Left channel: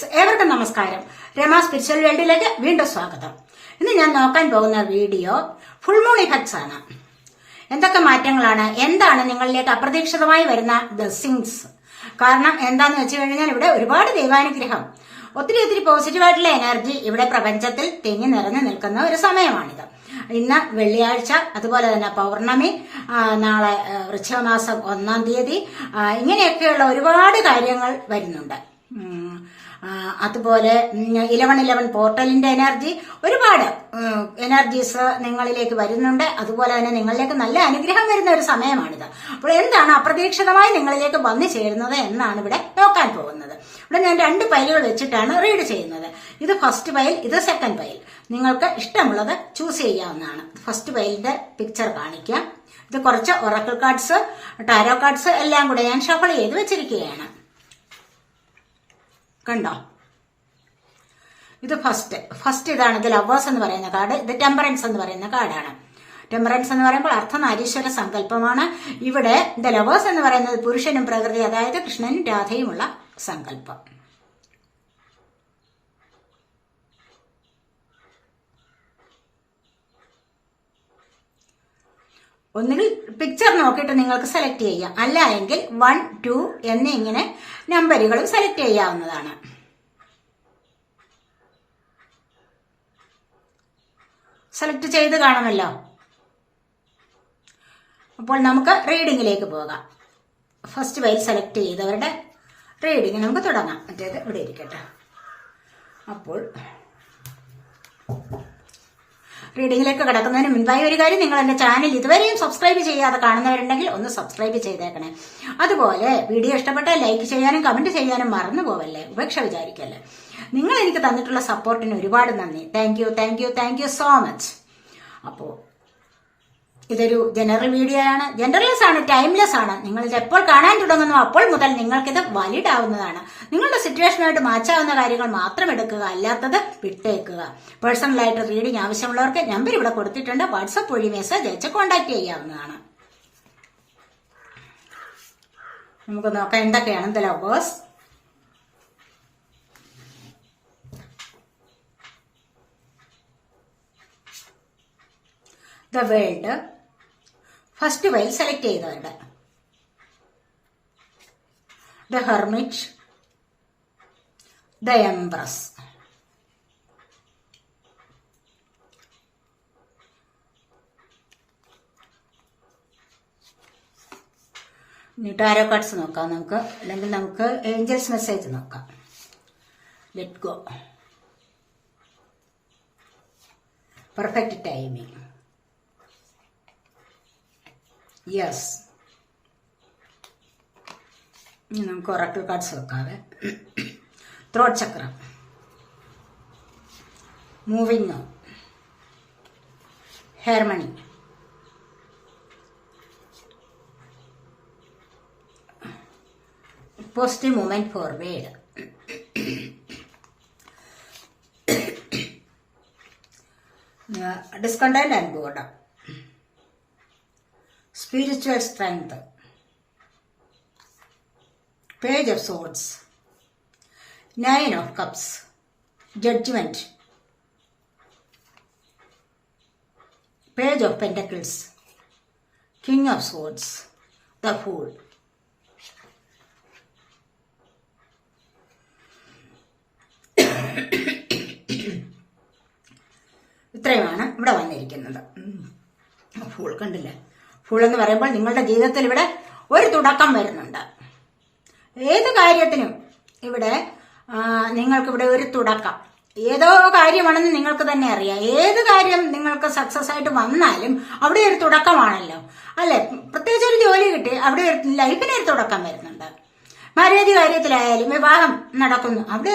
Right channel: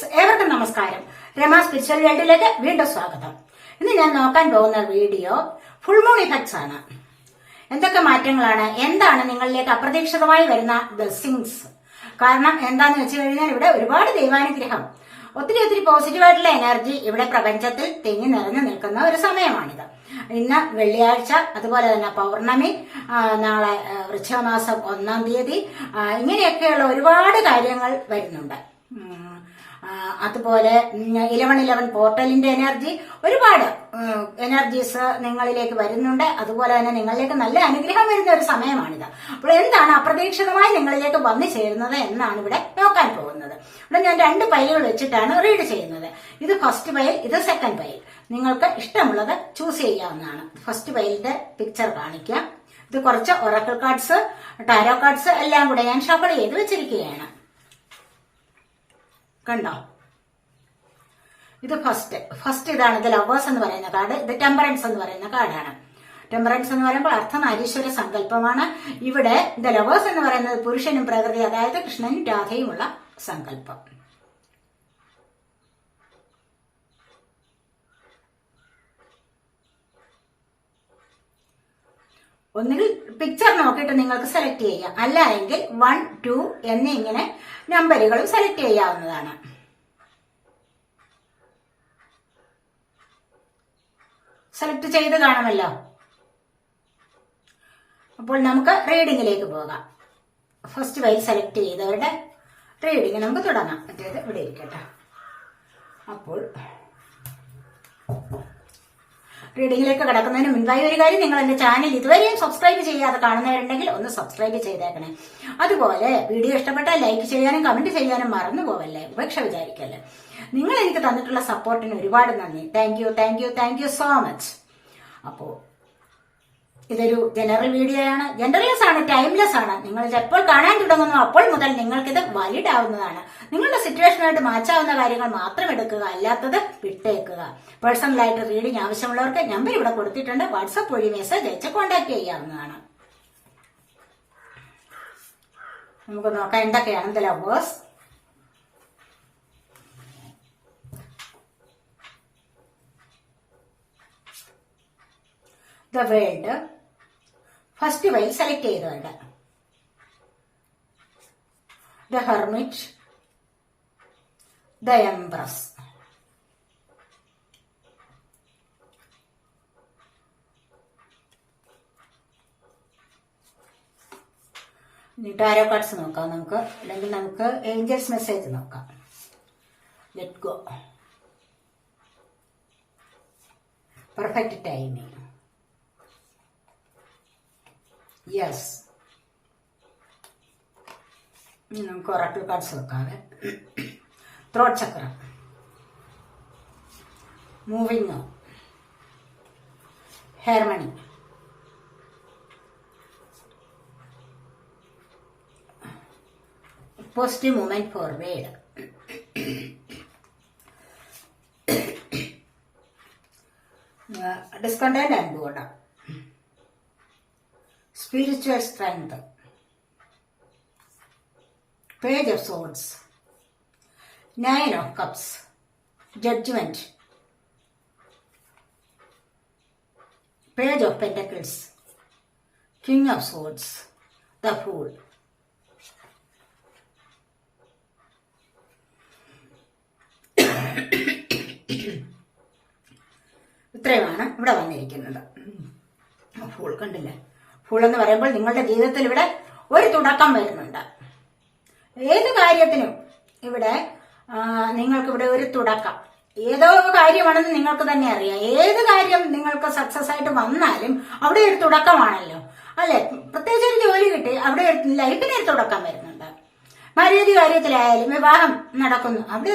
Friends, ഏവർക്കും നമസ്കാരം. Rama spiritual വേൾഡിലേക്ക് വീണ്ടും സ്വാഗതം. ഇന്ന് ഞാൻ നോക്കാൻ പോകുന്ന വീഡിയോ ഫുൾ മൂൺ ഇഫക്ട്സ് ആണ്. എന്തൊക്കെ മാറ്റങ്ങളാണ്, എന്താണ് നിങ്ങളിലേക്ക് അപ്രതീക്ഷിതമായി വരുന്ന ബ്ലെസ്സിങ്സ്. കാരണം എന്താന്ന് വെച്ച് കഴിഞ്ഞാൽ ഇവിടെ ഒരുപാട് ദൈവാനുഗ്രഹം, ഒത്തിരി പോസിറ്റീവായിട്ടുള്ള എനർജി ഇവിടെ പ്രപഞ്ചത്തിൽ തിങ്ങി നിറഞ്ഞു നിൽക്കുന്ന ഒരു സമയമാണിത്. ഇന്ന് വെള്ളിയാഴ്ച, അതുപോലെ തന്നെ പൗർണമി, നാളെ വൃശ്ചികമാസം 1-ാം തീയതി, ഇങ്ങനെയൊക്കെയുള്ള ഒരുപാട് കാര്യങ്ങൾ വരുന്നുണ്ട്. അതുപോലെ 1111 പോർട്ടലിന്റെ എനർജി, ഒരുപാട് എനർജീസ് നിങ്ങളിലേക്ക് വരുന്നുണ്ട്. അതുപോലെ തന്നെ നിങ്ങളിലേക്ക് നല്ല അനുഗ്രഹം വരുന്ന ഒരു സമയമാണിത്. അപ്പോൾ എന്താണ് അപ്രതീക്ഷിതമായി നിങ്ങളിലേക്ക് വന്നു ചേരുന്നത് എന്നാണ് ഇവിടെ നോക്കാൻ പോകുന്നത്. ഇവിടെ ഞാൻ 2 പൈലുകൾ വെച്ചിട്ടാണ് റീഡ് ചെയ്യുന്നത്. ഇത് ഫസ്റ്റ് പൈൽ, ഇത് സെക്കൻഡ് പൈൽ. നിങ്ങൾക്ക് ഇഷ്ടമുള്ളത് ചൂസ് ചെയ്യാവുന്നതാണ്. ഫസ്റ്റ് പൈലിന്റെ പിക്ചർ കാണിക്കാം. ഇത് കുറച്ച് ഒറാക്കിൾ കാർഡ്സ്, ടാരോ കാർഡ്സ് എല്ലാം കൂടെ ഞാൻ ഷഫിൾ ചെയ്ത് വെച്ചിരിക്കുകയാണ്. കണ്ടോ, ഇത് ഫസ്റ്റ് ഇതാണ്. ഇത് ലവേഴ്സ് എന്ന് പറയുന്ന കാർഡ്, ഇത് ടെമ്പറൻസ് എന്ന് പറയുന്ന കാർഡാണ്. ടെമ്പറൻസ് എന്ന് പറയുമ്പോൾ അർദ്ധനാരീശ്വര സങ്കല്പമാണ്. ഇവിടെ ഇത് ലവേഴ്സ് എന്ന് പറയുന്നത് പുരുഷനും പ്രകൃതി, അതായത് കൃഷ്ണനും രാധയുമുള്ള സങ്കല്പം. ഒന്നുകിൽ പിക്ചർ നോക്കിയിട്ട് നിങ്ങൾക്ക് സെലക്ട് ചെയ്യാം, അല്ല എങ്കിൽ 1, 2 എന്നിങ്ങനെ നമ്പറുകളും സെലക്ട് ചെയ്യാവുന്നതാണ്. സെലക്ട് ചെയ്ത് കാണുമല്ലോ. അപ്പോൾ നമുക്ക് റീഡിങ്ങിലേക്ക് പോകാം. ഫസ്റ്റ് വൈൽ സെലക്ട് ചെയ്തവരുടെ റീഡിങ് നമുക്ക് തുടങ്ങാം. മറ്റേത് ഇവിടെ ഇരിക്കട്ടെ. അപ്പോൾ റീഡിങ്ങിലേക്ക് കിടക്കുന്നതിന് മുൻപായി ഒരു കാര്യം, നിങ്ങൾ എന്റെ ചാനൽ ഇതുവരെയും സബ്സ്ക്രൈബ് ചെയ്യാതെ കാണുന്നവരുണ്ടെങ്കിൽ ഒന്ന് സബ്സ്ക്രൈബ് ചെയ്തേക്കണേ. അതുപോലെ വീഡിയോ ഇഷ്ടപ്പെട്ടാൽ ലൈക്ക് ചെയ്യാനും കമന്റ് ചെയ്യാനും മറന്നു പോവല്ലേ, ഉപേക്ഷ വിചാരിക്കല്ലേ. നിങ്ങൾ എനിക്ക് തന്നിട്ടുള്ള സപ്പോർട്ടിന് ഒരുപാട് നന്ദി. Thank you so much. അപ്പോ ഇതൊരു ജനറൽ വീഡിയോ ആണ്, ജനറൽലെസ് ആണ്, ടൈംലെസ് ആണ്. നിങ്ങൾ ഇത് എപ്പോൾ കാണാൻ തുടങ്ങുന്നു അപ്പോൾ മുതൽ നിങ്ങൾക്കിത് വാലിഡ് ആവുന്നതാണ്. നിങ്ങളുടെ സിറ്റുവേഷനായിട്ട് മാച്ചാവുന്ന കാര്യങ്ങൾ മാത്രം എടുക്കുക, അല്ലാത്തത് വിട്ടേക്കുക. പേഴ്സണലായിട്ട് റീഡിംഗ് ആവശ്യമുള്ളവർക്ക് നമ്പർ ഇവിടെ കൊടുത്തിട്ടുണ്ട്. വാട്സപ്പ് വഴി മെസ്സേജ് അയച്ച് കോൺടാക്ട് ചെയ്യാവുന്നതാണ്. നമുക്ക് നോക്കാം എന്തൊക്കെയാണ് the lovers. The world first while select ചെയ്തവരുടെ, the hermit, the empress, tarot cards നോക്കാം നമുക്ക്, അല്ലെങ്കിൽ നമുക്ക് ഏഞ്ചൽസ് മെസ്സേജ് നോക്കാം. Let go, perfect timing, yes. നമുക്ക് ഒറാക്കിൾ കാർഡ്സ് വെക്കാതെ. Throat chakra, moving, harmony, positive movement forward, discontent and border, spiritual strength, page of swords, 9 of cups, judgment, page of pentacles, king of swords, the fool. ഇത്രയുമാണ് ഇവിടെ വന്നിരിക്കുന്നത്. Fool കണ്ടില്ലേ? Full എന്ന് പറയുമ്പോൾ നിങ്ങളുടെ ജീവിതത്തിൽ ഇവിടെ ഒരു തുടക്കം വരുന്നുണ്ട്. ഏത് കാര്യത്തിനും ഇവിടെ നിങ്ങൾക്കിവിടെ ഒരു തുടക്കം, ഏതോ കാര്യമാണെന്ന് നിങ്ങൾക്ക് തന്നെ അറിയാം. ഏത് കാര്യം നിങ്ങൾക്ക് സക്സസ് ആയിട്ട് വന്നാലും അവിടെ ഒരു തുടക്കമാണല്ലോ, അല്ലെ? പ്രത്യേകിച്ച് ഒരു ജോലി കിട്ടി, അവിടെ ലൈഫിന് ഒരു തുടക്കം വരുന്നുണ്ട്. മാര്യേജ് കാര്യത്തിലായാലും വിവാഹം നടക്കുന്നു, അവിടെ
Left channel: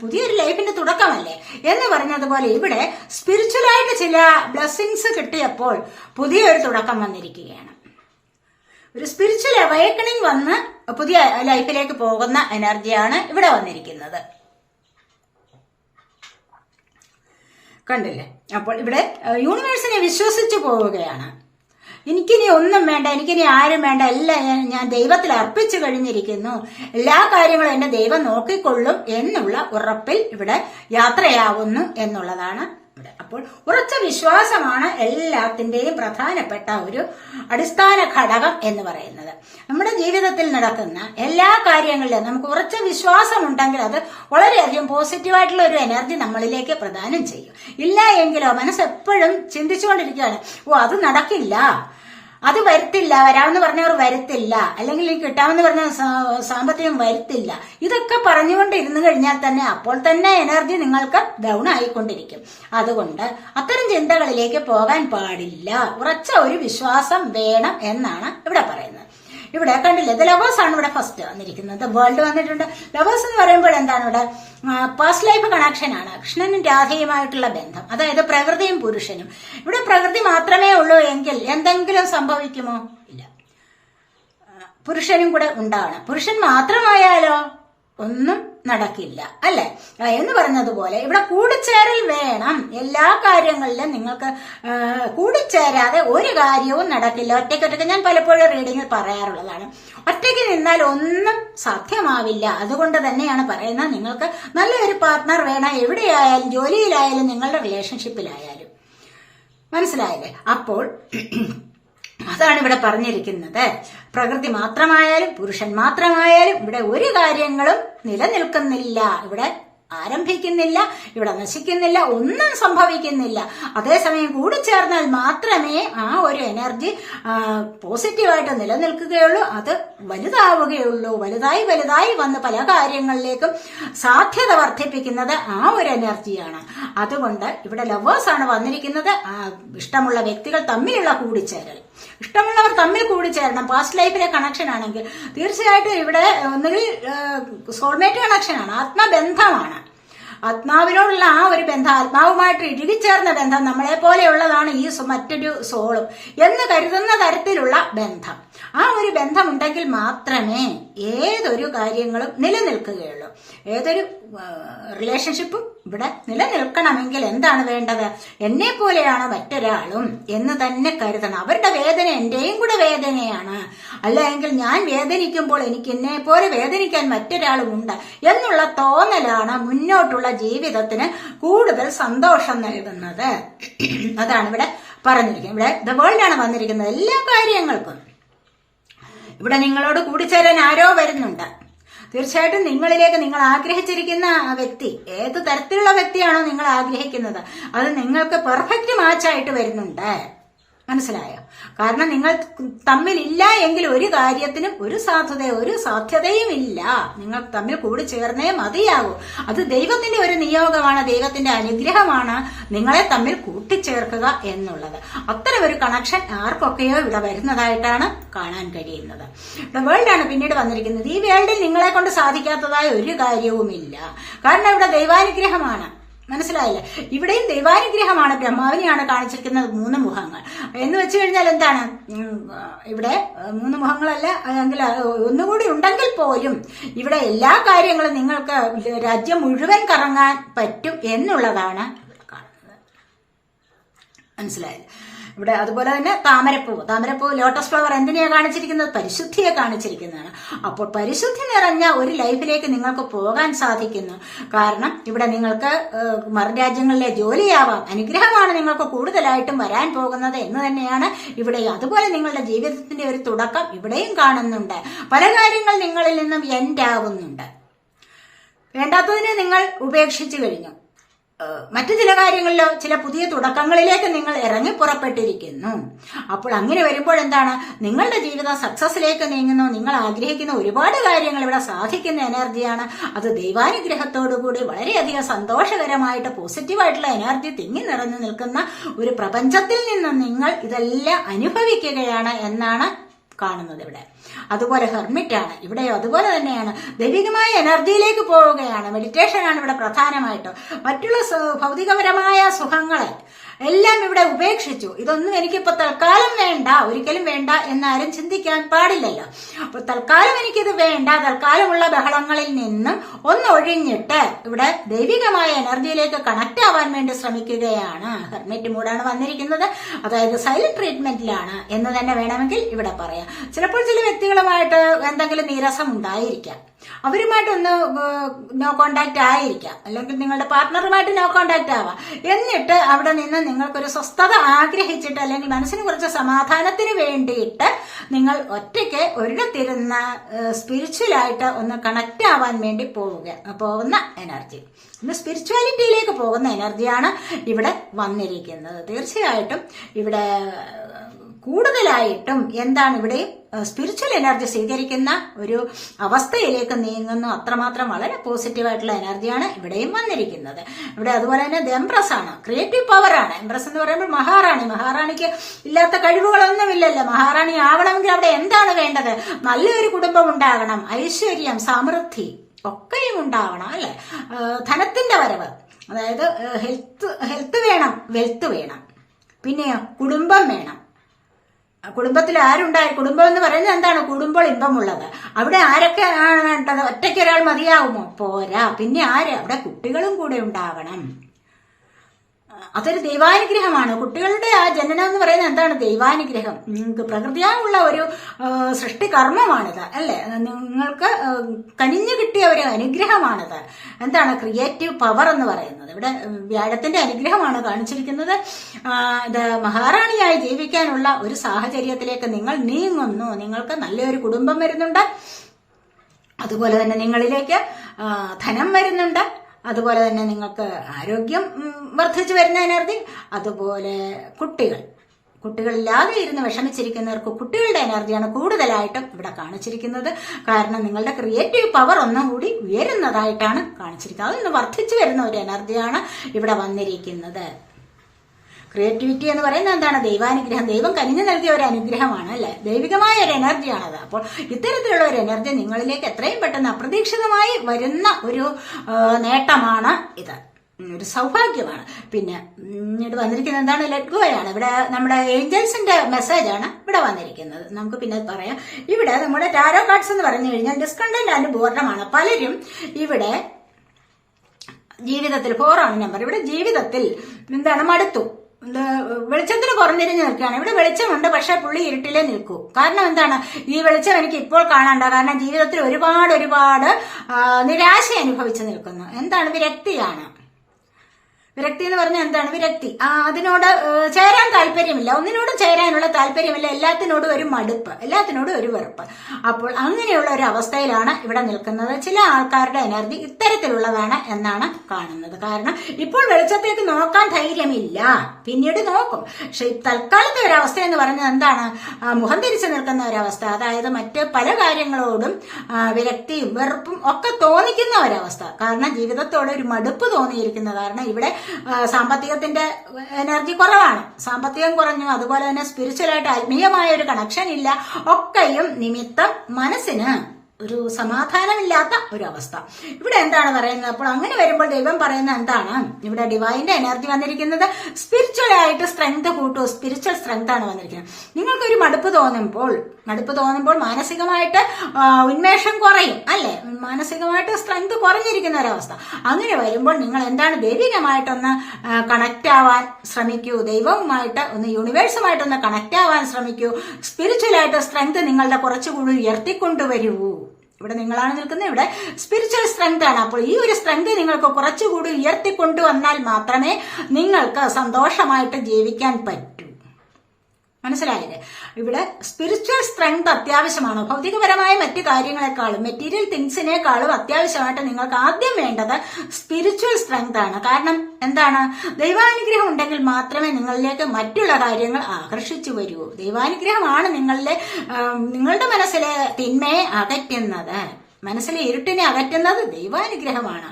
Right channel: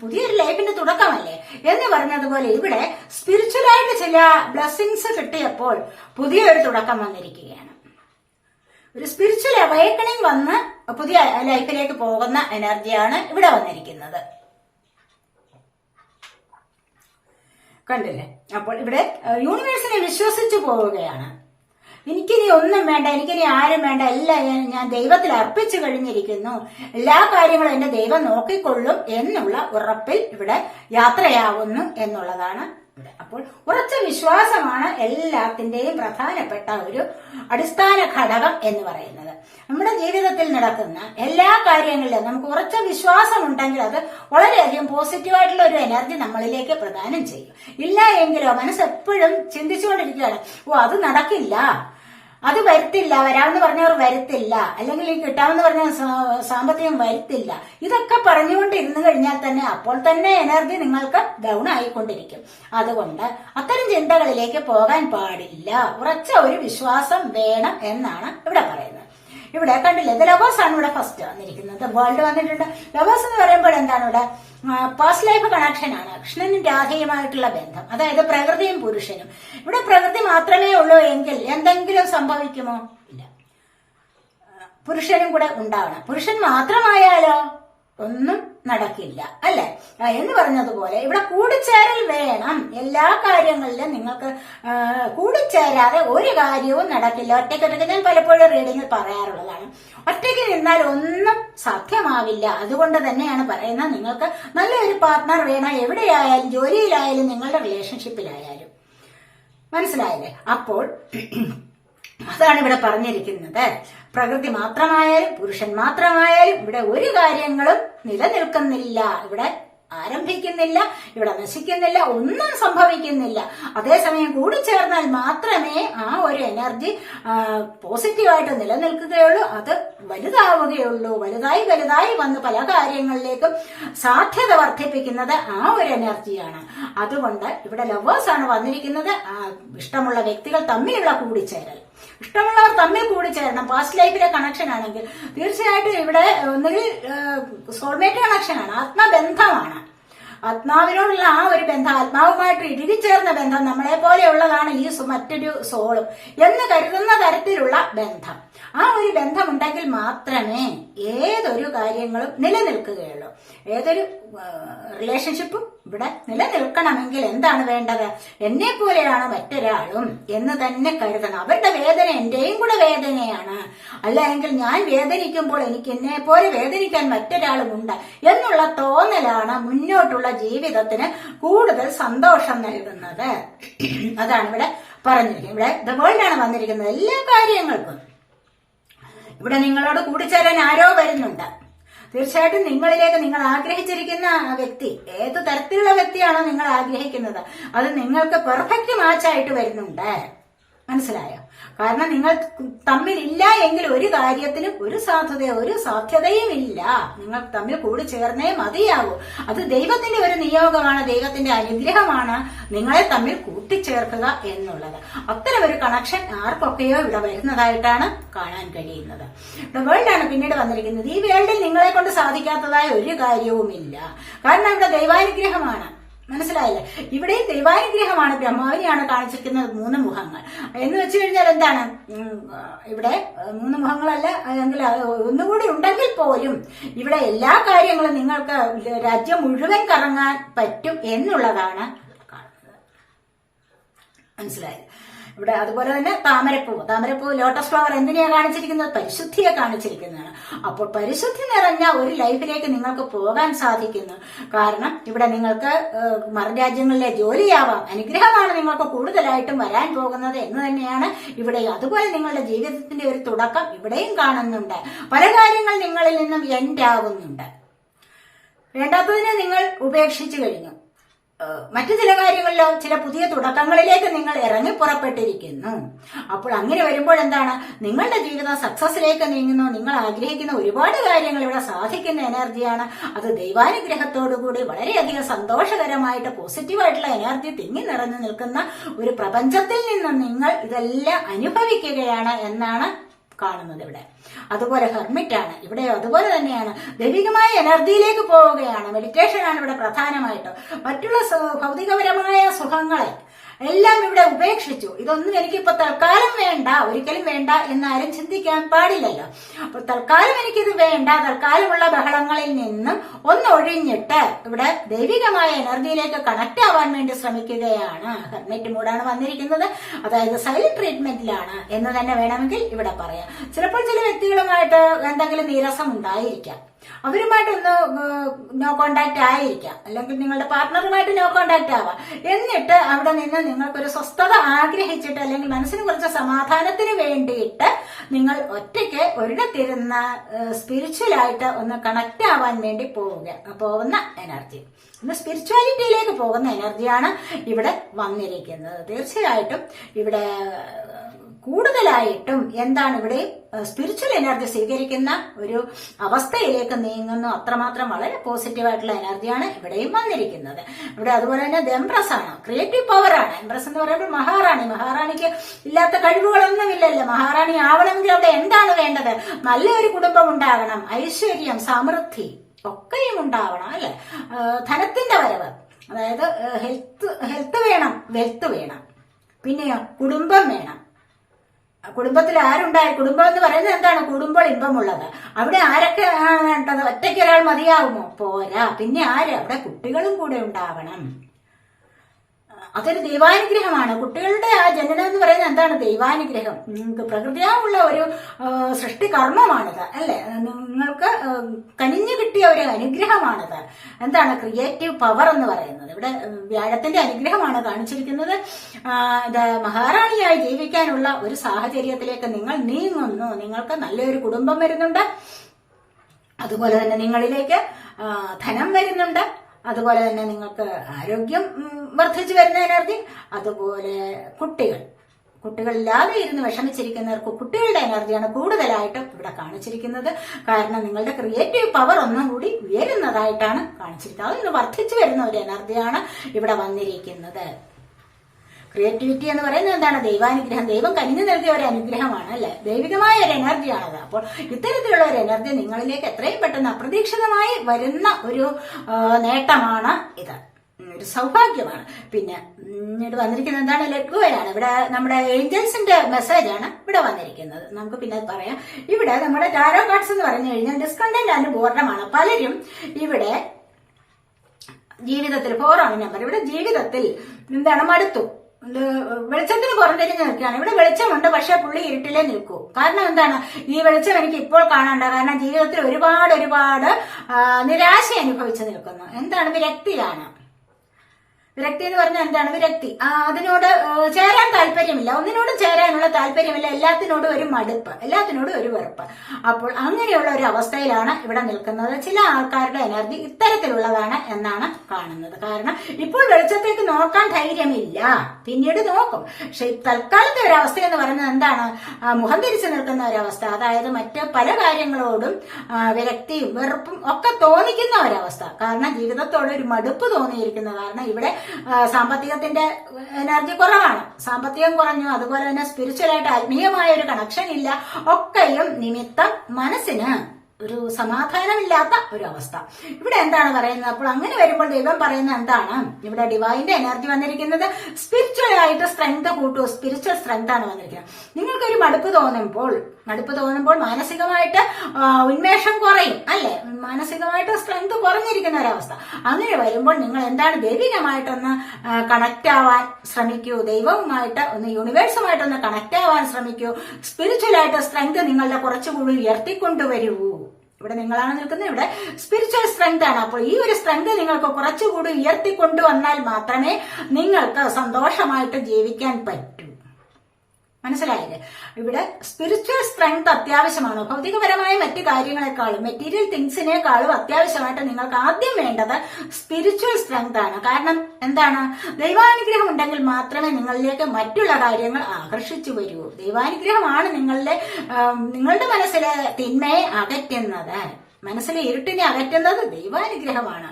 പുതിയൊരു ലൈഫിന്റെ തുടക്കമല്ലേ എന്ന് പറഞ്ഞതുപോലെ ഇവിടെ സ്പിരിച്വലായിട്ട് ചില ബ്ലെസ്സിങ്സ് കിട്ടിയപ്പോൾ പുതിയൊരു തുടക്കം വന്നിരിക്കുകയാണ്. ഒരു സ്പിരിച്വൽ അവേക്കണിംഗ് വന്ന് പുതിയ ലൈഫിലേക്ക് പോകുന്ന എനർജിയാണ് ഇവിടെ വന്നിരിക്കുന്നത്. കണ്ടില്ലേ? അപ്പോൾ ഇവിടെ യൂണിവേഴ്സിനെ വിശ്വസിച്ചു പോവുകയാണ്. എനിക്കിനി ഒന്നും വേണ്ട, എനിക്കിനി ആരും വേണ്ട, എല്ലാം ഞാൻ ദൈവത്തിൽ അർപ്പിച്ചു കഴിഞ്ഞിരിക്കുന്നു, എല്ലാ കാര്യങ്ങളും എന്റെ ദൈവം നോക്കിക്കൊള്ളും എന്നുള്ള ഉറപ്പിൽ ഇവിടെ യാത്രയാവുന്നു എന്നുള്ളതാണ് ഇവിടെ. അപ്പോൾ ഉറച്ച വിശ്വാസമാണ് എല്ലാത്തിന്റെയും പ്രധാനപ്പെട്ട ഒരു അടിസ്ഥാന ഘടകം എന്ന് പറയുന്നത്. നമ്മുടെ ജീവിതത്തിൽ നടക്കുന്ന എല്ലാ കാര്യങ്ങളിലും നമുക്ക് ഉറച്ച വിശ്വാസം ഉണ്ടെങ്കിൽ അത് വളരെയധികം പോസിറ്റീവായിട്ടുള്ള ഒരു എനർജി നമ്മളിലേക്ക് പ്രദാനം ചെയ്യും. ഇല്ല എങ്കിലോ മനസ്സ് എപ്പോഴും ചിന്തിച്ചുകൊണ്ടിരിക്കുകയാണ്, അത് നടക്കില്ല, അത് വരുത്തില്ല, വരാമെന്ന് പറഞ്ഞവർ വരുത്തില്ല, അല്ലെങ്കിൽ ഈ കിട്ടാമെന്ന് പറഞ്ഞ സാമ്പത്തികം വരുത്തില്ല, ഇതൊക്കെ പറഞ്ഞുകൊണ്ട് ഇരുന്നു കഴിഞ്ഞാൽ തന്നെ അപ്പോൾ തന്നെ എനർജി നിങ്ങൾക്ക് ഡൗൺ ആയിക്കൊണ്ടിരിക്കും. അതുകൊണ്ട് അത്തരം ചിന്തകളിലേക്ക് പോകാൻ പാടില്ല. ഉറച്ച ഒരു വിശ്വാസം വേണം എന്നാണ് ഇവിടെ പറയുന്നത്. ഇവിടെ കണ്ടില്ലേ, ഇത് ലവേഴ്സ് ആണ് ഇവിടെ ഫസ്റ്റ് വന്നിരിക്കുന്നത്. വേൾഡ് വന്നിട്ടുണ്ട്. ലവേഴ്സ് എന്ന് പറയുമ്പോൾ എന്താണ് ഇവിടെ? പാസ്റ്റ് ലൈഫ് കണക്ഷൻ ആണ്, കൃഷ്ണനും രാധയുമായിട്ടുള്ള ബന്ധം, അതായത് പ്രകൃതിയും പുരുഷനും. ഇവിടെ പ്രകൃതി മാത്രമേ ഉള്ളൂ എങ്കിൽ എന്തെങ്കിലും സംഭവിക്കുമോ? ഇല്ല. പുരുഷനും കൂടെ ഉണ്ടാവണം. പുരുഷൻ മാത്രമായാലോ ഒന്നും നടക്കില്ല, അല്ലെ? എന്ന് പറഞ്ഞതുപോലെ ഇവിടെ കൂടിച്ചേരൽ വേണം. എല്ലാ കാര്യങ്ങളിലും നിങ്ങൾക്ക് കൂടിച്ചേരാതെ ഒരു കാര്യവും നടക്കില്ല. ഒറ്റയ്ക്കൊറ്റയ്ക്ക് ഞാൻ പലപ്പോഴും റീഡിങ്ങിൽ പറയാറുള്ളതാണ്, ഒറ്റയ്ക്ക് നിന്നാൽ ഒന്നും സാധ്യമാവില്ല. അതുകൊണ്ട് തന്നെയാണ് പറയുന്നത്, നിങ്ങൾക്ക് നല്ലൊരു പാർട്ട്ണർ വേണം, എവിടെയായാലും, ജോലിയിലായാലും, നിങ്ങളുടെ റിലേഷൻഷിപ്പിലായാലും. മനസ്സിലായല്ലേ? അപ്പോൾ അതാണ് ഇവിടെ പറഞ്ഞിരിക്കുന്നത്. പ്രകൃതി മാത്രമായാലും പുരുഷൻ മാത്രമായാലും ഇവിടെ ഒരു കാര്യങ്ങളും നിലനിൽക്കുന്നില്ല, ഇവിടെ ആരംഭിക്കുന്നില്ല, ഇവിടെ നശിക്കുന്നില്ല, ഒന്നും സംഭവിക്കുന്നില്ല. അതേസമയം കൂടിച്ചേർന്നാൽ മാത്രമേ ആ ഒരു എനർജി പോസിറ്റീവായിട്ട് നിലനിൽക്കുകയുള്ളൂ, അത് വലുതാവുകയുള്ളൂ. വലുതായി വലുതായി വന്ന് പല കാര്യങ്ങളിലേക്കും സാധ്യത വർദ്ധിപ്പിക്കുന്നത് ആ ഒരു എനർജിയാണ്. അതുകൊണ്ട് ഇവിടെ ലവേഴ്സ് ആണ് വന്നിരിക്കുന്നത്. ഇഷ്ടമുള്ള വ്യക്തികൾ തമ്മിലുള്ള കൂടിച്ചേരൽ, ഇഷ്ടമുള്ളവർ തമ്മിൽ കൂടിച്ചേരണം. പാസ്റ്റ് ലൈഫിലെ കണക്ഷൻ ആണെങ്കിൽ തീർച്ചയായിട്ടും ഇവിടെ ഒന്നുകിൽ സോൾമേറ്റ് കണക്ഷൻ ആണ്, ആത്മബന്ധമാണ്. ആത്മാവിനോടുള്ള ആ ഒരു ബന്ധം, ആത്മാവുമായിട്ട് ഇഴുകിച്ചേർന്ന ബന്ധം, നമ്മളെ പോലെയുള്ളതാണ് ഈ മറ്റൊരു സോളും എന്ന് കരുതുന്ന തരത്തിലുള്ള ബന്ധം. ആ ഒരു ബന്ധമുണ്ടെങ്കിൽ മാത്രമേ ഏതൊരു കാര്യങ്ങളും നിലനിൽക്കുകയുള്ളൂ. ഏതൊരു റിലേഷൻഷിപ്പും ഇവിടെ നിലനിൽക്കണമെങ്കിൽ എന്താണ് വേണ്ടത്? എന്നെ പോലെയാണ് മറ്റൊരാളും എന്ന് തന്നെ കരുതണം. അവരുടെ വേദന എന്റെയും കൂടെ വേദനയാണ്, അല്ലെങ്കിൽ ഞാൻ വേദനിക്കുമ്പോൾ എനിക്ക് എന്നെ പോലെ വേദനിക്കാൻ മറ്റൊരാളും ഉണ്ട് എന്നുള്ള തോന്നലാണ് മുന്നോട്ടുള്ള ജീവിതത്തിന് കൂടുതൽ സന്തോഷം നൽകുന്നത്. അതാണ് ഇവിടെ പറഞ്ഞിരിക്കുന്നത്. ഇവിടെ ദ വേൾഡ് ആണ് വന്നിരിക്കുന്നത്. എല്ലാ കാര്യങ്ങൾക്കും ഇവിടെ നിങ്ങളോട് കൂടിച്ചേരാൻ ആരോ വരുന്നുണ്ട്. തീർച്ചയായിട്ടും നിങ്ങളിലേക്ക് നിങ്ങൾ ആഗ്രഹിച്ചിരിക്കുന്ന ആ വ്യക്തി, ഏത് തരത്തിലുള്ള വ്യക്തിയാണോ നിങ്ങൾ ആഗ്രഹിക്കുന്നത്, അത് നിങ്ങൾക്ക് പെർഫെക്റ്റ് മാച്ചായിട്ട് വരുന്നുണ്ട്. മനസ്സിലായോ? കാരണം നിങ്ങൾ തമ്മിലില്ല എങ്കിൽ ഒരു കാര്യത്തിനും ഒരു സാധ്യതയും ഇല്ല. നിങ്ങൾ തമ്മിൽ കൂടി ചേർന്നേ മതിയാകൂ. അത് ദൈവത്തിന്റെ ഒരു നിയോഗമാണ്, ദൈവത്തിന്റെ അനുഗ്രഹമാണ് നിങ്ങളെ തമ്മിൽ കൂട്ടിച്ചേർക്കുക എന്നുള്ളത്. അത്തരം ഒരു കണക്ഷൻ ആർക്കൊക്കെയോ ഇവിടെ വരുന്നതായിട്ടാണ് കാണാൻ കഴിയുന്നത്. ഇവിടെ വേൾഡാണ് പിന്നീട് വന്നിരിക്കുന്നത്. ഈ വേൾഡിൽ നിങ്ങളെ കൊണ്ട് സാധിക്കാത്തതായ ഒരു കാര്യവുമില്ല. കാരണം ഇവിടെ ദൈവാനുഗ്രഹമാണ്. മനസ്സിലായില്ലേ? ഇവിടെയും ദൈവാനുഗ്രഹമാണ്. ബ്രഹ്മാവിനെയാണ് കാണിച്ചിരിക്കുന്നത് 3 മുഖങ്ങൾ എന്ന് വെച്ച് കഴിഞ്ഞാൽ എന്താണ്? ഇവിടെ 3 മുഖങ്ങളല്ല, അല്ലെങ്കിൽ ഒന്നുകൂടി ഉണ്ടെങ്കിൽ പോലും ഇവിടെ എല്ലാ കാര്യങ്ങളും നിങ്ങൾക്ക് രാജ്യം മുഴുവൻ കറങ്ങാൻ പറ്റും എന്നുള്ളതാണ് കാണുന്നത്. മനസ്സിലായില്ലേ? ഇവിടെ അതുപോലെ തന്നെ താമരപ്പൂ ലോട്ടസ് ഫ്ലവർ എന്തിനെയാണ് കാണിച്ചിരിക്കുന്നത്? പരിശുദ്ധിയെ കാണിച്ചിരിക്കുന്നതാണ്. അപ്പോൾ പരിശുദ്ധി നിറഞ്ഞ ഒരു ലൈഫിലേക്ക് നിങ്ങൾക്ക് പോകാൻ സാധിക്കുന്നു. കാരണം ഇവിടെ നിങ്ങൾക്ക് മറുരാജ്യങ്ങളിലെ ജോലിയാവാം, അനുഗ്രഹമാണ് നിങ്ങൾക്ക് കൂടുതലായിട്ടും വരാൻ പോകുന്നത് എന്ന് തന്നെയാണ് ഇവിടെ. അതുപോലെ നിങ്ങളുടെ ജീവിതത്തിന്റെ ഒരു തുടക്കം ഇവിടെയും കാണുന്നുണ്ട്. പല കാര്യങ്ങൾ നിങ്ങളിൽ നിന്നും എൻഡ് ആവുന്നുണ്ട്. വേണ്ടാത്തതിനെ നിങ്ങൾ ഉപേക്ഷിച്ചു കഴിഞ്ഞു. മറ്റു ചില കാര്യങ്ങളിലോ ചില പുതിയ തുടക്കങ്ങളിലേക്ക് നിങ്ങൾ ഇറങ്ങി പുറപ്പെട്ടിരിക്കുന്നു. അപ്പോൾ അങ്ങനെ വരുമ്പോൾ എന്താണ്? നിങ്ങളുടെ ജീവിതം സക്സസിലേക്ക് നീങ്ങുന്നു. നിങ്ങൾ ആഗ്രഹിക്കുന്ന ഒരുപാട് കാര്യങ്ങൾ ഇവിടെ സാധിക്കുന്ന എനർജിയാണ്. അത് ദൈവാനുഗ്രഹത്തോടുകൂടി വളരെയധികം സന്തോഷകരമായിട്ട് പോസിറ്റീവായിട്ടുള്ള എനർജി തിങ്ങി നിറഞ്ഞു നിൽക്കുന്ന ഒരു പ്രപഞ്ചത്തിൽ നിന്ന് നിങ്ങൾ ഇതെല്ലാം അനുഭവിക്കുകയാണ് എന്നാണ് കാണുന്നത് ഇവിടെ. അതുപോലെ ഹെർമിറ്റാണ് ഇവിടെ. അതുപോലെ തന്നെയാണ് ദൈവികമായ എനർജിയിലേക്ക് പോവുകയാണ്. മെഡിറ്റേഷൻ ആണ് ഇവിടെ പ്രധാനമായിട്ടും. മറ്റുള്ള ഭൗതികപരമായ സുഖങ്ങളെ എല്ലാം ഇവിടെ ഉപേക്ഷിച്ചു. ഇതൊന്നും എനിക്കിപ്പോ തൽക്കാലം വേണ്ട, ഒരിക്കലും വേണ്ട എന്നാരും ചിന്തിക്കാൻ പാടില്ലല്ലോ. അപ്പൊ തൽക്കാലം എനിക്കിത് വേണ്ട, തൽക്കാലമുള്ള ബഹളങ്ങളിൽ നിന്നും ഒന്നൊഴിഞ്ഞിട്ട് ഇവിടെ ദൈവികമായ എനർജിയിലേക്ക് കണക്ട് ആവാൻ വേണ്ടി ശ്രമിക്കുകയാണ്. ഹെർമിറ്റ് മൂഡാണ് വന്നിരിക്കുന്നത്, അതായത് സൈലന്റ് ട്രീറ്റ്മെന്റിലാണ് എന്ന് തന്നെ വേണമെങ്കിൽ ഇവിടെ പറയാം. ചിലപ്പോൾ ചില വ്യക്തികളുമായിട്ട് എന്തെങ്കിലും നീരസം ഉണ്ടായിരിക്കാം, അവരുമായിട്ടൊന്ന് നോ കോണ്ടാക്ട് ആയിരിക്കാം, അല്ലെങ്കിൽ നിങ്ങളുടെ പാർട്ട്ണറുമായിട്ട് നോ കോണ്ടാക്ട് ആവാം. എന്നിട്ട് അവിടെ നിന്ന് നിങ്ങൾക്കൊരു സ്വസ്ഥത ആഗ്രഹിച്ചിട്ട് അല്ലെങ്കിൽ മനസ്സിന് കുറച്ച് സമാധാനത്തിന് വേണ്ടിയിട്ട് നിങ്ങൾ ഒറ്റയ്ക്ക് ഒരിടത്തിരുന്ന സ്പിരിച്വലായിട്ട് ഒന്ന് കണക്ട് ആവാൻ വേണ്ടി പോകുന്ന എനർജി, ഒന്ന് സ്പിരിച്വാലിറ്റിയിലേക്ക് പോകുന്ന എനർജിയാണ് ഇവിടെ വന്നിരിക്കുന്നത്. തീർച്ചയായിട്ടും ഇവിടെ കൂടുതലായിട്ടും എന്താണ് ഇവിടെ സ്പിരിച്വൽ എനർജി സ്വീകരിക്കുന്ന ഒരു അവസ്ഥയിലേക്ക് നീങ്ങുന്നു. അത്രമാത്രം വളരെ പോസിറ്റീവായിട്ടുള്ള എനർജിയാണ് ഇവിടെയും വന്നിരിക്കുന്നത്. ഇവിടെ അതുപോലെ തന്നെ ഇത് എംപ്രസ് ആണ്, ക്രിയേറ്റീവ് പവർ ആണ്. എംപ്രസ് എന്ന് പറയുമ്പോൾ മഹാറാണിക്ക് ഇല്ലാത്ത കഴിവുകളൊന്നുമില്ലല്ലോ. മഹാറാണി ആവണമെങ്കിൽ അവിടെ എന്താണ് വേണ്ടത്? നല്ലൊരു കുടുംബം ഉണ്ടാകണം, ഐശ്വര്യം, സമൃദ്ധി ഒക്കെയും ഉണ്ടാവണം അല്ലെ. ധനത്തിന്റെ വരവ്, അതായത് ഹെൽത്ത് വേണം, വെൽത്ത് വേണം, പിന്നെയോ കുടുംബം വേണം. കുടുംബത്തിൽ ആരുണ്ടായി? കുടുംബം എന്ന് പറയുന്നത് എന്താണ്? കുടുംബം ഇമ്പമുള്ളത്. അവിടെ ആരൊക്കെ ആണ് വേണ്ടത്? ഒറ്റയ്ക്ക് ഒരാൾ മതിയാവുമോ? പോരാ. പിന്നെ ആര്? അവിടെ കുട്ടികളും കൂടെ ഉണ്ടാവണം. അതൊരു ദൈവാനുഗ്രഹമാണ്. കുട്ടികളുടെ ആ ജനനം എന്ന് പറയുന്നത് എന്താണ്? ദൈവാനുഗ്രഹം. നിങ്ങൾക്ക് പ്രകൃതിയായുള്ള ഒരു സൃഷ്ടി കർമ്മമാണിത് അല്ലെ. നിങ്ങൾക്ക് കനിഞ്ഞു കിട്ടിയ ഒരു അനുഗ്രഹമാണിത്. എന്താണ്? ക്രിയേറ്റീവ് പവർ എന്ന് പറയുന്നത്. ഇവിടെ വ്യാഴത്തിന്റെ അനുഗ്രഹമാണ് കാണിച്ചിരിക്കുന്നത്. ഇത് മഹാറാണിയായി ജീവിക്കാനുള്ള ഒരു സാഹചര്യത്തിലേക്ക് നിങ്ങൾ നീങ്ങുന്നു. നിങ്ങൾക്ക് നല്ലൊരു കുടുംബം വരുന്നുണ്ട്, അതുപോലെ തന്നെ നിങ്ങളിലേക്ക് ധനം വരുന്നുണ്ട്, അതുപോലെ തന്നെ നിങ്ങൾക്ക് ആരോഗ്യം വർദ്ധിച്ചു വരുന്ന എനർജി, അതുപോലെ കുട്ടികളില്ലാതെ ഇരുന്ന് വിഷമിച്ചിരിക്കുന്നവർക്ക് കുട്ടികളുടെ എനർജിയാണ് കൂടുതലായിട്ടും ഇവിടെ കാണിച്ചിരിക്കുന്നത്. കാരണം നിങ്ങളുടെ ക്രിയേറ്റീവ് പവർ ഒന്നും കൂടി ഉയരുന്നതായിട്ടാണ് കാണിച്ചിരിക്കുന്നത്. അതൊന്ന് വർദ്ധിച്ചു വരുന്ന ഒരു എനർജിയാണ് ഇവിടെ വന്നിരിക്കുന്നത്. ക്രിയേറ്റിവിറ്റി എന്ന് പറയുന്നത് എന്താണ്? ദൈവാനുഗ്രഹം. ദൈവം കനിഞ്ഞു നൽകിയ ഒരു അനുഗ്രഹമാണ് അല്ലെ, ദൈവികമായ ഒരു എനർജിയാണത്. അപ്പോൾ ഇത്തരത്തിലുള്ള ഒരു എനർജി നിങ്ങളിലേക്ക് എത്രയും പെട്ടെന്ന് അപ്രതീക്ഷിതമായി വരുന്ന ഒരു നേട്ടമാണ് ഇത്, ഒരു സൗഭാഗ്യമാണ്. പിന്നെ ഇങ്ങോട്ട് വന്നിരിക്കുന്നത് എന്താണ്? ലെറ്റ് ഗോ ആണ്. ഇവിടെ നമ്മുടെ ഏഞ്ചൽസിന്റെ മെസ്സേജ് ആണ് ഇവിടെ വന്നിരിക്കുന്നത്. നമുക്ക് പിന്നെ പറയാം. ഇവിടെ നമ്മുടെ ടാരോ കാർഡ്സ് എന്ന് പറഞ്ഞു കഴിഞ്ഞാൽ ഡിസ്കണ്ടന്റ് ആൻഡ് ബോർഡമാണ്. പലരും ഇവിടെ ജീവിതത്തിൽ 4 ആണ് നമ്പർ. ഇവിടെ ജീവിതത്തിൽ എന്താണ്? മടുത്തു, വെളിച്ചത്തിന് കുറഞ്ഞിരിഞ്ഞ് നിൽക്കുകയാണ്. ഇവിടെ വെളിച്ചമുണ്ട്, പക്ഷെ പുള്ളി ഇരുട്ടിലേ നിൽക്കൂ. കാരണം എന്താണ്? ഈ വെളിച്ചം എനിക്ക് ഇപ്പോൾ കാണണ്ട. കാരണം ജീവിതത്തിൽ ഒരുപാട് നിരാശ അനുഭവിച്ച് നിൽക്കുന്നു. എന്താണ്? വിരക്തിയാണ്. വിരക്തി എന്ന് പറഞ്ഞാൽ എന്താണ്? വിരക്തി, അതിനോട് ചേരാൻ താല്പര്യമില്ല, ഒന്നിനോടും ചേരാനുള്ള താല്പര്യമില്ല, എല്ലാത്തിനോടും ഒരു മടുപ്പ്, എല്ലാത്തിനോടും ഒരു വെറുപ്പ്. അപ്പോൾ അങ്ങനെയുള്ള ഒരു അവസ്ഥയിലാണ് ഇവിടെ നിൽക്കുന്നത്. ചില ആൾക്കാരുടെ എനർജി ഇത്തരത്തിലുള്ളതാണ് എന്നാണ് കാണുന്നത്. കാരണം ഇപ്പോൾ വെളിച്ചത്തേക്ക് നോക്കാൻ ധൈര്യമില്ല, പിന്നീട് നോക്കും. പക്ഷെ തൽക്കാലത്തെ ഒരു അവസ്ഥ എന്ന് പറയുന്നത് എന്താണ്? മുഖം തിരിച്ചു നിൽക്കുന്ന ഒരവസ്ഥ. അതായത് മറ്റ് പല കാര്യങ്ങളോടും വിരക്തിയും വെറുപ്പും ഒക്കെ തോന്നിക്കുന്ന ഒരവസ്ഥ. കാരണം ജീവിതത്തോട് ഒരു മടുപ്പ് തോന്നിയിരിക്കുന്ന കാരണം ഇവിടെ സാമ്പത്തികത്തിന്റെ എനർജി കുറവാണ്, സാമ്പത്തികം കുറഞ്ഞു, അതുപോലെ തന്നെ സ്പിരിച്വലായിട്ട് ആത്മീയമായ ഒരു കണക്ഷൻ ഇല്ല, ഒക്കെയും നിമിത്തം മനസ്സിന് ഒരു സമാധാനമില്ലാത്ത ഒരു അവസ്ഥ. ഇവിടെ എന്താണ് പറയുന്നത്? അപ്പോൾ അങ്ങനെ വരുമ്പോൾ ദൈവം പറയുന്നത് എന്താണ്? ഇവിടെ ഡിവൈന്റെ എനർജി വന്നിരിക്കുന്നത് സ്പിരിച്വൽ ആയിട്ട് സ്ട്രെങ്ത് കൂട്ടൂ, സ്പിരിച്വൽ സ്ട്രെങ്ത് ആണ് വന്നിരിക്കുന്നത്. നിങ്ങൾക്കൊരു മടുപ്പ് തോന്നുമ്പോൾ മാനസികമായിട്ട് ഉന്മേഷം കുറയും അല്ലെ, മാനസികമായിട്ട് സ്ട്രെങ്ത് കുറഞ്ഞിരിക്കുന്ന ഒരവസ്ഥ. അങ്ങനെ വരുമ്പോൾ നിങ്ങൾ എന്താണ്? ദൈവികമായിട്ടൊന്ന് കണക്ട് ആവാൻ ശ്രമിക്കൂ, ദൈവവുമായിട്ട് ഒന്ന് യൂണിവേഴ്സുമായിട്ടൊന്ന് കണക്ട് ആവാൻ ശ്രമിക്കൂ. സ്പിരിച്വലായിട്ട് സ്ട്രെങ്ത് നിങ്ങളുടെ കുറച്ചുകൂടി ഉയർത്തിക്കൊണ്ടുവരൂ. ഇവിടെ നിങ്ങളാണ് നിൽക്കുന്നത്, ഇവിടെ സ്പിരിച്വൽ സ്ട്രെങ്ത് ആണ്. അപ്പോൾ ഈ ഒരു സ്ട്രെങ്ത് നിങ്ങൾക്ക് കുറച്ചുകൂടി ഉയർത്തിക്കൊണ്ടുവന്നാൽ മാത്രമേ നിങ്ങൾക്ക് സന്തോഷമായിട്ട് ജീവിക്കാൻ പറ്റൂ. മനസ്സിലായില്ലേ? ഇവിടെ സ്പിരിച്വൽ സ്ട്രെങ്ത് അത്യാവശ്യമാണ്. ഭൗതികപരമായ മറ്റു കാര്യങ്ങളെക്കാളും മെറ്റീരിയൽ തിങ്സിനേക്കാളും അത്യാവശ്യമായിട്ട് നിങ്ങൾക്ക് ആദ്യം വേണ്ടത് സ്പിരിച്വൽ സ്ട്രെങ്ത് ആണ്. കാരണം എന്താണ്? ദൈവാനുഗ്രഹം ഉണ്ടെങ്കിൽ മാത്രമേ നിങ്ങളിലേക്ക് മറ്റുള്ള കാര്യങ്ങൾ ആകർഷിച്ചു വരൂ. ദൈവാനുഗ്രഹമാണ് നിങ്ങളുടെ മനസ്സിലെ തിന്മയെ അകറ്റുന്നത്, മനസ്സിലെ ഇരുട്ടിനെ അകറ്റുന്നത് ദൈവാനുഗ്രഹമാണ്.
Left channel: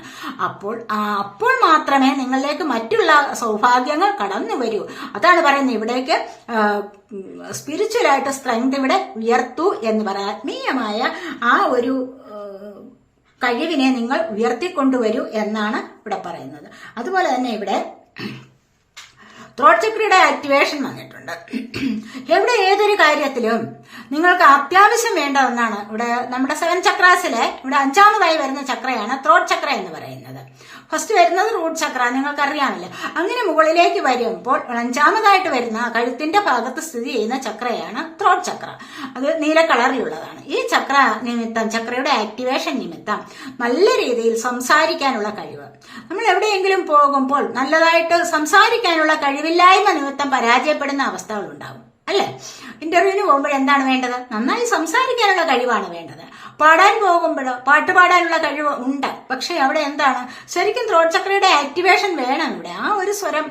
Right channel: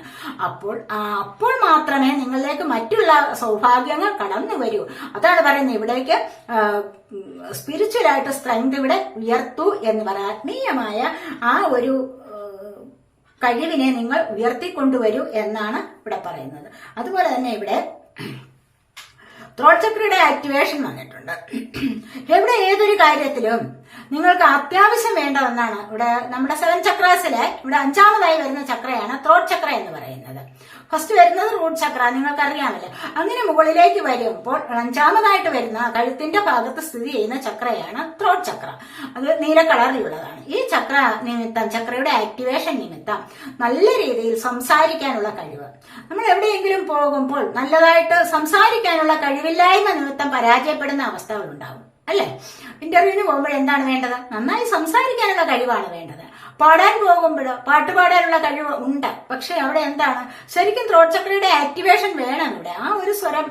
അപ്പോൾ മാത്രമേ നിങ്ങളിലേക്ക് മറ്റുള്ള സൗഭാഗ്യങ്ങൾ കടന്നു വരൂ. അതാണ് പറയുന്നത് ഇവിടേക്ക് സ്പിരിച്വലായിട്ട് സ്ട്രെങ്ത് ഇവിടെ ഉയർത്തൂ എന്ന് പറയാം. ആത്മീയമായ ആ ഒരു കഴിവിനെ നിങ്ങൾ ഉയർത്തിക്കൊണ്ടുവരൂ എന്നാണ് ഇവിടെ പറയുന്നത്. അതുപോലെ തന്നെ ഇവിടെ ത്രോട്ട് ചക്രയുടെ ആക്ടിവേഷൻ വന്നിട്ടുണ്ട്. എവിടെ ഏതൊരു കാര്യത്തിലും നിങ്ങൾക്ക് അത്യാവശ്യം വേണ്ടതെന്നാണ് ഇവിടെ നമ്മുടെ 7 ചക്രാസിലെ ഇവിടെ 5ാമതായി വരുന്ന ചക്രയാണ് ത്രോട്ട് ചക്ര എന്ന് പറയുന്നത്. ഫസ്റ്റ് വരുന്നത് റൂട്ട് ചക്ര, നിങ്ങൾക്കറിയാമല്ലോ. അങ്ങനെ മുകളിലേക്ക് വരുമ്പോൾ 5ാമതായിട്ട് വരുന്ന കഴുത്തിന്റെ ഭാഗത്ത് സ്ഥിതി ചെയ്യുന്ന ചക്രയാണ് ത്രോട്ട് ചക്ര. അത് നീല കളറിലുള്ളതാണ്. ഈ ചക്ര നിമിത്തം, ചക്രയുടെ ആക്ടിവേഷൻ നിമിത്തം നല്ല രീതിയിൽ സംസാരിക്കാനുള്ള കഴിവ്, നമ്മൾ എവിടെയെങ്കിലും പോകുമ്പോൾ നല്ലതായിട്ട് സംസാരിക്കാനുള്ള കഴിവില്ലായ്മ നിമിത്തം പരാജയപ്പെടുന്ന അവസ്ഥകൾ ഉണ്ടാകും അല്ലെ? ഇന്റർവ്യൂവിന് പോകുമ്പോൾ എന്താണ് വേണ്ടത്? നന്നായി സംസാരിക്കാനുള്ള കഴിവാണ് വേണ്ടത്. പാടാൻ പോകുമ്പോഴോ പാട്ട് പാടാനുള്ള കഴിവ് ഉണ്ട്, പക്ഷെ അവിടെ എന്താണ്, ശരിക്കും ത്രോട്ട് ചക്രയുടെ ആക്ടിവേഷൻ വേണം. ഇവിടെ ആ ഒരു സ്വരം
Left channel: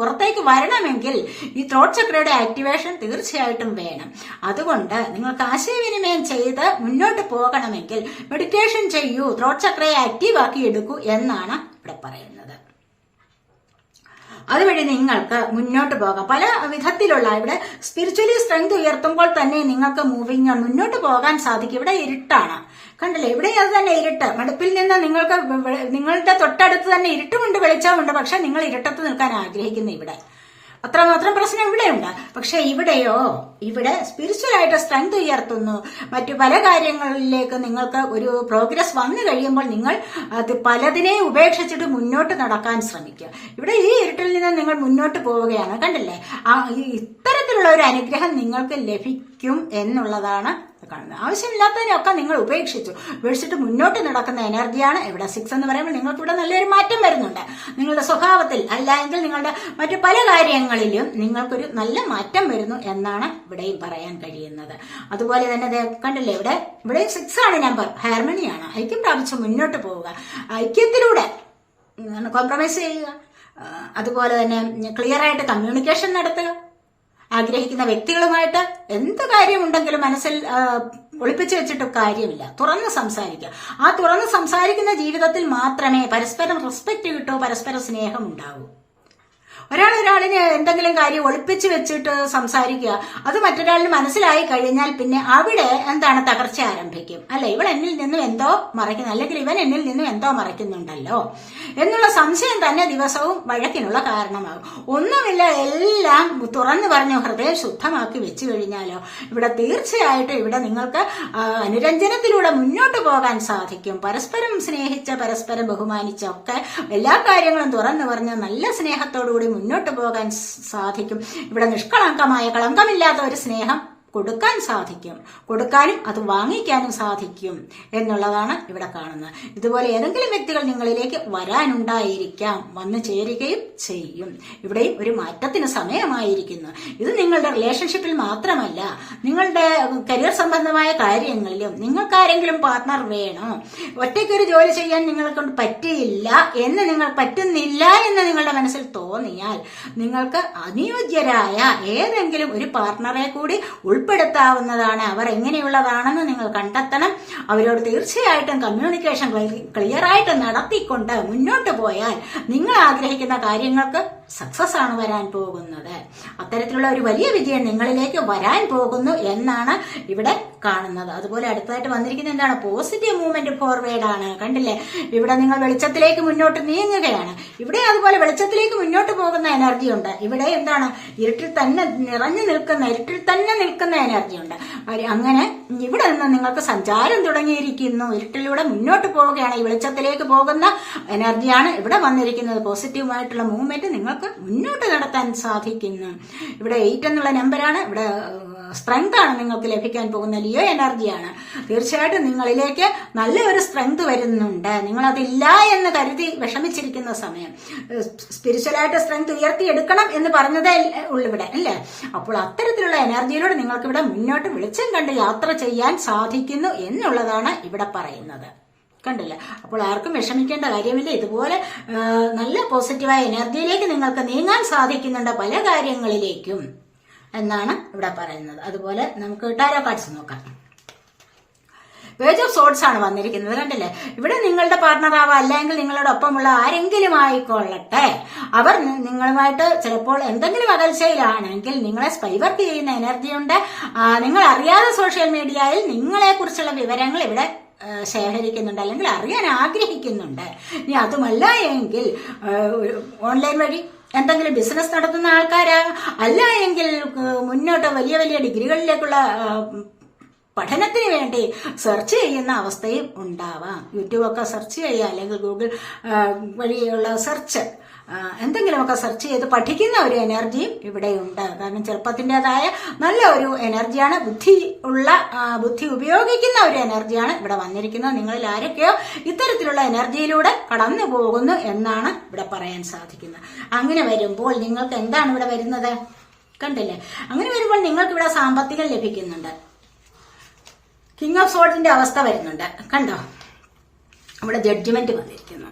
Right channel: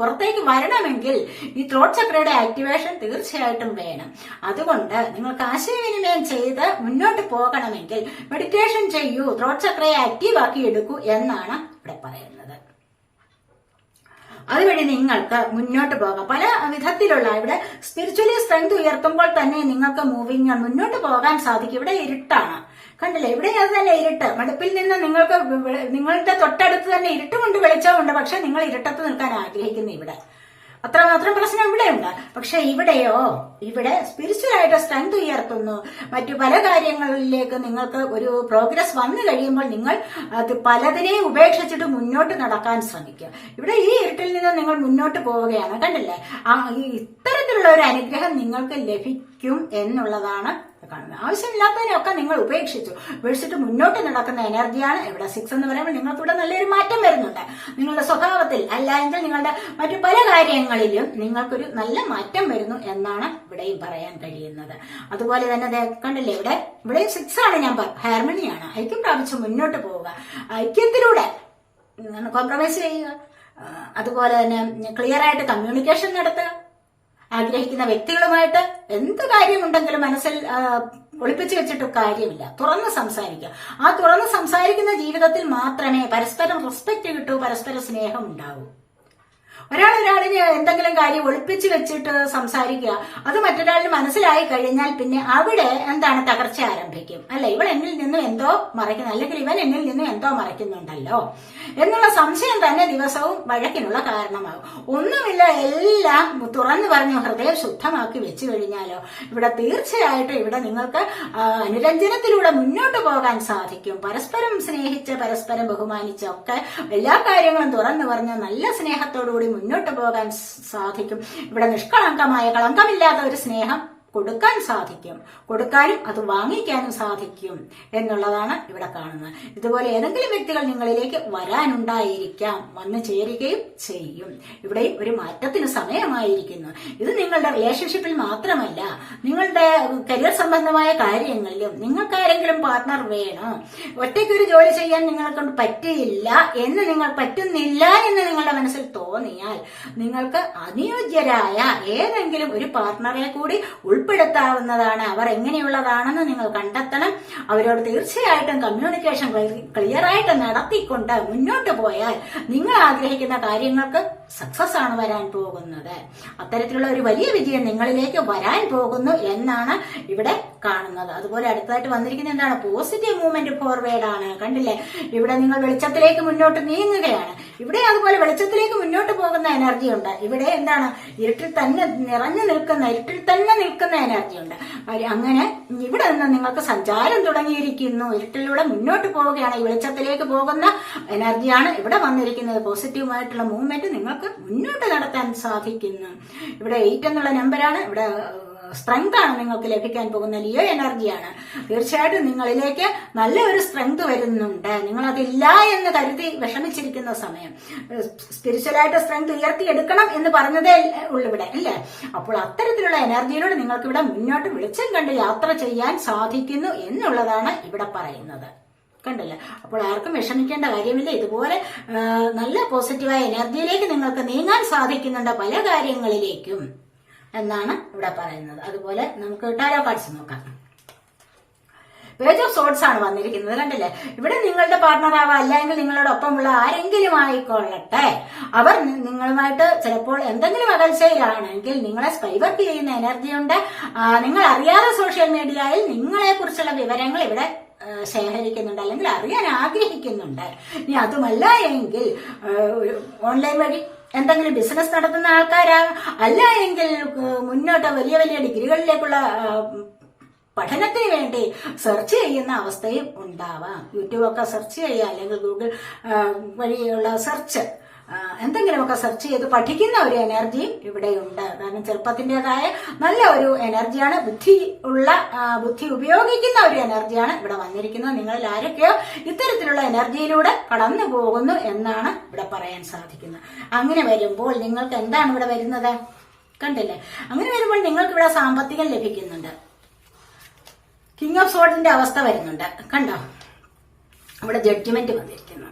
പുറത്തേക്ക് വരണമെങ്കിൽ ഈ ത്രോട്ട് ചക്രയുടെ ആക്ടിവേഷൻ തീർച്ചയായിട്ടും വേണം. അതുകൊണ്ട് നിങ്ങൾക്ക് ആശയവിനിമയം ചെയ്ത് മുന്നോട്ട് പോകണമെങ്കിൽ മെഡിറ്റേഷൻ ചെയ്യൂ, ത്രോട്ട് ചക്രയെ ആക്റ്റീവ് ആക്കി എടുക്കൂ എന്നാണ് ഇവിടെ പറയുന്നത്. അതുവഴി നിങ്ങൾക്ക് മുന്നോട്ട് പോകാം. പല വിധത്തിലുള്ള ഇവിടെ സ്പിരിച്വലി സ്ട്രെങ്ത് ഉയർത്തുമ്പോൾ തന്നെ നിങ്ങൾക്ക് മുന്നോട്ട് പോകാൻ സാധിക്കും. ഇവിടെ ഇരുട്ടാണ്, കണ്ടില്ലേ? ഇവിടെ അത് തന്നെ ഇരുട്ട്. മടുപ്പിൽ നിന്ന് നിങ്ങൾക്ക് നിങ്ങളുടെ തൊട്ടടുത്ത് തന്നെ ഇരുട്ടുമുണ്ട്, വെളിച്ചമുണ്ട്. പക്ഷെ നിങ്ങൾ ഇരുട്ടത്ത് നിൽക്കാൻ ആഗ്രഹിക്കുന്നു. ഇവിടെ അത്രമാത്രം പ്രശ്നം ഇവിടെയുണ്ട്. പക്ഷെ ഇവിടെയോ, ഇവിടെ സ്പിരിച്വൽ ആയിട്ട് സ്ട്രെങ്ത് ഉയർത്തുന്നു. മറ്റു പല കാര്യങ്ങളിലേക്ക് നിങ്ങൾക്ക് ഒരു പ്രോഗ്രസ് വന്നു കഴിയുമ്പോൾ നിങ്ങൾ അത് പലതിനെയും ഉപേക്ഷിച്ചിട്ട് മുന്നോട്ട് നടക്കാൻ ശ്രമിക്കുക. ഇവിടെ ഈ ഇരുട്ടിൽ നിന്ന് നിങ്ങൾ മുന്നോട്ട് പോവുകയാണ്, കണ്ടില്ലേ? ഇത്തരത്തിലുള്ള ഒരു അനുഗ്രഹം നിങ്ങൾക്ക് ലഭിക്കും എന്നുള്ളതാണ് കാണുന്നത്. ആവശ്യമില്ലാത്തതിനൊക്കെ നിങ്ങൾ ഉപേക്ഷിച്ചിട്ട് മുന്നോട്ട് നടക്കുന്ന എനർജിയാണ് ഇവിടെ 6 എന്ന് പറയുമ്പോൾ നിങ്ങൾക്ക് ഇവിടെ നല്ലൊരു മാറ്റം വരുന്നുണ്ട്. നിങ്ങളുടെ സ്വഭാവത്തിൽ അല്ലെങ്കിൽ നിങ്ങളുടെ മറ്റു പല കാര്യങ്ങളിലും നിങ്ങൾക്കൊരു നല്ല മാറ്റം വരുന്നു എന്നാണ് ഇവിടെയും പറയാൻ കഴിയുന്നത്. അതുപോലെ തന്നെ കണ്ടില്ലേ, ഇവിടെ 6 ആണ് നമ്പർ, ഹാർമണിയാണ്. ഐക്യം പ്രാപിച്ച് മുന്നോട്ട് പോവുക, ഐക്യത്തിലൂടെ കോംപ്രമൈസ് ചെയ്യുക. അതുപോലെ തന്നെ ക്ലിയർ ആയിട്ട് കമ്മ്യൂണിക്കേഷൻ നടത്തുക. ആഗ്രഹിക്കുന്ന വ്യക്തികളുമായിട്ട് എന്ത് കാര്യമുണ്ടെങ്കിലും മനസ്സിൽ ഒളിപ്പിച്ചു വെച്ചിട്ട് കാര്യമില്ല, തുറന്ന് സംസാരിക്കുക. ആ തുറന്ന് സംസാരിക്കുന്ന ജീവിതത്തിൽ മാത്രമേ പരസ്പരം റെസ്പെക്ട് കിട്ടൂ, പരസ്പര സ്നേഹം ഉണ്ടാവൂ. ഒരാളിന് എന്തെങ്കിലും കാര്യം ഒളിപ്പിച്ചു വെച്ചിട്ട് സംസാരിക്കുക, അത് മറ്റൊരാളിന് മനസ്സിലായി കഴിഞ്ഞാൽ പിന്നെ അവിടെ എന്താണ്, തകർച്ച ആരംഭിക്കും. അല്ലെ, ഇവൾ എന്നിൽ നിന്നും എന്തോ മറയ്ക്കുന്നു, അല്ലെങ്കിൽ ഇവൻ എന്നിൽ നിന്നും എന്തോ മറയ്ക്കുന്നുണ്ടല്ലോ എന്നുള്ള സംശയം തന്നെ ദിവസവും വഴക്കിനുള്ള കാരണമാകും. ഒന്നുമില്ല, എല്ലാം തുറന്നു പറഞ്ഞ് ഹൃദയം ശുദ്ധമാക്കി വെച്ചു കഴിഞ്ഞാലോ ഇവിടെ തീർച്ചയായിട്ടും ഇവിടെ നിങ്ങൾക്ക് അനുരഞ്ജനത്തിലൂടെ മുന്നോട്ട് പോകാൻ സാധിക്കും. പരസ്പരം സ്നേഹിച്ച് പരസ്പരം ബഹുമാനിച്ചൊക്കെ എല്ലാ കാര്യങ്ങളും തുറന്നു പറഞ്ഞ് നല്ല സ്നേഹത്തോടുകൂടി മുന്നോട്ട് പോകാൻ സാധിക്കും. ഇവിടെ നിഷ്കളങ്കമായ, കളങ്കമില്ലാത്ത ഒരു സ്നേഹം കൊടുക്കാൻ സാധിക്കും, കൊടുക്കാനും അത് വാങ്ങിക്കാനും സാധിക്കും എന്നുള്ളതാണ് ഇവിടെ കാണുന്നത്. ഇതുപോലെ ഏതെങ്കിലും വ്യക്തികൾ നിങ്ങളിലേക്ക് വരാനുണ്ടായിരിക്കാം, വന്നു ചേരുകയും ചെയ്യും. ഇവിടെയും ഒരു മാറ്റത്തിന് സമയമായിരിക്കുന്നു. ഇത് നിങ്ങളുടെ റിലേഷൻഷിപ്പിൽ മാത്രമല്ല, നിങ്ങളുടെ കരിയർ സംബന്ധമായ കാര്യങ്ങളിലും നിങ്ങൾക്കാരെങ്കിലും പാർട്ട്ണർ വേണം. ഒറ്റയ്ക്കൊരു ജോലി ചെയ്യാൻ നിങ്ങളെ കൊണ്ട് പറ്റുന്നില്ല എന്ന് നിങ്ങളുടെ മനസ്സിൽ തോന്നിയാൽ നിങ്ങൾക്ക് അനുയോജ്യരായ ഏതെങ്കിലും ഒരു പാർട്ട്ണറെ കൂടി ഉൾപ്പെടുത്താവുന്നതാണ്. അവർ എങ്ങനെയുള്ളതാണെന്ന് നിങ്ങൾ കണ്ടെത്തണം. അവരോട് തീർച്ചയായിട്ടും കമ്മ്യൂണിക്കേഷൻ ക്ലിയർ ആയിട്ട് നടത്തിക്കൊണ്ട് മുന്നോട്ട് പോയാൽ നിങ്ങൾ ആഗ്രഹിക്കുന്ന കാര്യങ്ങൾക്ക് സക്സസ് ആണ് വരാൻ പോകുന്നത്. അത്തരത്തിലുള്ള ഒരു വലിയ വിജയം നിങ്ങളിലേക്ക് വരാൻ പോകുന്നു എന്നാണ് ഇവിടെ കാണുന്നത്. അതുപോലെ അടുത്തതായിട്ട് വന്നിരിക്കുന്നത് എന്താണ്, പോസിറ്റീവ് മൂവ്മെന്റ് ഫോർവേഡ് ആണ്. കണ്ടില്ലേ, ഇവിടെ നിങ്ങൾ വെളിച്ചത്തിലേക്ക് മുന്നോട്ട് നീങ്ങുകയാണ്. ഇവിടെ അതുപോലെ വെളിച്ചത്തിലേക്ക് മുന്നോട്ട് പോകുന്ന എനർജി ഉണ്ട്. ഇവിടെ എന്താണ്, ഇരുട്ടിൽ തന്നെ നിൽക്കുന്ന എനർജി ഉണ്ട്. അങ്ങനെ ഇവിടെ നിന്ന് നിങ്ങൾക്ക് സഞ്ചാരം തുടങ്ങിയിരിക്കുന്നു. ഇരുട്ടിലൂടെ മുന്നോട്ട് പോവുകയാണ്. ഈ വെളിച്ചത്തിലേക്ക് പോകുന്ന എനർജിയാണ് ഇവിടെ വന്നിരിക്കുന്നത്. പോസിറ്റീവായിട്ടുള്ള മൂവ്മെന്റ് നിങ്ങൾക്ക് മുന്നോട്ട് നടത്താൻ സാധിക്കുന്നു. ഇവിടെ 8 എന്നുള്ള നമ്പറാണ്. ഇവിടെ സ്ട്രെങ്ത് ആണ് നിങ്ങൾക്ക് ലഭിക്കാൻ പോകുന്ന ലിയോ എനർജിയാണ്. തീർച്ചയായിട്ടും നിങ്ങളിലേക്ക് നല്ല ഒരു സ്ട്രെങ്ത് വരുന്നുണ്ട്. നിങ്ങളതില്ല എന്ന് കരുതി വിഷമിച്ചിരിക്കുന്ന സമയം സ്പിരിച്വലായിട്ട് സ്ട്രെങ്ത് ഉയർത്തിയെടുക്കണം എന്ന് പറഞ്ഞതേ ഉള്ളൂ ഇവിടെ, അല്ലേ? അപ്പോൾ അത്തരത്തിലുള്ള എനർജിയിലൂടെ നിങ്ങൾക്ക് ഇവിടെ മുന്നോട്ട് വെളിച്ചം കണ്ട് യാത്ര ചെയ്യാൻ സാധിക്കുന്നു എന്നുള്ളതാണ് ഇവിടെ പറയുന്നത്. കണ്ടില്ല? അപ്പോൾ ആർക്കും വിഷമിക്കേണ്ട കാര്യമില്ല. ഇതുപോലെ നല്ല പോസിറ്റീവായ എനർജിയിലേക്ക് നിങ്ങൾക്ക് നീങ്ങാൻ സാധിക്കുന്നുണ്ട് പല കാര്യങ്ങളിലേക്കും എന്നാണ് ഇവിടെ പറയുന്നത്. അതുപോലെ നമുക്ക് ടാരോ കാർഡ്സ് നോക്കാം. പേജ് ഓഫ് സോർഡ്സ് ആണ് വന്നിരിക്കുന്നത്. കണ്ടില്ലേ, ഇവിടെ നിങ്ങളുടെ പാർട്ണർ ആവാം, അല്ലെങ്കിൽ നിങ്ങളുടെ ഒപ്പമുള്ള ആരെങ്കിലും ആയിക്കൊള്ളട്ടെ, അവർ നിങ്ങളുമായിട്ട് ചിലപ്പോൾ എന്തെങ്കിലും അകൽച്ചയിലാണെങ്കിൽ നിങ്ങളെ സ്പൈവർക്ക് ചെയ്യുന്ന എനർജിയുണ്ട്. നിങ്ങൾ അറിയാതെ സോഷ്യൽ മീഡിയയിൽ നിങ്ങളെ കുറിച്ചുള്ള വിവരങ്ങൾ ഇവിടെ ശേഖരിക്കുന്നുണ്ട്, അല്ലെങ്കിൽ അറിയാൻ ആഗ്രഹിക്കുന്നുണ്ട്. ഇനി അതുമല്ല എങ്കിൽ ഓൺലൈൻ വഴി എന്തെങ്കിലും ബിസിനസ് നടത്തുന്ന ആൾക്കാരാ, അല്ല എങ്കിൽ മുന്നോട്ട് വലിയ വലിയ ഡിഗ്രികളിലേക്കുള്ള പഠനത്തിന് വേണ്ടി സെർച്ച് ചെയ്യുന്ന അവസ്ഥയും ഉണ്ടാവാം. യൂട്യൂബൊക്കെ സെർച്ച് ചെയ്യുക, അല്ലെങ്കിൽ ഗൂഗിൾ വഴിയുള്ള സെർച്ച് എന്തെങ്കിലുമൊക്കെ സെർച്ച് ചെയ്ത് പഠിക്കുന്ന ഒരു എനർജിയും ഇവിടെയുണ്ട്. കാരണം ചെറുപ്പത്തിൻ്റെതായ നല്ല ഒരു എനർജിയാണ്, ബുദ്ധി ഉപയോഗിക്കുന്ന ഒരു എനർജിയാണ് ഇവിടെ വന്നിരിക്കുന്നത്. നിങ്ങളിൽ ആരൊക്കെയോ ഇത്തരത്തിലുള്ള എനർജിയിലൂടെ കടന്നു പോകുന്നു എന്നാണ് ഇവിടെ പറയാൻ സാധിക്കുന്നത്. അങ്ങനെ വരുമ്പോൾ നിങ്ങൾക്ക് എന്താണ് ഇവിടെ വരുന്നത്? കണ്ടില്ലേ? അങ്ങനെ വരുമ്പോൾ നിങ്ങൾക്ക് ഇവിടെ സാമ്പത്തികം ലഭിക്കുന്നുണ്ട്. കിങ് ഓഫ് സോർഡ്സിന്റെ അവസ്ഥ വരുന്നുണ്ട്. കണ്ടോ? ഇവിടെ ജഡ്ജ്മെന്റ് വന്നിരിക്കുന്നു.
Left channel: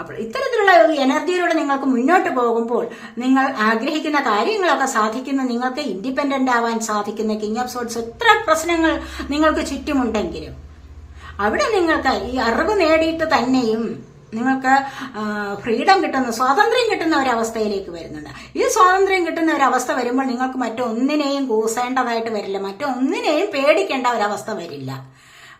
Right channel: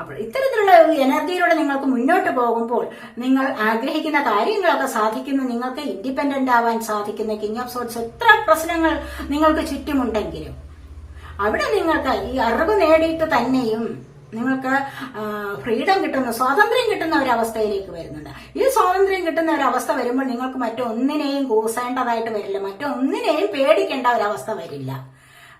അപ്പോൾ ഇത്തരത്തിലുള്ള ഒരു എനർജിയിലൂടെ നിങ്ങൾക്ക് മുന്നോട്ട് പോകുമ്പോൾ നിങ്ങൾ ആഗ്രഹിക്കുന്ന കാര്യങ്ങളൊക്കെ സാധിക്കുന്ന, നിങ്ങൾക്ക് ഇൻഡിപെൻഡന്റ് ആവാൻ സാധിക്കുന്ന കിങ് ഓഫ് സോർഡ്സ് എത്ര പ്രശ്നങ്ങൾ നിങ്ങൾക്ക് ചുറ്റുമുണ്ടെങ്കിലും അവിടെ നിങ്ങൾക്ക് ഈ അറിവ് നേടിയിട്ട് തന്നെയും നിങ്ങൾക്ക് ഫ്രീഡം കിട്ടുന്ന, സ്വാതന്ത്ര്യം കിട്ടുന്ന ഒരവസ്ഥയിലേക്ക് വരുന്നുണ്ട്. ഈ സ്വാതന്ത്ര്യം കിട്ടുന്ന ഒരവസ്ഥ വരുമ്പോൾ നിങ്ങൾക്ക് മറ്റൊന്നിനെയും കൂസേണ്ടതായിട്ട് വരില്ല, മറ്റൊന്നിനെയും പേടിക്കേണ്ട ഒരവസ്ഥ വരില്ല.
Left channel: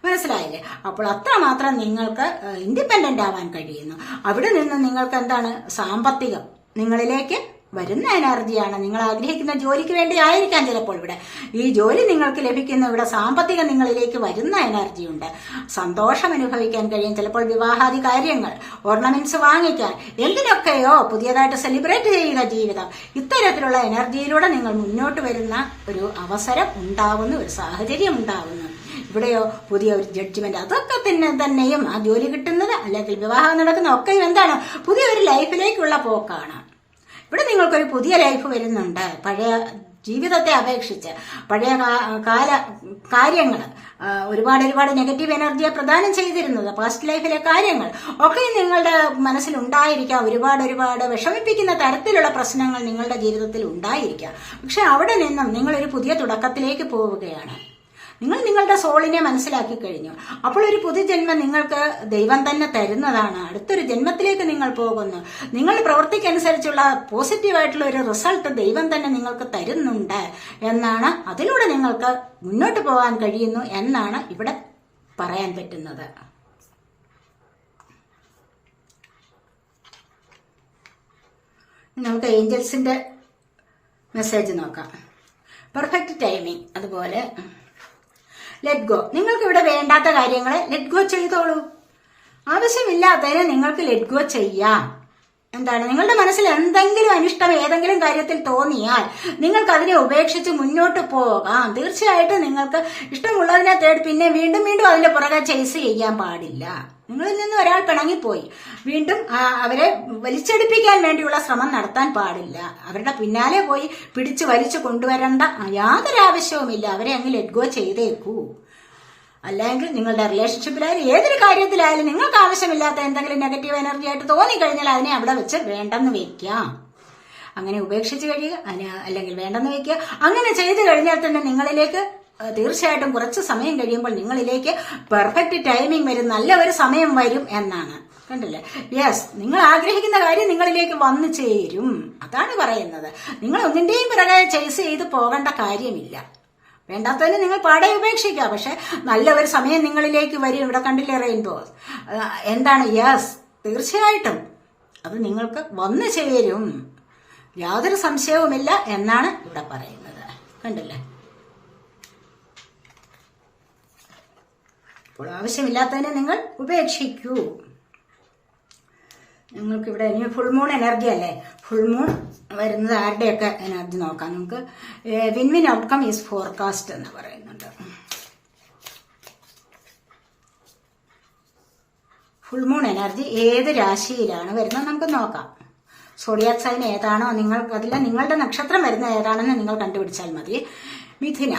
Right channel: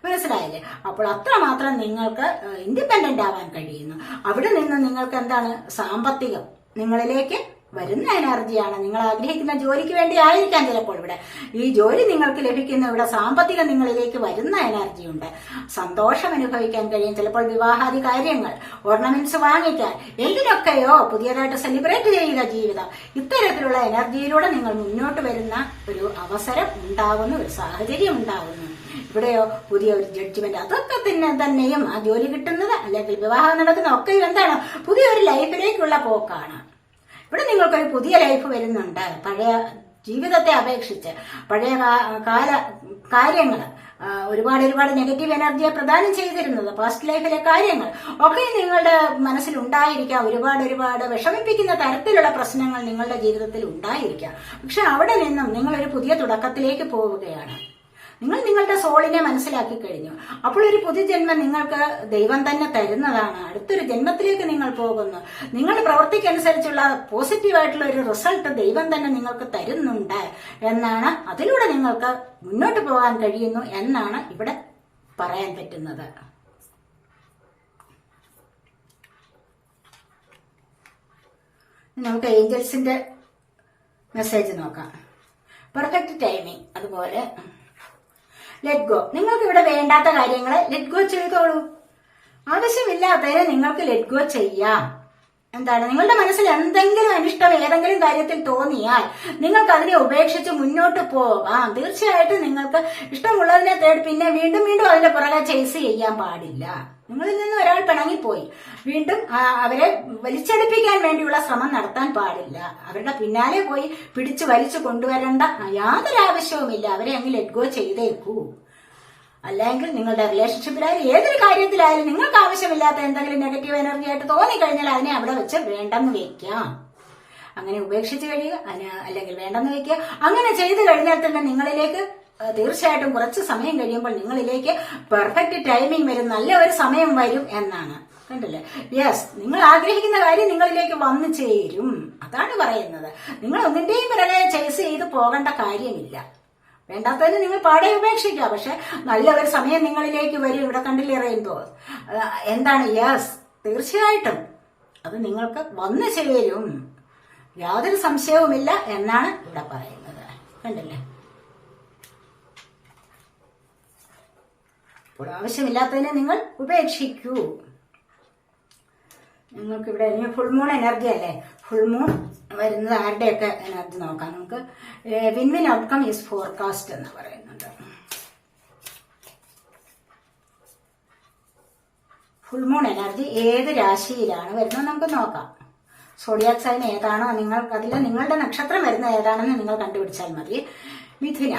മനസ്സിലായില്ലേ? അപ്പോൾ അത്രമാത്രം നിങ്ങൾക്ക് ഇൻഡിപെൻഡന്റ് ആവാൻ കഴിയുന്നു. അവിടെ നിന്ന് നിങ്ങൾക്ക് എന്താണ്? സാമ്പത്തികം നിങ്ങളിലേക്ക് വരുന്ന എനർജിയാണ്. നിങ്ങൾ ആഗ്രഹിക്കുന്ന ജോലിക്ക് വേണ്ടി ആയിരിക്കാം ചിലപ്പോൾ ഇവിടെ ഈ ജോലി നിങ്ങൾക്ക് ലഭിക്കുന്ന, ഇവിടെ സാമ്പത്തികം നിങ്ങളിലേക്ക് വരുന്ന എനർജിയുണ്ട്. സന്തോഷം അനുഭവിക്കാൻ കഴിയും. ചിലപ്പോൾ വിവാഹാദി കാര്യങ്ങൾ, ഓർണമെന്റ്സ് വാങ്ങിക്കാൻ, എന്തിനൊക്കെയോ പുതിയതായിട്ട് സെലിബ്രേറ്റ് ചെയ്യുക ജീവിതം. ഇത്തരത്തിലുള്ള എനർജിയിലൂടെ നിങ്ങൾ മുന്നോട്ട് വരുന്ന ഒരു അവസരം ഉണ്ടാവുന്നു, ഒരു സാഹചര്യം ഉണ്ടാവുന്നു. ഇവിടെയോ പുതിയ ഒരു ജഡ്ജ്മെന്റ്, അതൊക്കെ തന്നെയും ആ ജോലി കിട്ടുന്നത് അല്ലെങ്കിൽ വിവാഹം നടക്കുന്ന ഒക്കെ എന്താണ്? പുതിയൊരു ലൈഫിലേക്കുള്ള പോക്കാണ്. ഇവിടെ നിങ്ങൾക്കൊരു പുതിയ ലൈഫ് വരുന്നുണ്ട്. പഴയ ജീവിതത്തെ അപേക്ഷിച്ച് പഴയ കാര്യങ്ങൾ, ഒരുപാട് നെഗറ്റീവ് എനർജിയെ പ്രദാനം ചെയ്തിരുന്നത് പാസ്റ്റ് ലൈഫിലെ കാര്യങ്ങൾ ഒക്കെ നിങ്ങളുടെ മനസ്സിലുണ്ടായിരിക്കാം. ഒരുപാട് വിഷമിപ്പിക്കുന്ന തരത്തിലുള്ള പ്രശ്നങ്ങൾ നിങ്ങളുടെ ജീവിതത്തിൽ ഉണ്ടായിരിക്കാം. പക്ഷെ അവിടെ നിന്നും നിങ്ങളൊരു പുതിയ തുടക്കത്തിലേക്ക് പോവുകയാണ്. നിങ്ങൾ നിങ്ങളുടെ സോളിനെ മനസ്സിലാക്കി കഴിഞ്ഞു. അപ്പോൾ ഒരു പുതുജന്മം നിങ്ങൾക്ക് ദൈവം തന്നെ തരുന്നതാണ്. അടുത്തൊരു ജന്മത്തിലേക്ക് നിങ്ങൾ പോകുന്നു. നിങ്ങൾ പ്രവൃത്തിക്കനുസരിച്ചുള്ള പോസിറ്റീവായിട്ടുള്ള ഒരു റിസൾട്ട് ദൈവം തന്നെ നിങ്ങൾക്ക് തരുന്നുണ്ട് എന്നാണ്, അതിലൂടെ നിങ്ങൾക്ക് മുന്നോട്ട് പോകാൻ കഴിയുന്നു എന്നാണ് ഇവിടെ പറയാൻ പറ്റുന്നത്. നമുക്ക് ഏഞ്ചൽസിന്റെ മെസ്സേജ് നോക്കാം. പെർഫെക്റ്റ് ടൈമിംഗ്, അതുപോലെ ലെറ്റ് ഗോ. നിങ്ങൾക്ക് ഇവിടെ വേണ്ടാത്ത കാര്യങ്ങളെ ലെറ്റ് ഗോ ചെയ്തോളൂ. ആവശ്യമില്ലാത്തതിനെ നിങ്ങൾക്ക് ലെറ്റ് ഗോ ചെയ്യാം. എന്താണ്? നിങ്ങളുടെ മനസ്സിൽ എന്തെങ്കിലും അനിഷ്ടം ഏതെങ്കിലും കാര്യത്തിൽ തോന്നിയാൽ നിങ്ങൾക്ക് അതിനെ ഉപേക്ഷിച്ച് മുന്നോട്ട് പോകാം. തീർച്ചയായിട്ടും നിങ്ങൾക്ക് ഇഷ്ടമുള്ളതിനെ തേടി പിന്നെ വീണ്ടും അതിന്റെ പുറകെ ചേസ് ചെയ്യാൻ പാടില്ല. നിങ്ങളിൽ നിന്ന് ഒരാൾ പിണങ്ങിപ്പോയി, വീണ്ടും അവരെ വലിച്ചെടുപ്പിക്കാൻ വേണ്ടിയുള്ള ശ്രമം നടത്താൻ പാടില്ല. അവരുടെ പിന്നാലെ പോയി പിടിച്ചു വലിച്ചു കൊണ്ടുവരേണ്ട യാതൊരു ആവശ്യവുമില്ല. അവരെ അങ്ങ് ലെറ്റ് ഗോ ചെയ്തേക്കൂ. അല്ലെങ്കിൽ നിങ്ങളുടെ റിലേഷൻഷിപ്പിലായാലും ഏതൊരു കാര്യത്തിലായാലും നിങ്ങൾക്ക് ആവശ്യമില്ലാത്ത എന്തെങ്കിലും നെഗറ്റീവ് എനർജി ആയിട്ട് തോന്നിക്കഴിഞ്ഞാൽ അതിനെ അവിടെ വെച്ച് വേണ്ടെന്ന് വെക്കാം. അങ്ങനെ ഉപേക്ഷിച്ച് കഴിയുക, അല്ലെങ്കിൽ വേണ്ടെന്ന് വെക്കുക. അങ്ങനെ ചെയ്തു കഴിഞ്ഞാൽ തന്നെ നിങ്ങളിലേക്ക് തീർച്ചയായിട്ടും കുറച്ച് സമയം കഴിയുമ്പോൾ നിങ്ങളിലേക്ക് പെർഫെക്റ്റ് ടൈമിംഗ് വരും, നല്ല ഒരു സമയം വരും എന്നാണ്. കണ്ടില്ലേ? യെസ്, നിങ്ങൾ ആഗ്രഹിക്കുന്ന കാര്യം നിങ്ങളിലേക്ക് വന്നു ചേരും. അതാണ് പറയുന്നത്. നിങ്ങൾ ഒന്നിന്റെയും പിറകെ ചേസ് ചെയ്ത് പോകേണ്ട കാര്യമില്ല. വേണ്ടാത്തതിന് നിങ്ങൾ പാടെ ഉപേക്ഷിക്കുക. പക്ഷെ നല്ല ഒരു സമയം നിങ്ങളിലേക്ക് വരും. ഇവിടെ കണ്ടില്ലേ റെയിൻബോ? എന്താണ്? യെസ്, തീർച്ചയായിട്ടും അത് നിങ്ങൾക്ക് വന്നു ചേരും, യാതൊരു സംശയവുമില്ല എന്നാണ് ഇവിടെ പറയുന്നത്. കണ്ടില്ലേ? അപ്പോൾ ആവശ്യമില്ലാത്തതിനെ നിങ്ങൾ ഉപേക്ഷിക്കൂ. നിങ്ങൾക്കിവിടെ ഇനി ഫുൾ മൂൺ എനർജി അല്ലേ? ഫുൾ മൂൺ വരുന്നത് ആരുടെയൊക്കെ എനർജി നോക്കാം നമുക്ക്. വിൻ ഔട്ട്കം ഈസ് ഫോർകാസ്റ്റ് എന്ന് പറയുന്നുണ്ട്. ഫുൾ മൂൺ എനർജി ഏത് രാശിയിലാണ് വരുന്നത് നമുക്ക് നോക്കാം. സോഡിയാക് സൈൻ ഏതാണോ നിങ്ങളുടെ നക്ഷത്രം വരുന്നത് ഏതാണെന്ന് നിങ്ങൾ കണ്ടുപിടിച്ചാൽ മതി. മിഥുന,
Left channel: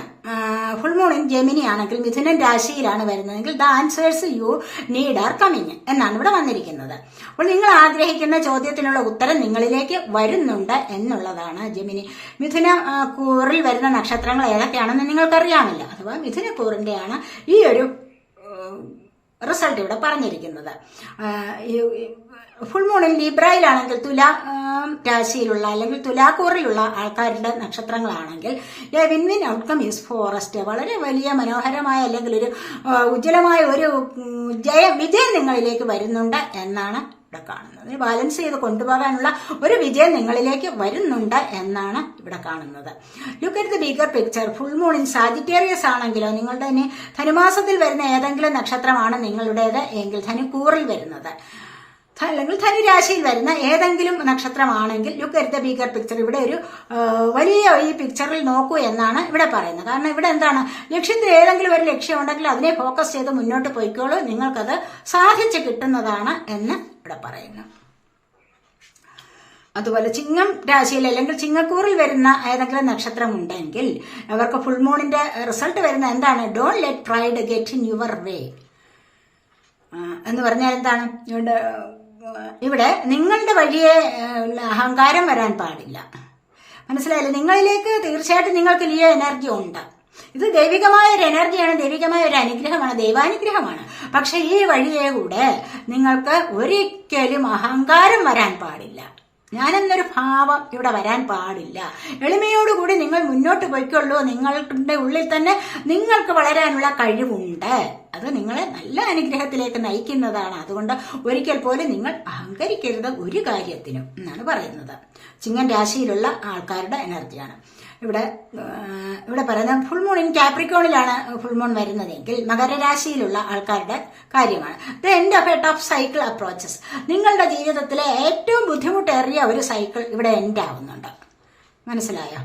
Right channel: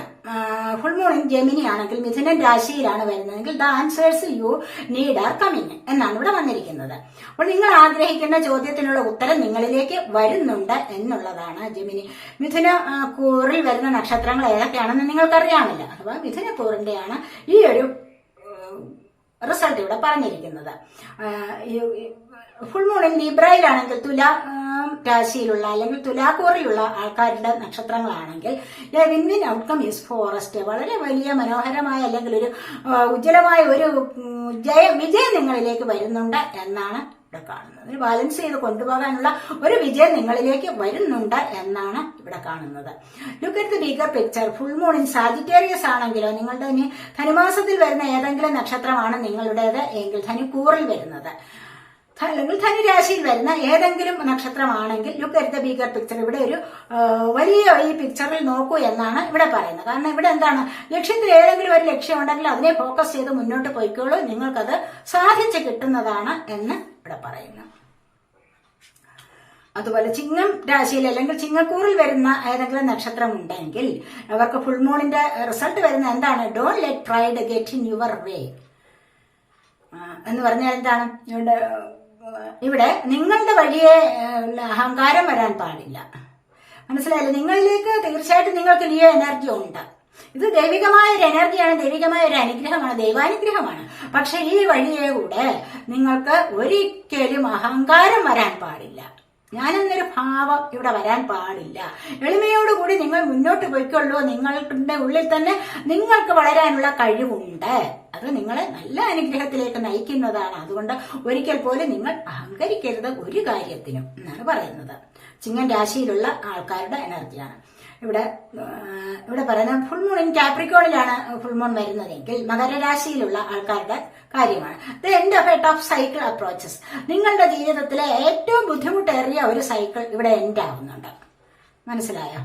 ഫുൾ മൂൺ ജെമിനി ആണെങ്കിൽ മിഥുനൻ രാശിയിലാണ് വരുന്നതെങ്കിൽ the answers you need are coming എന്നാണ് ഇവിടെ വന്നിരിക്കുന്നത്. അപ്പോൾ നിങ്ങൾ ആഗ്രഹിക്കുന്ന ചോദ്യത്തിനുള്ള ഉത്തരം നിങ്ങളിലേക്ക് വരുന്നുണ്ട് എന്നുള്ളതാണ് ജെമിനി. മിഥുന കൂറിൽ വരുന്ന നക്ഷത്രങ്ങൾ ഏതൊക്കെയാണെന്ന് നിങ്ങൾക്കറിയാമല്ലോ. അഥവാ മിഥുന കൂറിന്റെയാണ് ഈ ഒരു റിസൾട്ട് ഇവിടെ പറഞ്ഞിരിക്കുന്നത്. ഫുൾ മൂണിൽ ലിബ്രയിലാണെങ്കിൽ തുല രാശിയിലുള്ള അല്ലെങ്കിൽ തുലാക്കൂറിലുള്ള ആൾക്കാരുടെ നക്ഷത്രങ്ങളാണെങ്കിൽ win win outcome is forest. വളരെ വലിയ മനോഹരമായ അല്ലെങ്കിൽ ഒരു ഉജ്ജ്വലമായ ഒരു വിജയം നിങ്ങളിലേക്ക് വരുന്നുണ്ട് എന്നാണ് ഇവിടെ കാണുന്നത്. ബാലൻസ് ചെയ്ത് കൊണ്ടുപോകാനുള്ള ഒരു വിജയം നിങ്ങളിലേക്ക് വരുന്നുണ്ട് എന്നാണ് ഇവിടെ കാണുന്നത്. Look at the bigger picture. Full moon in Sagittarius ആണെങ്കിലോ, നിങ്ങളുടെ ഇനി ധനുമാസത്തിൽ വരുന്ന ഏതെങ്കിലും നക്ഷത്രമാണ് നിങ്ങളുടേത് എങ്കിൽ, ധനുക്കൂറിൽ വരുന്നത് അല്ലെങ്കിൽ ധനുരാശിയിൽ വരുന്ന ഏതെങ്കിലും നക്ഷത്രമാണെങ്കിൽ look at the bigger picture. ഇവിടെ ഒരു വലിയ ഈ പിക്ചറിൽ നോക്കൂ എന്നാണ് ഇവിടെ പറയുന്നത്. കാരണം ഇവിടെ എന്താണ്, ലക്ഷ്യത്തിൽ ഏതെങ്കിലും ഒരു ലക്ഷ്യം ഉണ്ടെങ്കിൽ അതിനെ ഫോക്കസ് ചെയ്ത് മുന്നോട്ട് പോയിക്കോളൂ, നിങ്ങൾക്കത് സാധിച്ചു കിട്ടുന്നതാണ് എന്ന് ഇവിടെ പറയുന്നു. അതുപോലെ ചിങ്ങം രാശിയിൽ അല്ലെങ്കിൽ ചിങ്ങക്കൂറിൽ വരുന്ന ഏതെങ്കിലും നക്ഷത്രം ഉണ്ടെങ്കിൽ അവർക്ക് ഫുൾ മൂണിന്റെ റിസൾട്ട് വരുന്ന എന്താണ്, don't let pride get in your വേ എന്ന് പറഞ്ഞാൽ എന്താണ്, ഇവിടെ നിങ്ങളുടെ വഴിയെ അഹങ്കാരം വരാൻ പാടില്ല. മനസ്സിലായില്ലേ? നിങ്ങളിലേക്ക് തീർച്ചയായിട്ടും നിങ്ങൾക്ക് ലിയോ എനർജി ഉണ്ട്. ഇത് ദൈവികമായ ഒരു എനർജിയാണ്, ദൈവികമായ ഒരു അനുഗ്രഹമാണ്, ദൈവാനുഗ്രഹമാണ്. പക്ഷെ ഈ വഴിയെ കൂടെ നിങ്ങൾക്ക് ഒരിക്കലും അഹങ്കാരം വരാൻ പാടില്ല. ഞാനെന്നൊരു ഭാവം ഇവിടെ വരാൻ പാടില്ല. എളിമയോടുകൂടി നിങ്ങൾ മുന്നോട്ട് പോയിക്കൊള്ളൂ. നിങ്ങളുടെ ഉള്ളിൽ തന്നെ നിങ്ങൾക്ക് വളരാനുള്ള കഴിവുണ്ട്. അത് നിങ്ങളെ നല്ല അനുഗ്രഹത്തിലേക്ക് നയിക്കുന്നതാണ്. അതുകൊണ്ട് ഒരിക്കൽ പോലും നിങ്ങൾ അഹങ്കരിക്കരുത് ഒരു കാര്യത്തിനും എന്നാണ് പറയുന്നത്. ചിങ്ങൻ രാശിയിലുള്ള ആൾക്കാരുടെ എനർജിയാണ് ഇവിടെ പറയുന്നത്. ഫുൾ മൂൺ ഇൻ കാപ്രിക്കോണിലാണ് ഫുൾ മൂൺ വരുന്നതെങ്കിൽ മകരരാശിയിലുള്ള ആൾക്കാരുടെ കാര്യമാണ്. The end of a tough cycle approaches. നിങ്ങളുടെ ജീവിതത്തിലെ ഏറ്റവും ബുദ്ധിമുട്ടേറിയ ഒരു സൈക്കിൾ ഇവിടെ എൻഡ് ആവുന്നുണ്ട്. മനസ്സിലായോ?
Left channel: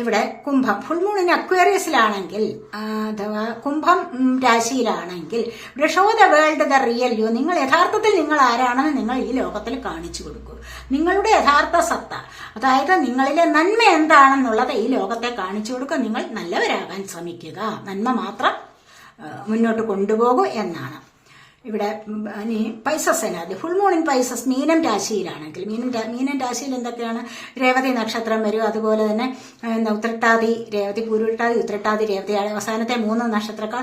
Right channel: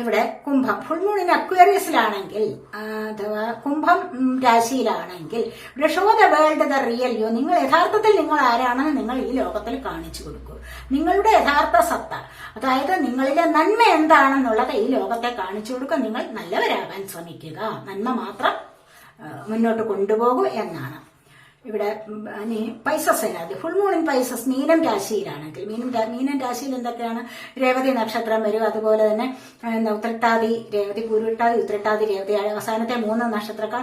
ഇവിടെ കുംഭം. ഫുൾ മൂണിന് അക്വേറിയസിലാണെങ്കിൽ അഥവാ കുംഭം രാശിയിലാണെങ്കിൽ ഇവിടെ show the world the real you. നിങ്ങൾ യഥാർത്ഥത്തിൽ നിങ്ങൾ ആരാണെന്ന് നിങ്ങൾ ഈ ലോകത്തിൽ കാണിച്ചു കൊടുക്കൂ. നിങ്ങളുടെ യഥാർത്ഥ സത്ത, അതായത് നിങ്ങളിലെ നന്മ എന്താണെന്നുള്ളത് ഈ ലോകത്തെ കാണിച്ചു കൊടുക്കുക. നിങ്ങൾ നല്ലവരാകാൻ ശ്രമിക്കുക, നന്മ മാത്രം മുന്നോട്ട് കൊണ്ടുപോകൂ എന്നാണ് ഇവിടെ. ഇനി Pisces energy. Full moon in Pisces മീനം രാശിയിലാണെങ്കിൽ, മീനം രാശിയിൽ എന്തൊക്കെയാണ്, രേവതി നക്ഷത്രം വരും. അതുപോലെ തന്നെ ഉത്രട്ടാതി, രേവതി, പൂരുട്ടാതി, ഉത്രട്ടാതി, രേവതി അവസാനത്തെ 3 നക്ഷത്രക്കാർ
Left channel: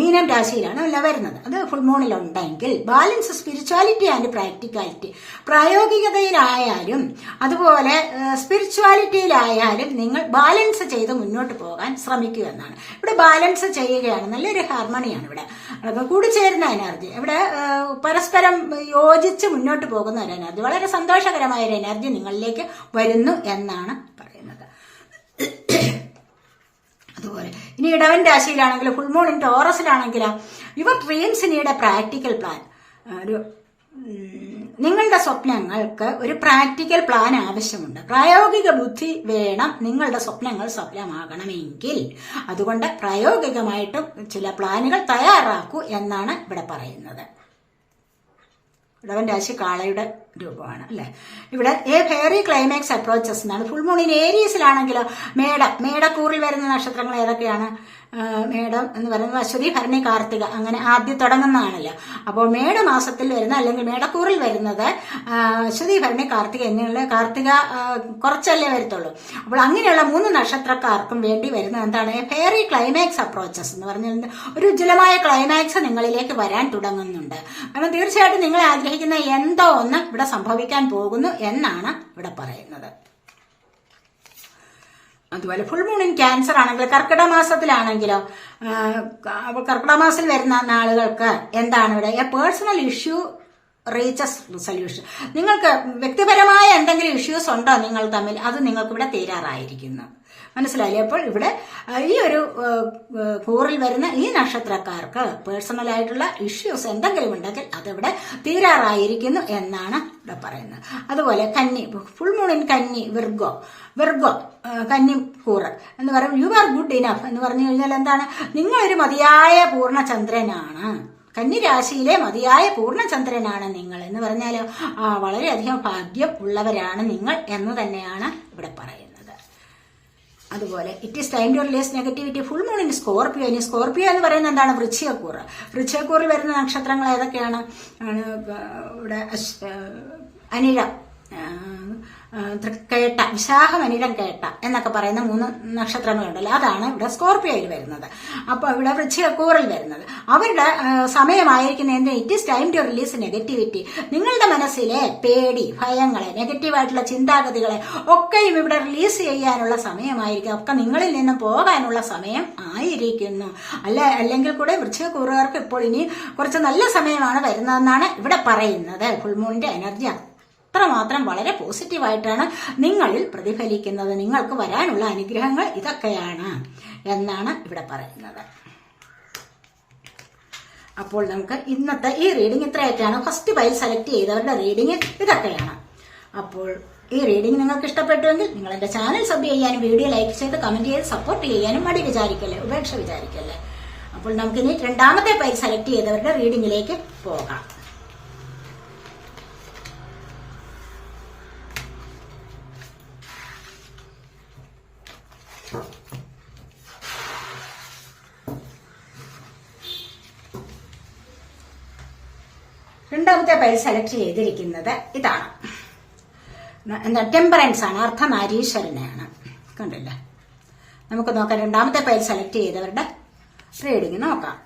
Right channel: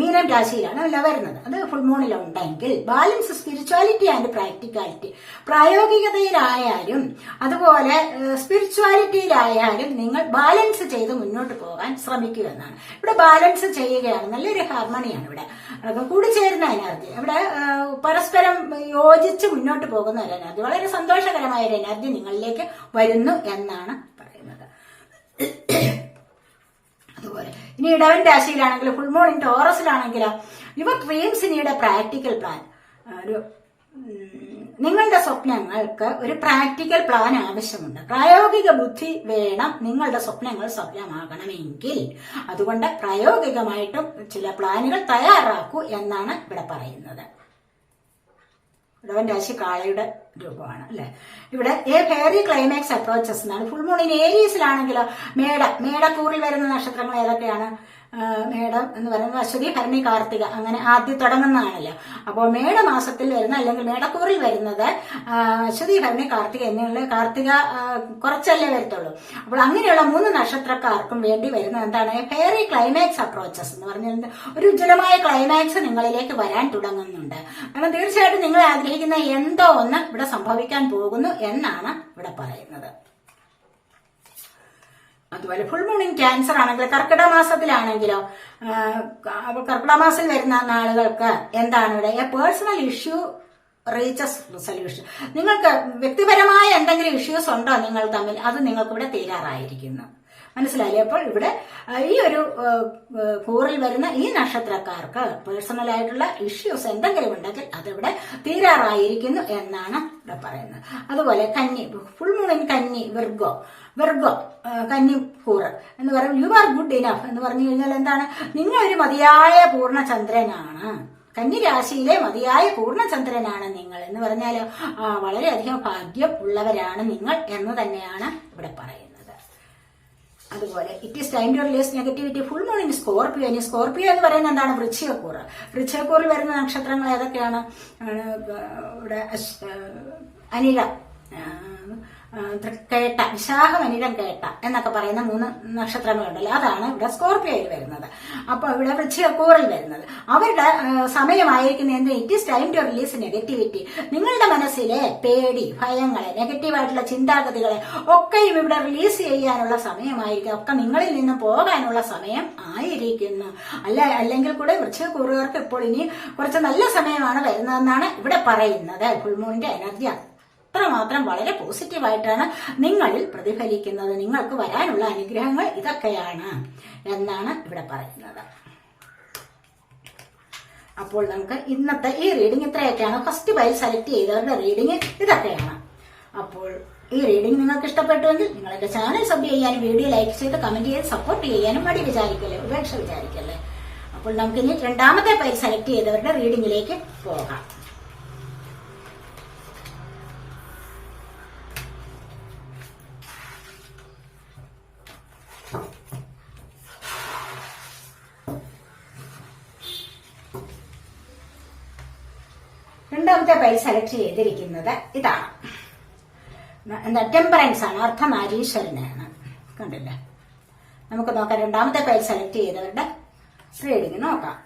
മീനം രാശിയിലാണ് എല്ലാം വരുന്നത്. അത് ഫുൾ മൂണിലുണ്ടെങ്കിൽ ബാലൻസ്, സ്പിരിച്വാലിറ്റി ആൻഡ് പ്രാക്ടിക്കാലിറ്റി. പ്രായോഗികതയിലായാലും അതുപോലെ സ്പിരിച്വാലിറ്റിയിലായാലും നിങ്ങൾ ബാലൻസ് ചെയ്ത് മുന്നോട്ട് പോകാൻ ശ്രമിക്കുക എന്നാണ്. ഇവിടെ ബാലൻസ് ചെയ്യുകയാണ്, നല്ലൊരു ഹാർമണിയാണ് ഇവിടെ കൂടിച്ചേരുന്ന എനർജി. ഇവിടെ പരസ്പരം യോജിച്ച് മുന്നോട്ട് പോകുന്ന ഒരു എനർജി, വളരെ സന്തോഷകരമായ ഒരു എനർജി നിങ്ങളിലേക്ക് വരുന്നു എന്നാണ് പറയുന്നത്. അതുപോലെ ഇനി ഇടവൻ രാശിയിലാണെങ്കിൽ, ഫുൾ മൂൺ ഇൻ ടോറസിലാണെങ്കിലോ, your dreams need a practical plan. നിങ്ങളുടെ സ്വപ്നങ്ങൾക്ക് ഒരു പ്രാക്ടിക്കൽ പ്ലാൻ ആവശ്യമുണ്ട്. പ്രായോഗിക ബുദ്ധി വേണം നിങ്ങളുടെ സ്വപ്നങ്ങൾ സഫലമാകണമെങ്കിൽ. അതുകൊണ്ട് പ്രായോഗികമായിട്ടും ചില പ്ലാനുകൾ തയ്യാറാക്കൂ എന്നാണ് ഇവിടെ പറയുന്നത്. ഇടവൻ രാശി കാളയുടെ രൂപമാണ് അല്ലെ. ഇവിടെ എ ഫെയറി ക്ലൈമാക്സ് അപ്രോച്ചസ് എന്നാണ്. ഫുൾ മൂൺ ഇൻ ഏരീസിലാണെങ്കിലോ, മേടക്കൂറിൽ വരുന്ന നക്ഷത്രങ്ങൾ ഏതൊക്കെയാണ്? മേടം എന്ന് പറയുന്നത് അശ്വതി, ഭരണി, കാർത്തിക, അങ്ങനെ ആദ്യം തുടങ്ങുന്നതാണല്ലോ. അപ്പോൾ മേടമാസത്തിൽ വരുന്ന അല്ലെങ്കിൽ മേടക്കൂറിൽ വരുന്നത് അശ്വതി, ഭരണി, കാർത്തിക എന്നിവയുള്ള, കാർത്തിക കുറച്ചല്ലേ വരത്തുള്ളൂ. അപ്പോൾ അങ്ങനെയുള്ള 3 നക്ഷത്രക്കാർക്കും വേണ്ടി വരുന്ന എന്താണ്, ഫെയറി ക്ലൈമാക്സ് അപ്രോച്ചസ് എന്ന് പറഞ്ഞാൽ ഒരു ഉജ്ജ്വലമായ ക്ലൈമാക്സ് നിങ്ങളിലേക്ക് വരാൻ തുടങ്ങുന്നുണ്ട്. കാരണം തീർച്ചയായിട്ടും നിങ്ങൾ ആഗ്രഹിക്കുന്ന എന്തോ ഒന്ന് ഇവിടെ സംഭവിക്കാൻ പോകുന്നു എന്നാണ് ഇവിടെ പറയുന്നത്. അതുപോലെ ഫുൾ മൂൺ ഇൻ ക്യാൻസർ ആണെങ്കിൽ, കർക്കിടക മാസത്തിലാണെങ്കിലോ, കർക്കിടക മാസത്തിൽ വരുന്ന നാളുകൾക്ക് എന്താണ് ഇവിടെ, A personal issue reaches resolution. നിങ്ങൾക്ക് വ്യക്തിപരമായ എന്തെങ്കിലും ഇഷ്യൂസ് ഉണ്ടോ നിങ്ങൾ തമ്മിൽ, അത് നിങ്ങൾക്ക് ഇവിടെ തീരാറായിരിക്കുന്നു. മനസ്സിലായില്ലേ? അപ്പോൾ ഇവിടെ ഈ ഒരു കൂറിൽ വരുന്ന ഈ നക്ഷത്രക്കാർക്ക് പേഴ്സണൽ ആയിട്ടുള്ള ഇഷ്യൂസ് എന്തെങ്കിലും ഉണ്ടെങ്കിൽ അതിവിടെ തീരാറായിരിക്കുന്നു എന്നാണ് ഇവിടെ പറയുന്നത്. അതുപോലെ കന്നി, ഫുൾ മൂൺ ഇൻ കന്നി, വിർഗോ കന്നി കൂറ് എന്ന് പറയുമ്പോൾ യു ആർ ഗുഡ് ഇനഫ് എന്ന് പറഞ്ഞു കഴിഞ്ഞാൽ എന്താണ്, നിങ്ങളൊരു മതിയായ പൂർണ്ണചന്ദ്രനാണ്. കന്നി രാശിയിലെ മതിയായ പൂർണ്ണചന്ദ്രനാണ് നിങ്ങൾ എന്ന് പറഞ്ഞാൽ വളരെയധികം ഭാഗ്യം ഉള്ളവരാണ് നിങ്ങൾ എന്ന് തന്നെയാണ് ഇവിടെ പറയുന്നത്. അതുപോലെ it is time to release negativity. Full moon in Scorpio. ഇനി സ്കോർപിയോ എന്ന് പറയുന്നത് എന്താണ്, വൃശ്ചികക്കൂറ്. വൃശ്ചികക്കൂറിൽ വരുന്ന നക്ഷത്രങ്ങൾ ഏതൊക്കെയാണ്? ഇവിടെ അനിഴ, കേട്ട, വിശാഖം, അനിഴം, കേട്ട എന്നൊക്കെ പറയുന്ന 3 നക്ഷത്രങ്ങളുണ്ടല്ലോ, അതാണ് ഇവിടെ സ്കോർപിയോയിൽ വരുന്നത്. അപ്പൊ ഇവിടെ വൃശ്ചികക്കൂറിൽ വരുന്നത് അവരുടെ സമയമായിരിക്കുന്ന എന്ത്, it is time to release negativity. നിങ്ങളുടെ മനസ്സിലെ പേടി, ഭയങ്ങളെ, നെഗറ്റീവായിട്ടുള്ള ചിന്താഗതികളെ ഒക്കെയും ഇവിടെ റിലീസ് ചെയ്യാനുള്ള സമയമായിരിക്കും. ഒക്കെ നിങ്ങളിൽ നിന്ന് പോകാനുള്ള സമയം ആയിരിക്കുന്നു. അല്ലെങ്കിൽ കൂടെ വൃശ്ചികക്കൂറുകാർക്ക് ഇപ്പോൾ ഇനി കുറച്ച് നല്ല സമയമാണ് വരുന്നതെന്നാണ് ഇവിടെ പറയുന്നത്. ഫുൾമൂണിന്റെ എനർജി അത്രമാത്രം വളരെ പോസിറ്റീവായിട്ടാണ് നിങ്ങളിൽ പ്രതിഫലിക്കുന്നത്. നിങ്ങൾക്ക് വരാനുള്ള അനുഗ്രഹങ്ങൾ ഇതൊക്കെയാണ് എന്നാണ് ഇവിടെ പറയുന്നത്. അപ്പോൾ നമുക്ക് ഇന്നത്തെ ഈ റീഡിംഗ് ഇത്രയൊക്കെയാണ്. ഫസ്റ്റ് പൈൽ സെലക്ട് ചെയ്തവരുടെ റീഡിംഗ് ഇതൊക്കെയാണ്. അപ്പോൾ ഈ റീഡിംഗ് നിങ്ങൾക്ക് ഇഷ്ടപ്പെട്ടുവെങ്കിൽ നിങ്ങൾ എന്റെ ചാനൽ സബ് ചെയ്യാനും വീഡിയോ ലൈക്ക് ചെയ്ത് കമന്റ് ചെയ്ത് സപ്പോർട്ട് ചെയ്യാനും മടി വിചാരിക്കല്ലേ, ഉപേക്ഷ വിചാരിക്കല്ലേ. അപ്പോൾ നമുക്കിനി രണ്ടാമത്തെ പൈൽ സെലക്ട് ചെയ്തവരുടെ റീഡിംഗിലേക്ക് പോകാം. രണ്ടാമത്തെ പൈൽ സെലക്ട് ചെയ്തിരിക്കുന്നത് ഇതാണ്. എന്താ, ടെമ്പറൻസ് ആണ്, അർദ്ധനാരീശ്വരനാണ്. കണ്ടില്ല? നമുക്ക് നോക്കാം രണ്ടാമത്തെ പൈൽ സെലക്ട് ചെയ്തവരുടെ റീഡിംഗ് നോക്കാം.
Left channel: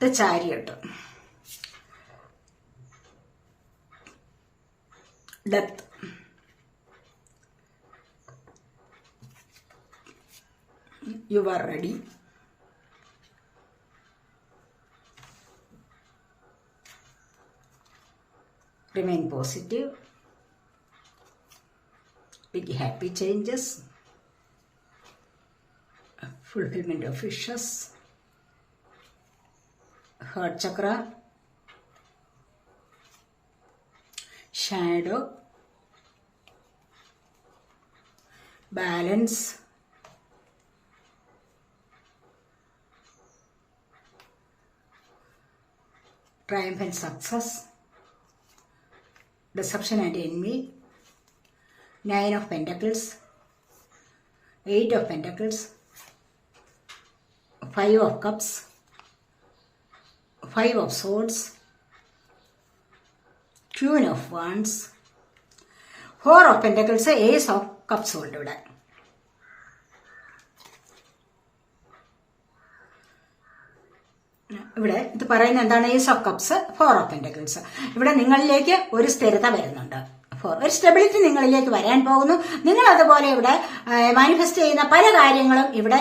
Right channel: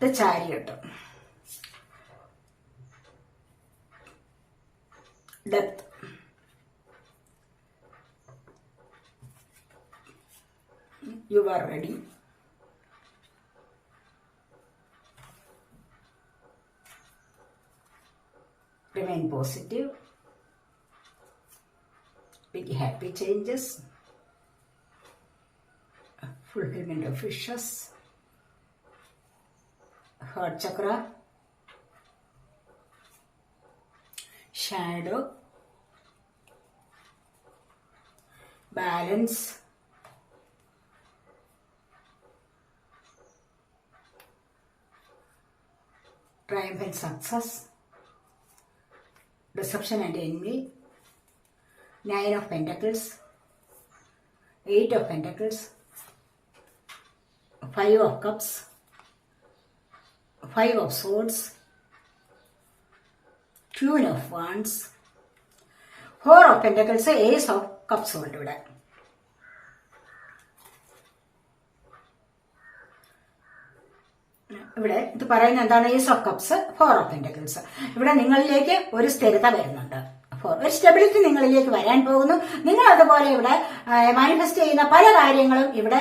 ഇത് ചാരിയട്ട്, death, you are ready, remain positive, big happy changes, fulfillment of wishes, heart chakra, shadow, balance, triumph and success, deception and envy, 9 of Pentacles, 8 of Pentacles, 5 of Cups, 5 of Swords, Queen of Wands, 4 of Pentacles, Ace of Cups ഉണ്ട് ഇവിടെ. ഇവിടെ ഇത് പറയുന്ന എന്താണ്? Ace of cups, 4 of pentacles. ഇവിടെ നിങ്ങളിലേക്ക് ഒരു സ്ഥിരത വരുന്നുണ്ട്, ഒരു സ്റ്റെബിലിറ്റി നിങ്ങളിലേക്ക് വരാൻ പോകുന്നു. നിങ്ങൾ അതുപോലെ ഇവിടെ മാനിഫെസ്റ്റ് ചെയ്യുന്ന പല കാര്യങ്ങളും ഇവിടെ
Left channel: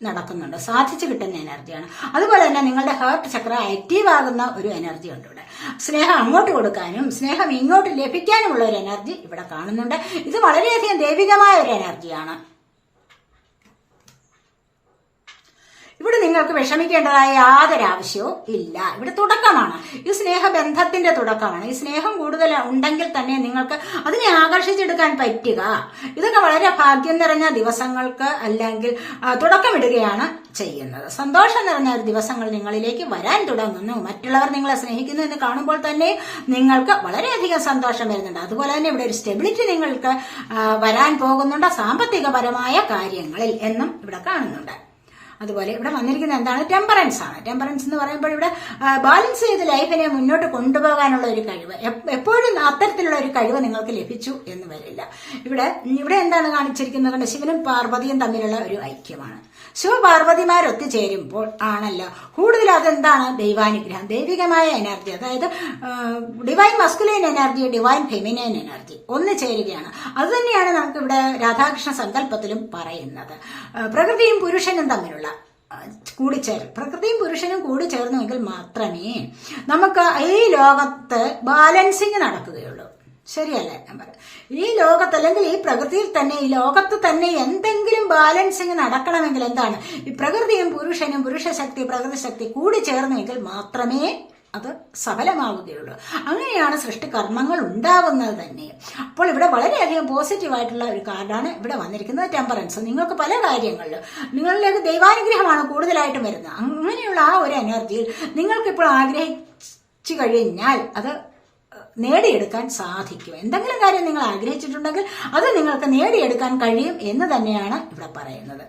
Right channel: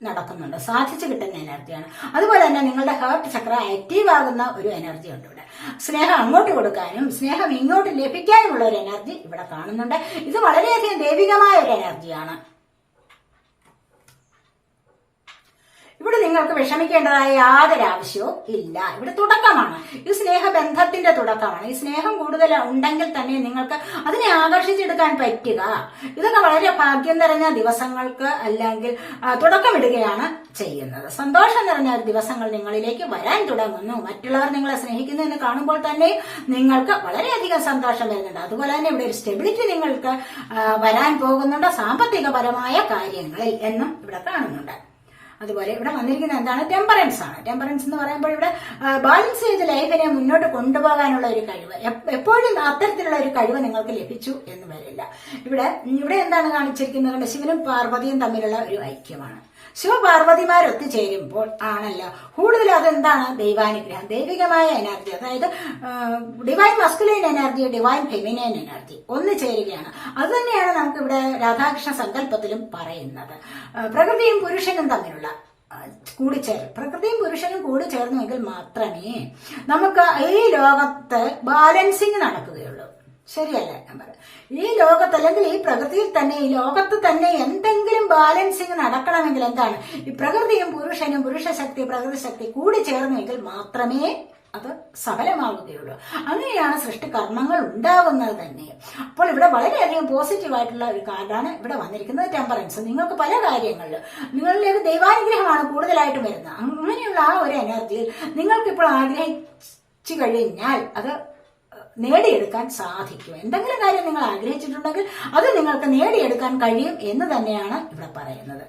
നടക്കുന്നുണ്ട്, സാധിച്ചു കിട്ടുന്ന എനർജിയാണ്. അതുപോലെ തന്നെ നിങ്ങളുടെ ഹാർട്ട് ചക്ര ആക്റ്റീവ് ആകുന്ന ഒരു എനർജി ഉണ്ട് ഇവിടെ. സ്നേഹം അങ്ങോട്ട് കൊടുക്കാനും സ്നേഹം ഇങ്ങോട്ട് ലഭിക്കാനുമുള്ള ഒരു എനർജി ഇവിടെ കാണുന്നുണ്ട്. ഇത് വളരെയധികം ദൈവികമായ ഒരു എനർജിയാണ്. ഇവിടെ നിങ്ങൾക്ക് വിഷമിക്കേണ്ടതായ യാതൊരു ആവശ്യവും ഇല്ല. ഇവിടെ തുടക്കമാണ്, ഈ സ്നേഹബന്ധത്തിന്റെ തുടക്കമാണ്. ഈ സ്നേഹം കൂടുതൽ ഉണ്ടെങ്കിൽ തന്നെ നിങ്ങൾക്ക് അതിനെ ആകർഷിച്ചെടുക്കാൻ പറ്റുക. ഇതൊക്കെ വളരെ ഭാഗ്യം നിറഞ്ഞ ദിവസങ്ങൾക്ക് അല്ലെങ്കിൽ തുടക്കമിടുകയാണ് ചെയ്യുന്നത്. സന്തോഷം നിറഞ്ഞ ഒരു ദിവസങ്ങൾ നിങ്ങളിലേക്ക് വരാൻ തുടങ്ങുന്നു. മറ്റുള്ളവർ നിങ്ങളെ സ്നേഹിക്കുന്നു എന്ന് കാണുമ്പോൾ തന്നെ നിങ്ങൾക്ക് വളരെയധികം സന്തോഷം വരുന്നുണ്ട്. അതുപോലെ തന്നെ ഇവിടെ ഒരു സ്റ്റെബിലിറ്റി നിങ്ങൾക്ക് വരാൻ പോകുന്നുണ്ട് സാമ്പത്തികപരമായ കാര്യങ്ങളിൽ എന്നും ഇവിടെ കാണുന്നുണ്ട്. അതുപോലെ ഇവിടെ വന്നിരിക്കുന്നത് എന്താണ്? ടെമ്പറൻസ് ആണ്. ടെമ്പറൻസ് എന്ന് പറയുമ്പോൾ ഇവിടെ ബാലൻസ് ചെയ്ത് ലൈഫിനെ മുന്നോട്ട് കൊണ്ടുപോകാനുള്ള ഒരു കഴിവ്, എപ്പോഴും അത്തരത്തിലുള്ള ഒരു കഴിവ് നിങ്ങൾക്ക് ലഭിച്ചു എന്ന് വരില്ല. ഇവിടെ എന്താണ് കാണിച്ചിരിക്കുന്നത്? ശിവനും പാർവതിയും തമ്മിലുള്ള ഒരു ഐക്യമാണ്. ശിവപാർവതിമാർ ഒത്തുചേരുമ്പോൾ ആണല്ലോ കൂടുതൽ അതെന്താണ്? ദൈവാനുഗ്രഹം, ദൈവികമായ എനർജി, അതായത് divine masculine energy, divine feminine energy ഒന്ന് ചേരുകയാണ്. അതുതന്നെയാണ് നമുക്ക് ഇവിടെ രാധാകൃഷ്ണ സങ്കല്പത്തിലും പറയുന്നത്. പ്രകൃതിയും പുരുഷനും തമ്മിലുള്ള കൂടിച്ചേരും, പ്രകൃതിയും പുരുഷനും കൂടി ചേർന്നുവെങ്കിൽ മാത്രമേ നമുക്ക് ഈ ലോകത്ത് ബാലൻസിങ് നടക്കുകയുള്ളൂ. ശരിയല്ലേ ഞാൻ പറയാം? ഈ ലോകത്ത് അല്ലെങ്കിൽ ഈ പ്രകൃതിയിൽ തന്നെ, ഈ ലോകത്ത് തന്നെ എന്തെങ്കിലും ബാലൻസിങ് നടക്കണമെങ്കിൽ എന്താണ്? ഈ പ്രകൃതിയും പുരുഷനും, പുരുഷശക്തി പ്രകൃതി ശക്തി കൂടി ചേർന്നുവെങ്കിൽ മാത്രമേ അത് സഫലമാവുകയുള്ളൂ. അങ്ങനെയാണ് സൃഷ്ടികർമ്മങ്ങൾ ഉണ്ടാവുന്നത് തന്നെ. അപ്പോൾ ഇവിടെ വളരെയധികം പോസിറ്റീവായിട്ടുള്ള ഒരു കാർഡാണ് ഇവിടെ വന്നിരിക്കുന്നത്, ടെമ്പറൻസ്. നിങ്ങൾക്ക് പല കാര്യങ്ങളിലും നിങ്ങളിലേക്ക് ദൈവാനുഗ്രഹമാണ് കൂടുതലായിട്ടും വരുന്നത്. അങ്ങനെയുള്ള ആ ഒരു എനർജിയിൽ നിങ്ങൾക്കിപ്പോൾ ആഗ്രഹിച്ചു കഴിഞ്ഞാൽ അത് നേടിയെടുക്കാൻ സാധിക്കും. എന്തെങ്കിലും കാര്യം നിങ്ങൾ ആഗ്രഹിച്ചിട്ടുണ്ടെങ്കിൽ അത് നിങ്ങൾക്ക് നേടിയെടുക്കാൻ കഴിയും എന്ന് തന്നെയാണ് ഇവിടെ പറയുന്നത്.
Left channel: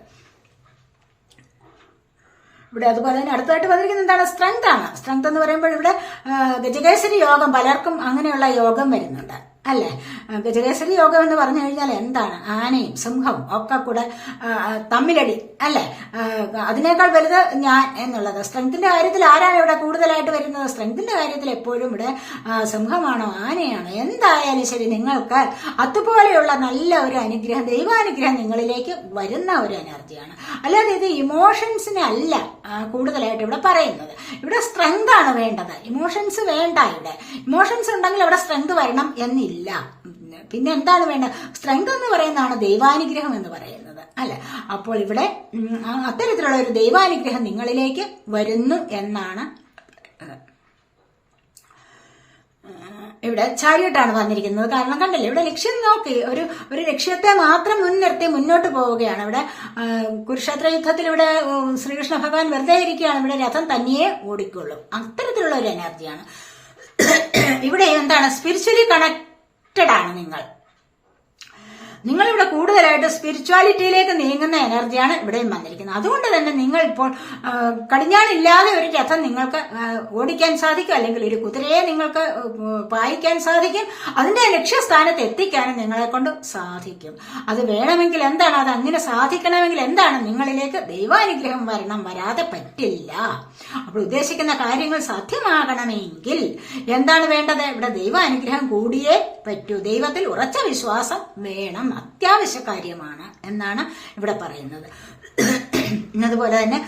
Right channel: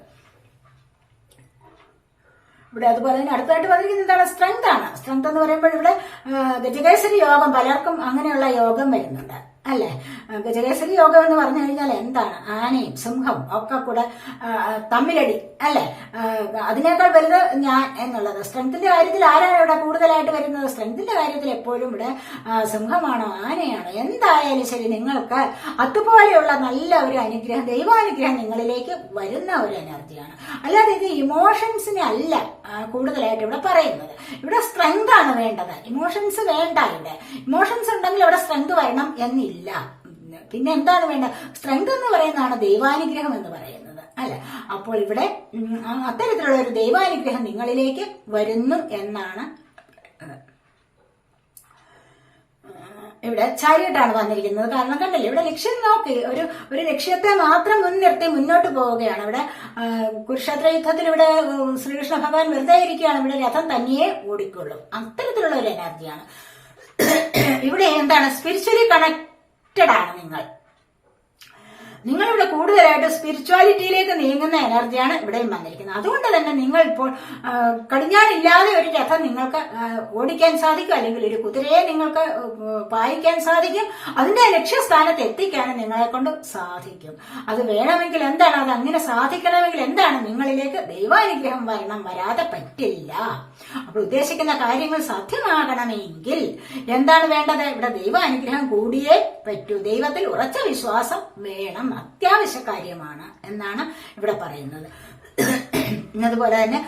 ഇവിടെ അതുപോലെ തന്നെ അടുത്തായിട്ട് വന്നിരിക്കുന്നത് എന്താണ്? സ്ട്രെങ്ത് ആണ്. സ്ട്രെങ്ത് എന്ന് പറയുമ്പോൾ ഇവിടെ ഗജകേസരി യോഗം, പലർക്കും അങ്ങനെയുള്ള യോഗം വരുന്നുണ്ട്. അല്ലെ? ഗജകേസരി യോഗം എന്ന് പറഞ്ഞു കഴിഞ്ഞാൽ എന്താണ്? ആനയും സിംഹവും ഒക്കെ കൂടെ തമ്മിലടി, അല്ലെ? അതിനേക്കാൾ വലുത് ഞാൻ എന്നുള്ളത്. സ്ട്രെങ്ത്തിന്റെ കാര്യത്തിൽ ആരാണ് ഇവിടെ കൂടുതലായിട്ട് വരുന്നത്? സ്ട്രെങ്ത്തിന്റെ കാര്യത്തിൽ എപ്പോഴും ഇവിടെ സിംഹമാണോ ആനയാണോ? എന്തായാലും ശരി, നിങ്ങൾക്ക് അതുപോലെയുള്ള നല്ല ഒരു അനുഗ്രഹം, ദൈവാനുഗ്രഹം നിങ്ങളിലേക്ക് വരുന്ന ഒരു എനർജിയാണ്. അല്ലാതെ ഇത് ഇമോഷൻസിനെ അല്ല കൂടുതലായിട്ട് ഇവിടെ പറയുന്നത്. ഇവിടെ സ്ട്രെങ്ത് ആണ് വേണ്ടത്, ഇമോഷൻസ് വേണ്ട. ഇവിടെ ഇമോഷൻസ് ഉണ്ടെങ്കിൽ അവിടെ സ്ട്രെങ്ത് വരണം എന്നില്ല. പിന്നെ എന്താണ് വേണ്ടത്? സ്ട്രെങ്ത് എന്ന് പറയുന്നതാണ് ദൈവാനുഗ്രഹം എന്ന് പറയുന്നത്, അല്ലെ? അപ്പോൾ ഇവിടെ അത്തരത്തിലുള്ള ഒരു ദൈവാനുഗ്രഹം നിങ്ങളിലേക്ക് വരുന്നു എന്നാണ് ഇവിടെ ചാരിയിട്ടാണ് വന്നിരിക്കുന്നത്. കാരണം കണ്ടല്ലേ, ഇവിടെ ലക്ഷ്യം നോക്കി ഒരു ലക്ഷ്യത്തെ മാത്രം മുൻനിർത്തി മുന്നോട്ട് പോവുകയാണ്. ഇവിടെ കുരുക്ഷേത്ര യുദ്ധത്തിൽ ഇവിടെ ശ്രീകൃഷ്ണ ഭഗവാൻ വെറുതെ ഇരിക്കുകയാണ്. ഇവിടെ രഥം തനിയെ ഓടിക്കൊള്ളും. അത്തരത്തിലുള്ള ഒരു എനർജിയാണ് ഇവിടെ. എന്താണ്? സ്പിരിച്വലി കണക്റ്റഡ് ആണ് നിങ്ങളിവിടെ കൂടുതലായിട്ട് സ്പിരിച്വാലിറ്റിയിലേക്ക് നീങ്ങുന്ന എനർജിയാണ് ഇവിടെയും വന്നിരിക്കുന്നത്. അതുകൊണ്ട് തന്നെ നിങ്ങൾ ഇപ്പോൾ കടിഞ്ഞാണില്ലാതെ ഒരു രഥം നിങ്ങൾക്ക് ഓടിക്കാൻ സാധിക്കും, അല്ലെങ്കിൽ ഒരു കുതിരയെ നിങ്ങൾക്ക് പായിക്കാൻ സാധിക്കും. അതിന്റെ ലക്ഷ്യസ്ഥാനത്ത് എത്തിക്കാനും നിങ്ങളെ കൊണ്ട് സാധിക്കും. അത് വേണമെങ്കിൽ എന്താണ്? അത് അങ്ങനെ സാധിക്കണമെങ്കിൽ എന്താണ്? നിങ്ങളിലേക്ക് ദൈവാനുഗ്രഹം വരണം, വരാതെ പറ്റില്ല. അപ്പോൾ ഉദ്ദേശിക്കുന്ന കാര്യങ്ങൾ സാധ്യമാകണമെങ്കിൽ എന്താണ് വേണ്ടത്? ഇവിടെ ദൈവാനുഗ്രഹം കൂടിയേ പറ്റൂ. ദൈവത്തിൽ ഉറച്ച വിശ്വാസം വേണം, അത്യാവശ്യ കാര്യമാണ് എന്നാണ് ഇവിടെ പറയുന്നത്. അതുപോലെ തന്നെ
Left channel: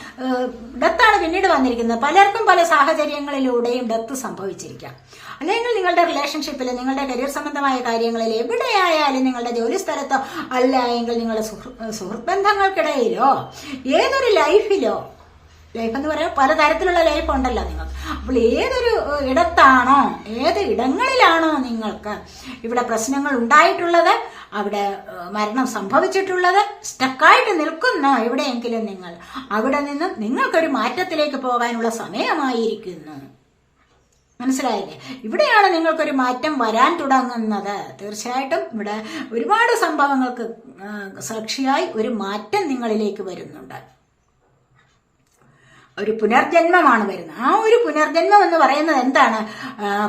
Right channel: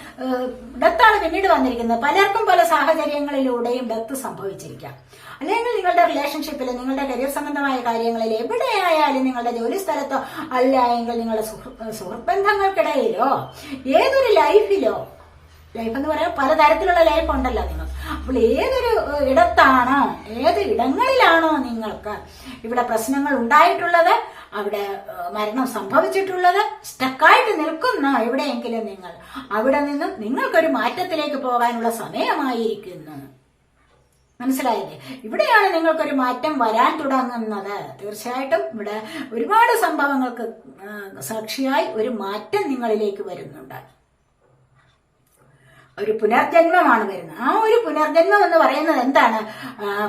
ഡെത്താണ് പിന്നീട് വന്നിരിക്കുന്നത്. പലർക്കും പല സാഹചര്യങ്ങളിലൂടെയും ഡെത്ത് സംഭവിച്ചിരിക്കാം. അല്ലെങ്കിൽ നിങ്ങളുടെ റിലേഷൻഷിപ്പിൽ, നിങ്ങളുടെ കരിയർ സംബന്ധമായ കാര്യങ്ങളിൽ, എവിടെയായാലും, നിങ്ങളുടെ ജോലി സ്ഥലത്തോ അല്ല എങ്കിൽ നിങ്ങളുടെ സുഹൃത്ത് ബന്ധങ്ങൾക്കിടയിലോ ഏതൊരു ലൈഫിലോ, ലൈഫ് എന്ന് പറയാൻ പലതരത്തിലുള്ള ലൈഫ് ഉണ്ടല്ലോ നിങ്ങൾക്ക്. അപ്പോൾ ഏതൊരു ഇടത്താണോ, ഏത് ഇടങ്ങളിലാണോ നിങ്ങൾക്ക് ഇവിടെ പ്രശ്നങ്ങൾ ഉണ്ടായിട്ടുള്ളത്, അവിടെ മരണം സംഭവിച്ചിട്ടുള്ളത്, സ്റ്റക്കായിട്ട് നിൽക്കുന്ന എവിടെയെങ്കിലും നിങ്ങൾ, അവിടെ നിന്നും നിങ്ങൾക്കൊരു മാറ്റത്തിലേക്ക് പോകാനുള്ള സമയമായിരിക്കുന്നു. മനസ്സിലായില്ലേ? ഇവിടെയാണ് നിങ്ങൾക്കൊരു മാറ്റം വരാൻ തുടങ്ങുന്നത്. തീർച്ചയായിട്ടും ഇവിടെ ഒരുപാട് സംഭവങ്ങൾക്ക് സാക്ഷിയായി ഒരു മാറ്റം നിങ്ങളിലേക്ക് വരുന്നുണ്ട്. ഒരു പുനർജന്മമാണ് വരുന്നത്. ആ ഒരു പുനർജന്മം എന്ന് പറയുന്നത് എന്താണ്?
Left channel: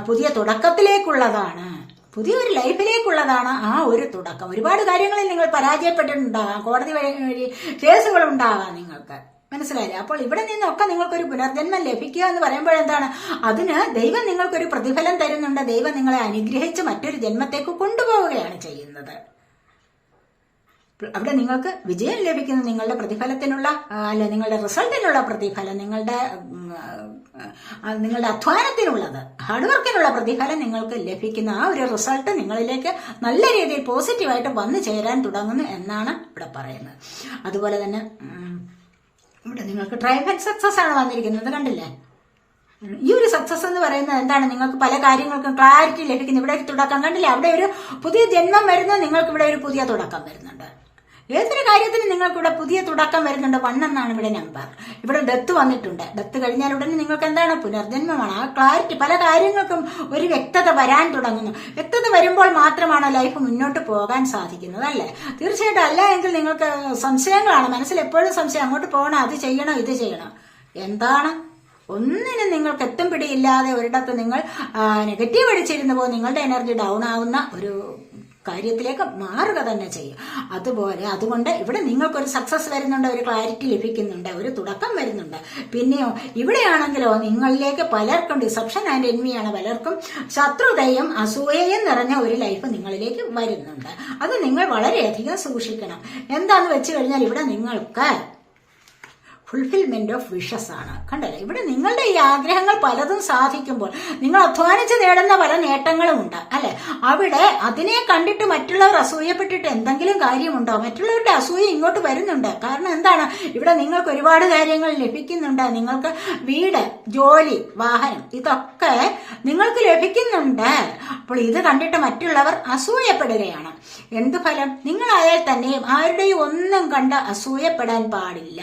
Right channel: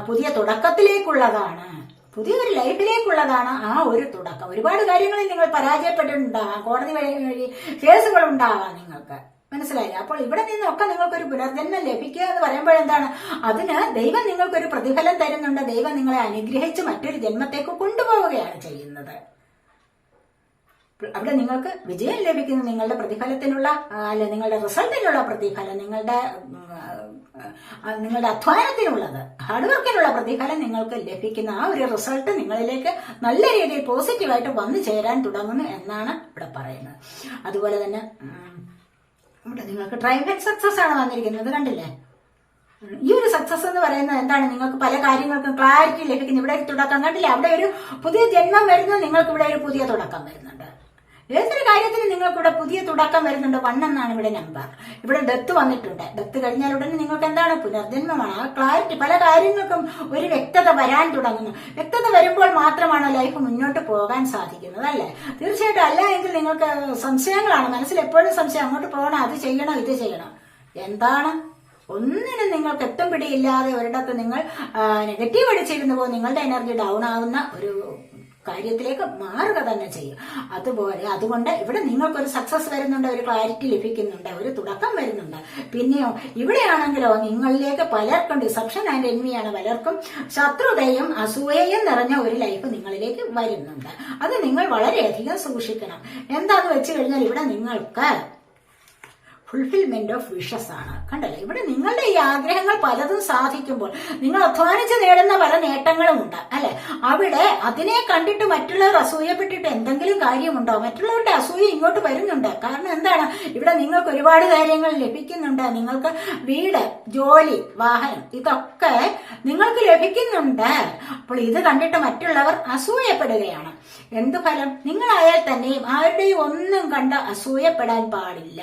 പുതിയ തുടക്കത്തിലേക്കുള്ളതാണ്, പുതിയൊരു ലൈഫിലേക്കുള്ളതാണ് ആ ഒരു തുടക്കം. ഒരുപാട് കാര്യങ്ങളിൽ നിങ്ങൾ പരാജയപ്പെട്ടിട്ടുണ്ടാകാം, കോടതി വഴി കേസുകൾ ഉണ്ടാകാം നിങ്ങൾക്ക്. മനസ്സിലായില്ലേ? അപ്പോൾ ഇവിടെ നിന്നൊക്കെ നിങ്ങൾക്കൊരു പുനർജന്മം ലഭിക്കുക എന്ന് പറയുമ്പോൾ എന്താണ്? അതിന് ദൈവം നിങ്ങൾക്കൊരു പ്രതിഫലം തരുന്നുണ്ട്. ദൈവം നിങ്ങളെ അനുഗ്രഹിച്ച് മറ്റൊരു ജന്മത്തേക്ക് കൊണ്ടുപോവുകയാണ് ചെയ്യുന്നത്. അവിടെ നിങ്ങൾക്ക് വിജയം ലഭിക്കുന്നു. നിങ്ങളുടെ പ്രതിഫലത്തിനുള്ള, അല്ല, നിങ്ങളുടെ റിസൾട്ടിനുള്ള പ്രതിഫലം, നിങ്ങളുടെ അധ്വാനത്തിനുള്ളത്, ഹാർഡ് വർക്കിനുള്ള പ്രതിഫലം നിങ്ങൾക്ക് ലഭിക്കുന്ന ആ ഒരു റിസൾട്ട് നിങ്ങളിലേക്ക് നല്ല രീതിയിൽ പോസിറ്റീവായിട്ട് വന്നു ചേരാൻ തുടങ്ങുന്നു എന്നാണ് ഇവിടെ പറയുന്നത്. അതുപോലെ തന്നെ ഇവിടെ നിങ്ങൾക്ക് ട്രൈംഫന്റ് സക്സസ് ആണ് വന്നിരിക്കുന്നത്. കണ്ടില്ലേ? ഈ ഒരു സക്സസ് എന്ന് പറയുന്നത് എന്താണ്? നിങ്ങൾക്ക് പല കാര്യങ്ങൾക്കും ക്ലാരിറ്റി ലഭിക്കുന്നു. ഇവിടെ തുടക്കം കണ്ടില്ലേ? അവിടെ ഒരു പുതിയ ജന്മം വരുന്നത്, നിങ്ങൾക്ക് ഇവിടെ ഒരു പുതിയ തുടക്കം വരുന്നുണ്ട്. ഏതൊരു കാര്യത്തിനും നിങ്ങൾക്ക് ഇവിടെ പുതിയ തുടക്കം വരുന്നുണ്ട്. 1 എന്നാണ് ഇവിടെ നമ്പർ. ഇവിടെ ഡെത്ത് വന്നിട്ടുണ്ട്. ഡെത്ത് കഴിഞ്ഞാൽ ഉടനെ നിങ്ങൾക്ക് എന്താണ്? പുനർജന്മമാണ്. ആ ക്ലാരിറ്റി, പല കാര്യങ്ങൾക്കും ഒരു വ്യക്തത വരാൻ തുടങ്ങുന്നു. വ്യക്തത വരുമ്പോൾ മാത്രമാണ് ലൈഫ് മുന്നോട്ട് പോകാൻ സാധിക്കുന്നത്, അല്ലേ? തീർച്ചയായിട്ടും. അല്ല എങ്കിൽ നിങ്ങൾക്ക് സംശയങ്ങളാണ് മനസ്സിൽ, എപ്പോഴും സംശയം. അങ്ങോട്ട് പോകണം, അത് ചെയ്യണം, ഇത് ചെയ്യണം. എന്താണ്? ഒന്നിനും നിങ്ങൾക്ക് എത്തും പിടിയില്ലാതെ ഒരിടത്ത് നിങ്ങൾ നെഗറ്റീവ് അടിച്ചിരുന്നു നിങ്ങളുടെ എനർജി ഡൗൺ ആവുന്ന ഒരു കാര്യത്തിലേക്ക് മാറുക തന്നെ ചെയ്യും. അതുകൊണ്ട് ഇവിടെ നിങ്ങൾക്കൊരു സക്സസ് വരുന്നുണ്ട്, ഒരു ക്ലാരിറ്റി ലഭിക്കുന്നുണ്ട്, ഒരു തുടക്കം വരുന്നുണ്ട്. പിന്നെയോ ഇവിടെയാണെങ്കിലോ നിങ്ങളിലേക്ക് പലർക്കും ഡിസപ്ഷൻ ആൻഡ് എൻവിയാണ്, പലർക്കും ശത്രുതയും അസൂയയും നിറഞ്ഞ ഒരു ലൈഫ് നിങ്ങളിലേക്ക് വരുന്നുണ്ട്. അത് നിങ്ങൾ വളരെയധികം സൂക്ഷിക്കണം. എന്താന്ന് വെച്ച് കഴിഞ്ഞാൽ ഇവിടെ നിങ്ങൾക്ക് ഫുൾഫിൽമെന്റ് ഓഫ് വിഷസ് ആണ്. കണ്ടല്ലേ? ഇവിടെ നിങ്ങളുടെ ഈ ആഗ്രഹങ്ങൾ പലതും സാധിക്കുമ്പോൾ നിങ്ങൾ അധ്വാനിച്ച് നേടുന്ന പല നേട്ടങ്ങളും ഉണ്ട്, അല്ലെ? അവിടെ അതിനെ കണ്ടിട്ട് മറ്റുള്ളവർ അസൂയപ്പെട്ടിട്ട് എന്തെങ്കിലും കാര്യമുണ്ടോ? മറ്റുള്ളവരുടെ അസൂയ ഇങ്ങോട്ട് വരുന്നുണ്ട്. കാരണം എന്താണ്? ഇവിടെ നിങ്ങൾക്ക് ഒരുപാട് കാര്യങ്ങൾ ലഭിക്കുന്നുണ്ട്. നിങ്ങൾക്ക് വീട്, ജോലി, വാഹനം, ഇതൊക്കെ നിങ്ങൾക്ക് ലഭിക്കുന്നുണ്ട്. അപ്പോൾ ഇത് കണ്ടിട്ട് മറ്റുള്ളവർ അസൂയപ്പെടുകയാണ്. എന്ത് ഫലം? നിങ്ങളായാൽ തന്നെയും ആരുടെയും ഒന്നും കണ്ട് അസൂയപ്പെടാൻ പാടില്ല.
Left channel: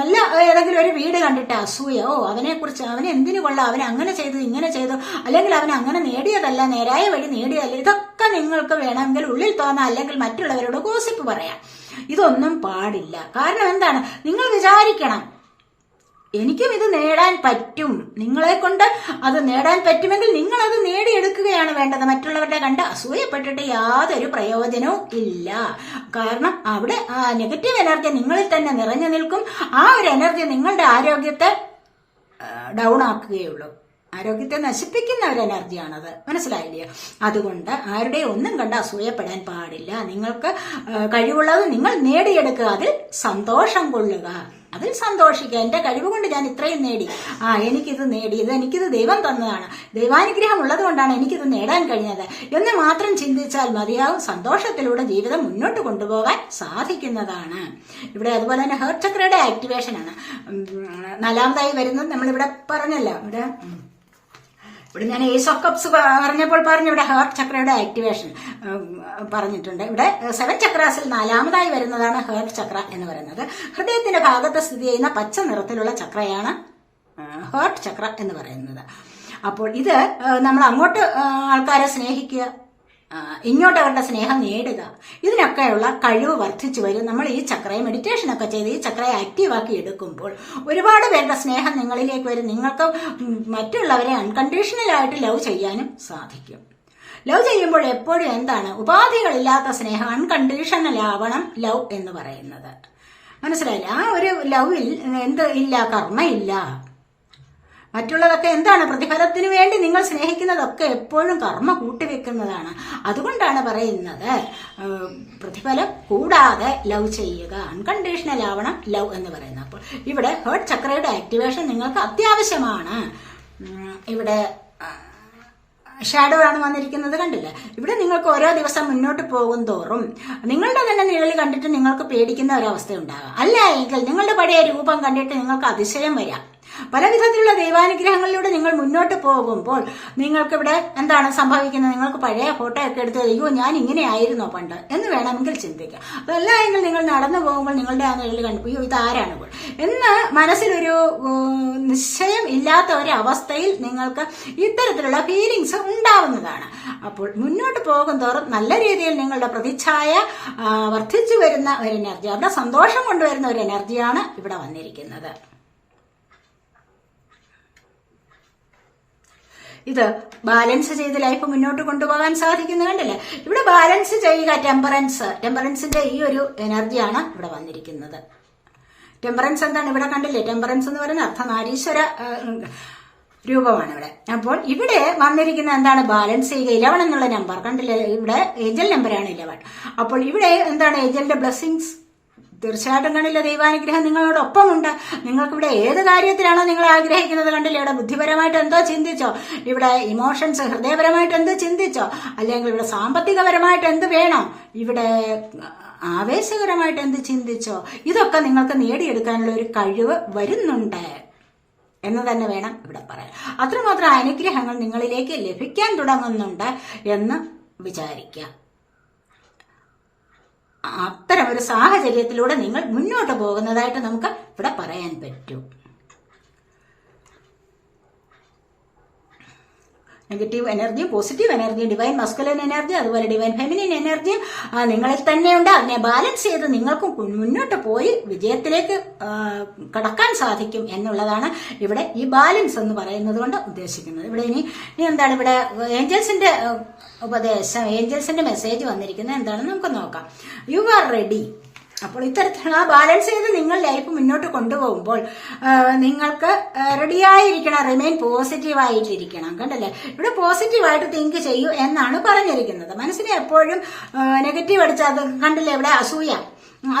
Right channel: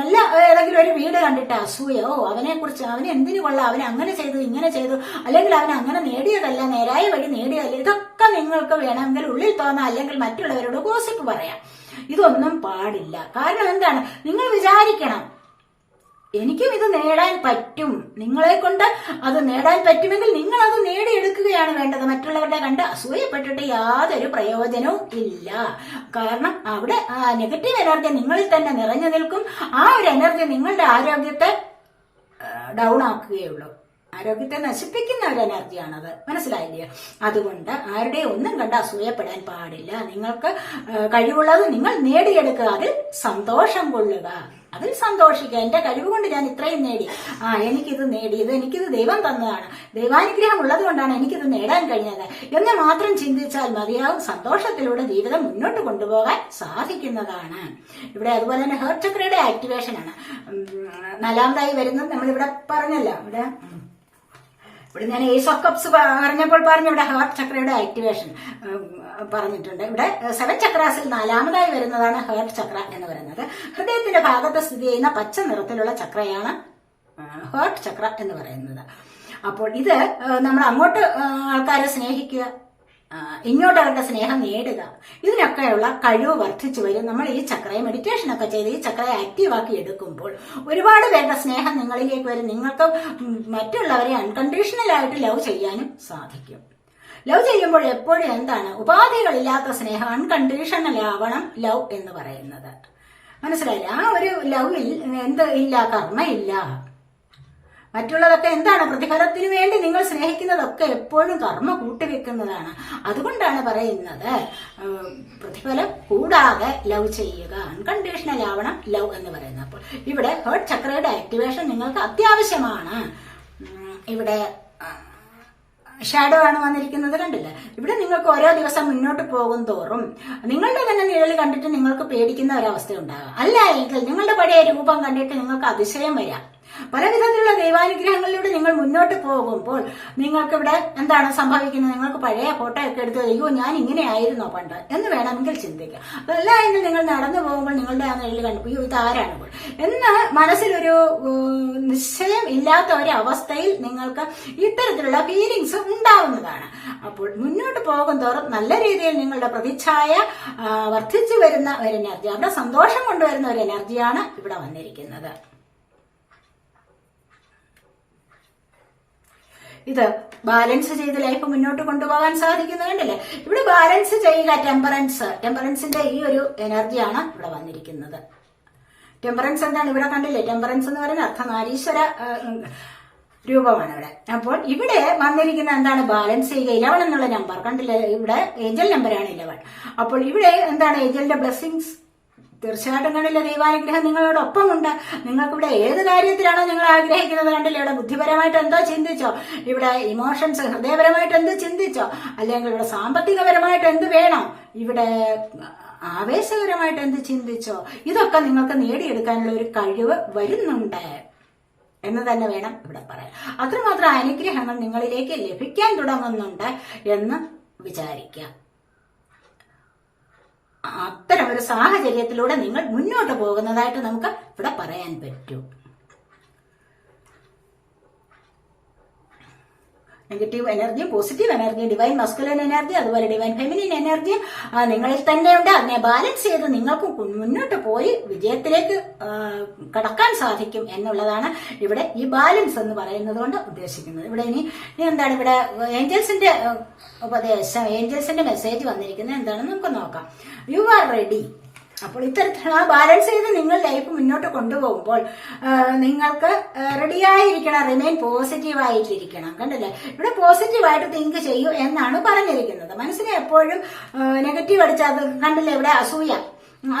നല്ല ഏതെങ്കിലും ഒരു വീട് കണ്ടിട്ട് അസൂയ, അവനെ കുറിച്ച്, അവന് എന്തിനു കൊള്ളാം, അവൻ അങ്ങനെ ചെയ്തു, ഇങ്ങനെ ചെയ്തു, അല്ലെങ്കിൽ അവൻ അങ്ങനെ നേടിയതല്ല, നേരായ വഴി നേടിയതല്ല, ഇതൊക്കെ നിങ്ങൾക്ക് വേണമെങ്കിൽ ഉള്ളിൽ തോന്നാം, അല്ലെങ്കിൽ മറ്റുള്ളവരോട് ഗോസിപ്പ് പറയാം. ഇതൊന്നും പാടില്ല. കാരണം എന്താണ്? നിങ്ങൾ വിചാരിക്കണം, എനിക്കും ഇത് നേടാൻ പറ്റും, നിങ്ങളെ കൊണ്ട് അത് നേടാൻ പറ്റുമെങ്കിൽ നിങ്ങൾ അത് നേടിയെടുക്കുകയാണ് വേണ്ടത്. മറ്റുള്ളവരുടെ കണ്ട് അസൂയപ്പെട്ടിട്ട് യാതൊരു പ്രയോജനവും ഇല്ല. കാരണം അവിടെ നെഗറ്റീവ് എനർജി നിങ്ങളിൽ തന്നെ നിറഞ്ഞു നിൽക്കും. ആ ഒരു എനർജി നിങ്ങളുടെ ആരോഗ്യത്തെ ഡൗൺ ആക്കുകയുള്ളൂ. ആരോഗ്യത്തെ നശിപ്പിക്കുന്ന ഒരു എനർജിയാണത്. മനസ്സിലായില്ലേ? അതുകൊണ്ട് ആരുടെ ഒന്നും കണ്ട് അസൂയപ്പെടാൻ പാടില്ല. നിങ്ങൾക്ക് കഴിവുള്ളത് നിങ്ങൾ നേടിയെടുക്കുക, അതിൽ സന്തോഷം കൊള്ളുക, അതിൽ സന്തോഷിക്കുക. എന്റെ കഴിവ് കൊണ്ട് ഞാൻ ഇത്രയും നേടി, എനിക്കിത് നേടി, എനിക്കിത് ദൈവം തന്നതാണ്, ദൈവാനുഗ്രഹം ഉള്ളത് കൊണ്ടാണ് എനിക്കിത് നേടാൻ കഴിഞ്ഞത് എന്ന് മാത്രം ചിന്തിച്ചാൽ മതിയാവും. സന്തോഷത്തിലൂടെ ജീവിതം മുന്നോട്ട് കൊണ്ടുപോകാൻ സാധിക്കുന്നതാണ്. ഇവിടെ അതുപോലെ തന്നെ ഹേർട്ട് ചക്രയുടെ ആക്ടിവേഷൻ ആണ് 4ാമതായി വരുന്നത്. നമ്മളിവിടെ പറഞ്ഞല്ലോ, ഇവിടെ ഞാൻ ഏസ് ഓഫ് കപ്സ് പറഞ്ഞപ്പോൾ പറഞ്ഞു, ഇവിടെ ഹാർട്ട് ചക്രയുടെ ആക്ടിവേഷൻ പറഞ്ഞിട്ടുണ്ട്. ഇവിടെ 7 ചക്രാസിൽ 4ാമതായി വരുന്നതാണ് ഹാർട്ട് ചക്ര എന്ന് പറയുന്നത്. ഹൃദയത്തിന്റെ ഭാഗത്ത് സ്ഥിതി ചെയ്യുന്ന പച്ച നിറത്തിലുള്ള ചക്രയാണ് ഹാർട്ട് ചക്ര എന്ന് പറയുന്നത്. അപ്പോൾ ഇത് നമ്മൾ അങ്ങോട്ട് ആൾക്കാരെ സ്നേഹിക്കുക, ഇങ്ങോട്ട് അവരുടെ സ്നേഹം നേടുക, ഇതിനൊക്കെയുള്ള കഴിവ് വർദ്ധിച്ചു വരും. നമ്മൾ ഈ ചക്രയെ മെഡിറ്റേഷനൊക്കെ ചെയ്ത് ഈ ചക്രയെ ആക്റ്റീവാക്കി എടുക്കുമ്പോൾ ഒരുപാട് പേരുടെ സ്നേഹം നിങ്ങളിലേക്ക് വരും. നിങ്ങൾക്ക് മറ്റുള്ളവരെ അൺകണ്ടീഷണൽ ആയിട്ട് ലവ് ചെയ്യാനും സാധിക്കും. ലവ് ചെയ്യുമ്പോൾ എപ്പോഴും എന്താണ്, ഉപാധികളില്ലാത്ത സ്നേഹം, അൺകണ്ടീഷണൽ ആവണം ലവ് എന്ന് പറയുന്നത്. മനസ്സിലായില്ല? ആ ഒരു ലവിൽ എന്ത് ഇല്ല, കർമ്മയില്ല. മറ്റുള്ളതൊക്കെ എന്താണ്, പ്രതിഫലത്തിന് വേണ്ടി നിങ്ങൾ സ്നേഹിക്കുന്നതൊക്കെ എപ്പോഴും കർമ്മ കൂട്ടിവെക്കുന്നതാണ്. അതുകൊണ്ടാണ് പറയുന്നത് പ്രതിഫലം കൂടാതെ ലവ് ചെയ്യുക, അൺകണ്ടീഷണൽ ആവണം ലവ് എന്ന് പറയുന്നത്. അപ്പോൾ ഇവിടെ ഹേർട്ട് ചക്രയുടെ ആക്ടിവേഷൻ നിങ്ങൾക്ക് അത്യാവശ്യമാണ്. ഇവിടെ ഷാഡോ ആണ് വന്നിരിക്കുന്നത്, കണ്ടില്ലേ? ഇവിടെ നിങ്ങൾക്ക് ഓരോ ദിവസം മുന്നോട്ട് പോകും തോറും നിങ്ങളുടെ തന്നെ നിഴൽ കണ്ടിട്ട് നിങ്ങൾക്ക് പേടിക്കുന്ന ഒരവസ്ഥ ഉണ്ടാകാം. അല്ല എങ്കിൽ നിങ്ങളുടെ പഴയ രൂപം കണ്ടിട്ട് നിങ്ങൾക്ക് അതിശയം വരാം. പല വിധത്തിലുള്ള ദൈവാനുഗ്രഹങ്ങളിലൂടെ നിങ്ങൾ മുന്നോട്ട് പോകുമ്പോൾ നിങ്ങൾക്കിവിടെ എന്താണ് സംഭവിക്കുന്നത്, നിങ്ങൾക്ക് പഴയ ഫോട്ടോ ഒക്കെ എടുത്ത് അയ്യോ ഞാൻ ഇങ്ങനെ ആയിരുന്നോ പണ്ട് എന്ന് വേണമെങ്കിൽ ചിന്തിക്കാം. അതല്ല എങ്കിൽ നിങ്ങൾ നടന്നു പോകുമ്പോൾ നിങ്ങളുടെ ആ നിഴൽ കണ്ടു അയ്യോ ഇതാരാണ് എന്ന് മനസ്സിലൊരു നിശ്ചയം ഇല്ലാത്ത ഒരു അവസ്ഥയിൽ നിങ്ങൾക്ക് ഇത്തരത്തിലുള്ള ഫീലിങ്സ് ഉണ്ടാവുന്നതാണ്. അപ്പോൾ മുന്നോട്ട് പോകും തോറും നല്ല രീതിയിൽ നിങ്ങളുടെ പ്രതിച്ഛായ വർദ്ധിച്ചു വരുന്ന ഒരു എനർജി, അവിടെ സന്തോഷം കൊണ്ടുവരുന്ന ഒരു എനർജിയാണ് ഇവിടെ വന്നിരിക്കുന്നത്. ഇത് ബാലൻസ് ചെയ്ത് ലൈഫ് മുന്നോട്ട് കൊണ്ടുപോകാൻ സാധിക്കുന്നത് കണ്ടല്ലേ? ഇവിടെ ബാലൻസ് ചെയ്യുക, ടെമ്പറൻസിന്റെ ഈ ഒരു എനർജിയാണ് ഇവിടെ വന്നിരിക്കുന്നത്. ടെമ്പറൻസ് എന്താണ് ഇവിടെ കണ്ടില്ലേ? ടെമ്പറൻസ് എന്ന് പറയുന്നത് അർദ്ധനാരീശ്വര രൂപമാണ് ഇവിടെ. അപ്പോൾ ഇവിടെ വന്നിരിക്കുന്ന എന്താണ്, ബാലൻസ് ചെയ്യുക. 11 എന്നുള്ള നമ്പർ കണ്ടില്ലേ? ഇവിടെ ഏഞ്ചൽ നമ്പറാണ് 11. അപ്പോൾ ഇവിടെ എന്താണ്, ഏഞ്ചലിന്റെ ബ്ലെസ്സിങ്സ് തീർച്ചയായിട്ടും കണ്ടില്ല, ദൈവാനുഗ്രഹം നിങ്ങളോടൊപ്പമുണ്ട്. നിങ്ങൾക്കിവിടെ ഏത് കാര്യത്തിലാണോ നിങ്ങൾ ആഗ്രഹിക്കുന്നത് കണ്ടില്ല, ഇവിടെ ബുദ്ധിപരമായിട്ട് എന്തോ ചിന്തിച്ചോ, ഇവിടെ ഇമോഷൻസ് ഹൃദയപരമായിട്ട് എന്ത് ചിന്തിച്ചോ, അല്ലെങ്കിൽ ഇവിടെ സാമ്പത്തികപരമായിട്ട് എന്ത് വേണം, ഇവിടെ ആവേശകരമായിട്ട് എന്ത് ചിന്തിച്ചോ, ഇതൊക്കെ നിങ്ങൾക്ക് നേടിയെടുക്കാനുള്ള ഒരു കഴിവ് വരുന്നുണ്ട് എന്ന് തന്നെ വേണം ഇവിടെ പറയാൻ. അത്രമാത്രം അനുഗ്രഹങ്ങൾ നിങ്ങളിലേക്ക് ലഭിക്കാൻ തുടങ്ങുന്നുണ്ട് എന്ന് വിചാരിക്കാം. അത്തരം ഒരു സാഹചര്യത്തിലൂടെ നിങ്ങൾ മുന്നോട്ട് പോകുന്നതായിട്ട് നമുക്ക് ഇവിടെ പറയാൻ പറ്റും. നെഗറ്റീവ് എനർജിയും പോസിറ്റീവ് എനർജിയും, ഡിവൈൻ മസ്കുലൻ എനർജി അതുപോലെ ഡിവൈൻ ഫെമിനിൻ എനർജിയും നിങ്ങളിൽ തന്നെയുണ്ട്. അതിനെ ബാലൻസ് ചെയ്ത് നിങ്ങൾക്ക് മുന്നോട്ട് പോയി വിജയത്തിലേക്ക് കടക്കാൻ സാധിക്കും എന്നുള്ളതാണ് ഇവിടെ ഈ ബാലൻസ് എന്ന് പറയുന്നത് കൊണ്ട് ഉദ്ദേശിക്കുന്നത്. ഇവിടെ ഇനി എന്താണ്, ഇവിടെ ഏഞ്ചൽസിന്റെ ഉപദേശം, ഏഞ്ചൽസിന്റെ മെസ്സേജ് വന്നിരിക്കുന്നത് എന്താണെന്ന് നമുക്ക് നോക്കാം. U are ready. അപ്പോൾ ഇത്തരത്തിലുള്ള ബാലൻസ് ചെയ്ത് നിങ്ങൾ ലൈഫ് മുന്നോട്ട് കൊണ്ടുപോകുമ്പോൾ നിങ്ങൾക്ക് റെഡിയായിരിക്കണം, റിമെയിൻ പോസിറ്റീവായിട്ടിരിക്കണം. കണ്ടല്ലേ? ഇവിടെ പോസിറ്റീവായിട്ട് തിങ്ക് ചെയ്യൂ എന്നാണ് പറഞ്ഞിരിക്കുന്നത്. മനസ്സിനെ എപ്പോഴും നെഗറ്റീവ് അടിച്ചാൽ അത് കണ്ടില്ലേ? ഇവിടെ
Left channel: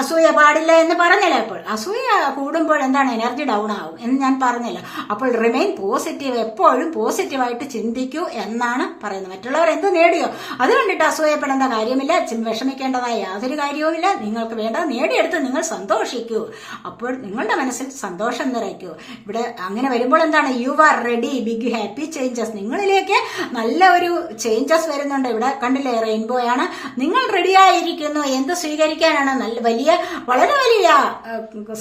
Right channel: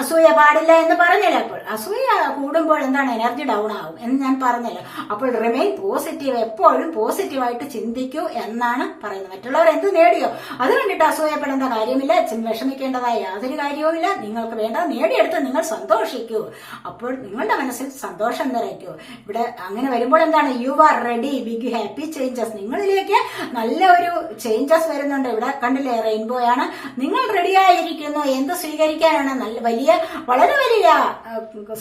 അസൂയ പാടില്ല എന്ന് പറഞ്ഞല്ലോ. അപ്പോൾ അസൂയ കൂടുമ്പോൾ എന്താണ്, എനർജി ഡൗൺ ആവും എന്ന് ഞാൻ പറഞ്ഞല്ലോ. അപ്പോൾ റിമെയിൻ പോസിറ്റീവ്, എപ്പോഴും പോസിറ്റീവായിട്ട് ചിന്തിക്കൂ എന്നാണ് പറയുന്നത്. മറ്റുള്ളവർ എന്ത് നേടിയോ അത് കണ്ടിട്ട് അസൂയപ്പെടേണ്ട കാര്യമില്ല, വിഷമിക്കേണ്ടതായ യാതൊരു കാര്യവുമില്ല. നിങ്ങൾക്ക് വേണ്ടത് നേടിയെടുത്ത് നിങ്ങൾ സന്തോഷിക്കൂ. അപ്പോൾ നിങ്ങളുടെ മനസ്സിൽ സന്തോഷം നിറയ്ക്കൂ. ഇവിടെ അങ്ങനെ വരുമ്പോൾ എന്താണ്, you are ready, big happy changes. നിങ്ങളിലേക്ക് നല്ല ഒരു ചേഞ്ചസ് വരുന്നുണ്ട്. ഇവിടെ കണ്ടില്ലേ, റെയിൻബോ ആണ്. നിങ്ങൾ റെഡിയായിരിക്കുന്നു. എന്ത് സ്വീകരിക്കാനാണ്? വളരെ വലിയ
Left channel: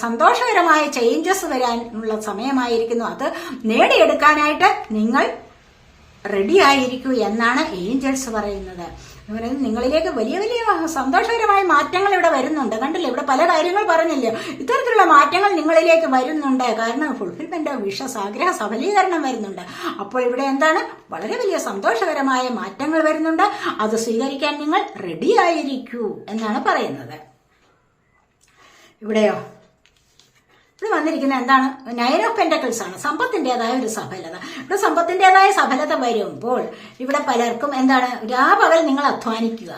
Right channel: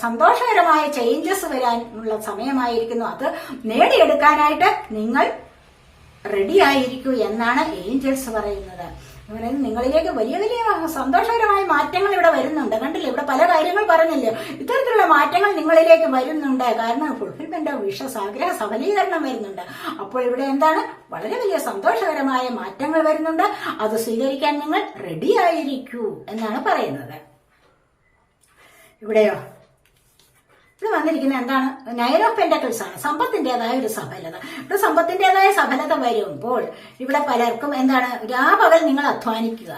സന്തോഷകരമായ ചേഞ്ചസ് വരാനുള്ള സമയമായിരിക്കുന്നു. അത് നേടിയെടുക്കാനായിട്ട് നിങ്ങൾ റെഡി ആയിരിക്കൂ എന്നാണ് ഏഞ്ചൽസ് പറയുന്നത്. നിങ്ങളിലേക്ക് വലിയ വലിയ സന്തോഷകരമായ മാറ്റങ്ങൾ ഇവിടെ വരുന്നുണ്ട്. കണ്ടില്ലേ? ഇവിടെ പല കാര്യങ്ങൾ പറഞ്ഞില്ലേ, ഇത്തരത്തിലുള്ള മാറ്റങ്ങൾ നിങ്ങളിലേക്ക് വരുന്നുണ്ട്. കാരണം ഫുൾഫിൽമെന്റ് ഓഫ് വിഷസ്, ആഗ്രഹ സഫലീകരണം വരുന്നുണ്ട്. അപ്പോൾ ഇവിടെ എന്താണ്, വളരെ വലിയ സന്തോഷകരമായ മാറ്റങ്ങൾ വരുന്നുണ്ട്. അത് സ്വീകരിക്കാൻ നിങ്ങൾ റെഡി ആയിരിക്കൂ എന്നാണ് പറയുന്നത്. ഇവിടെ വന്നിരിക്കുന്ന എന്താണ്, നയൻ ഓഫ് പെന്റക്കിൾസ് ആണ്. സമ്പത്തിന്റേതായ ഒരു സഫലത. ഇവിടെ സമ്പത്തിന്റേതായ സഫലത വരുമ്പോൾ ഇവിടെ പലർക്കും എന്താണ്, രാപകൽ നിങ്ങൾ അധ്വാനിക്കുക,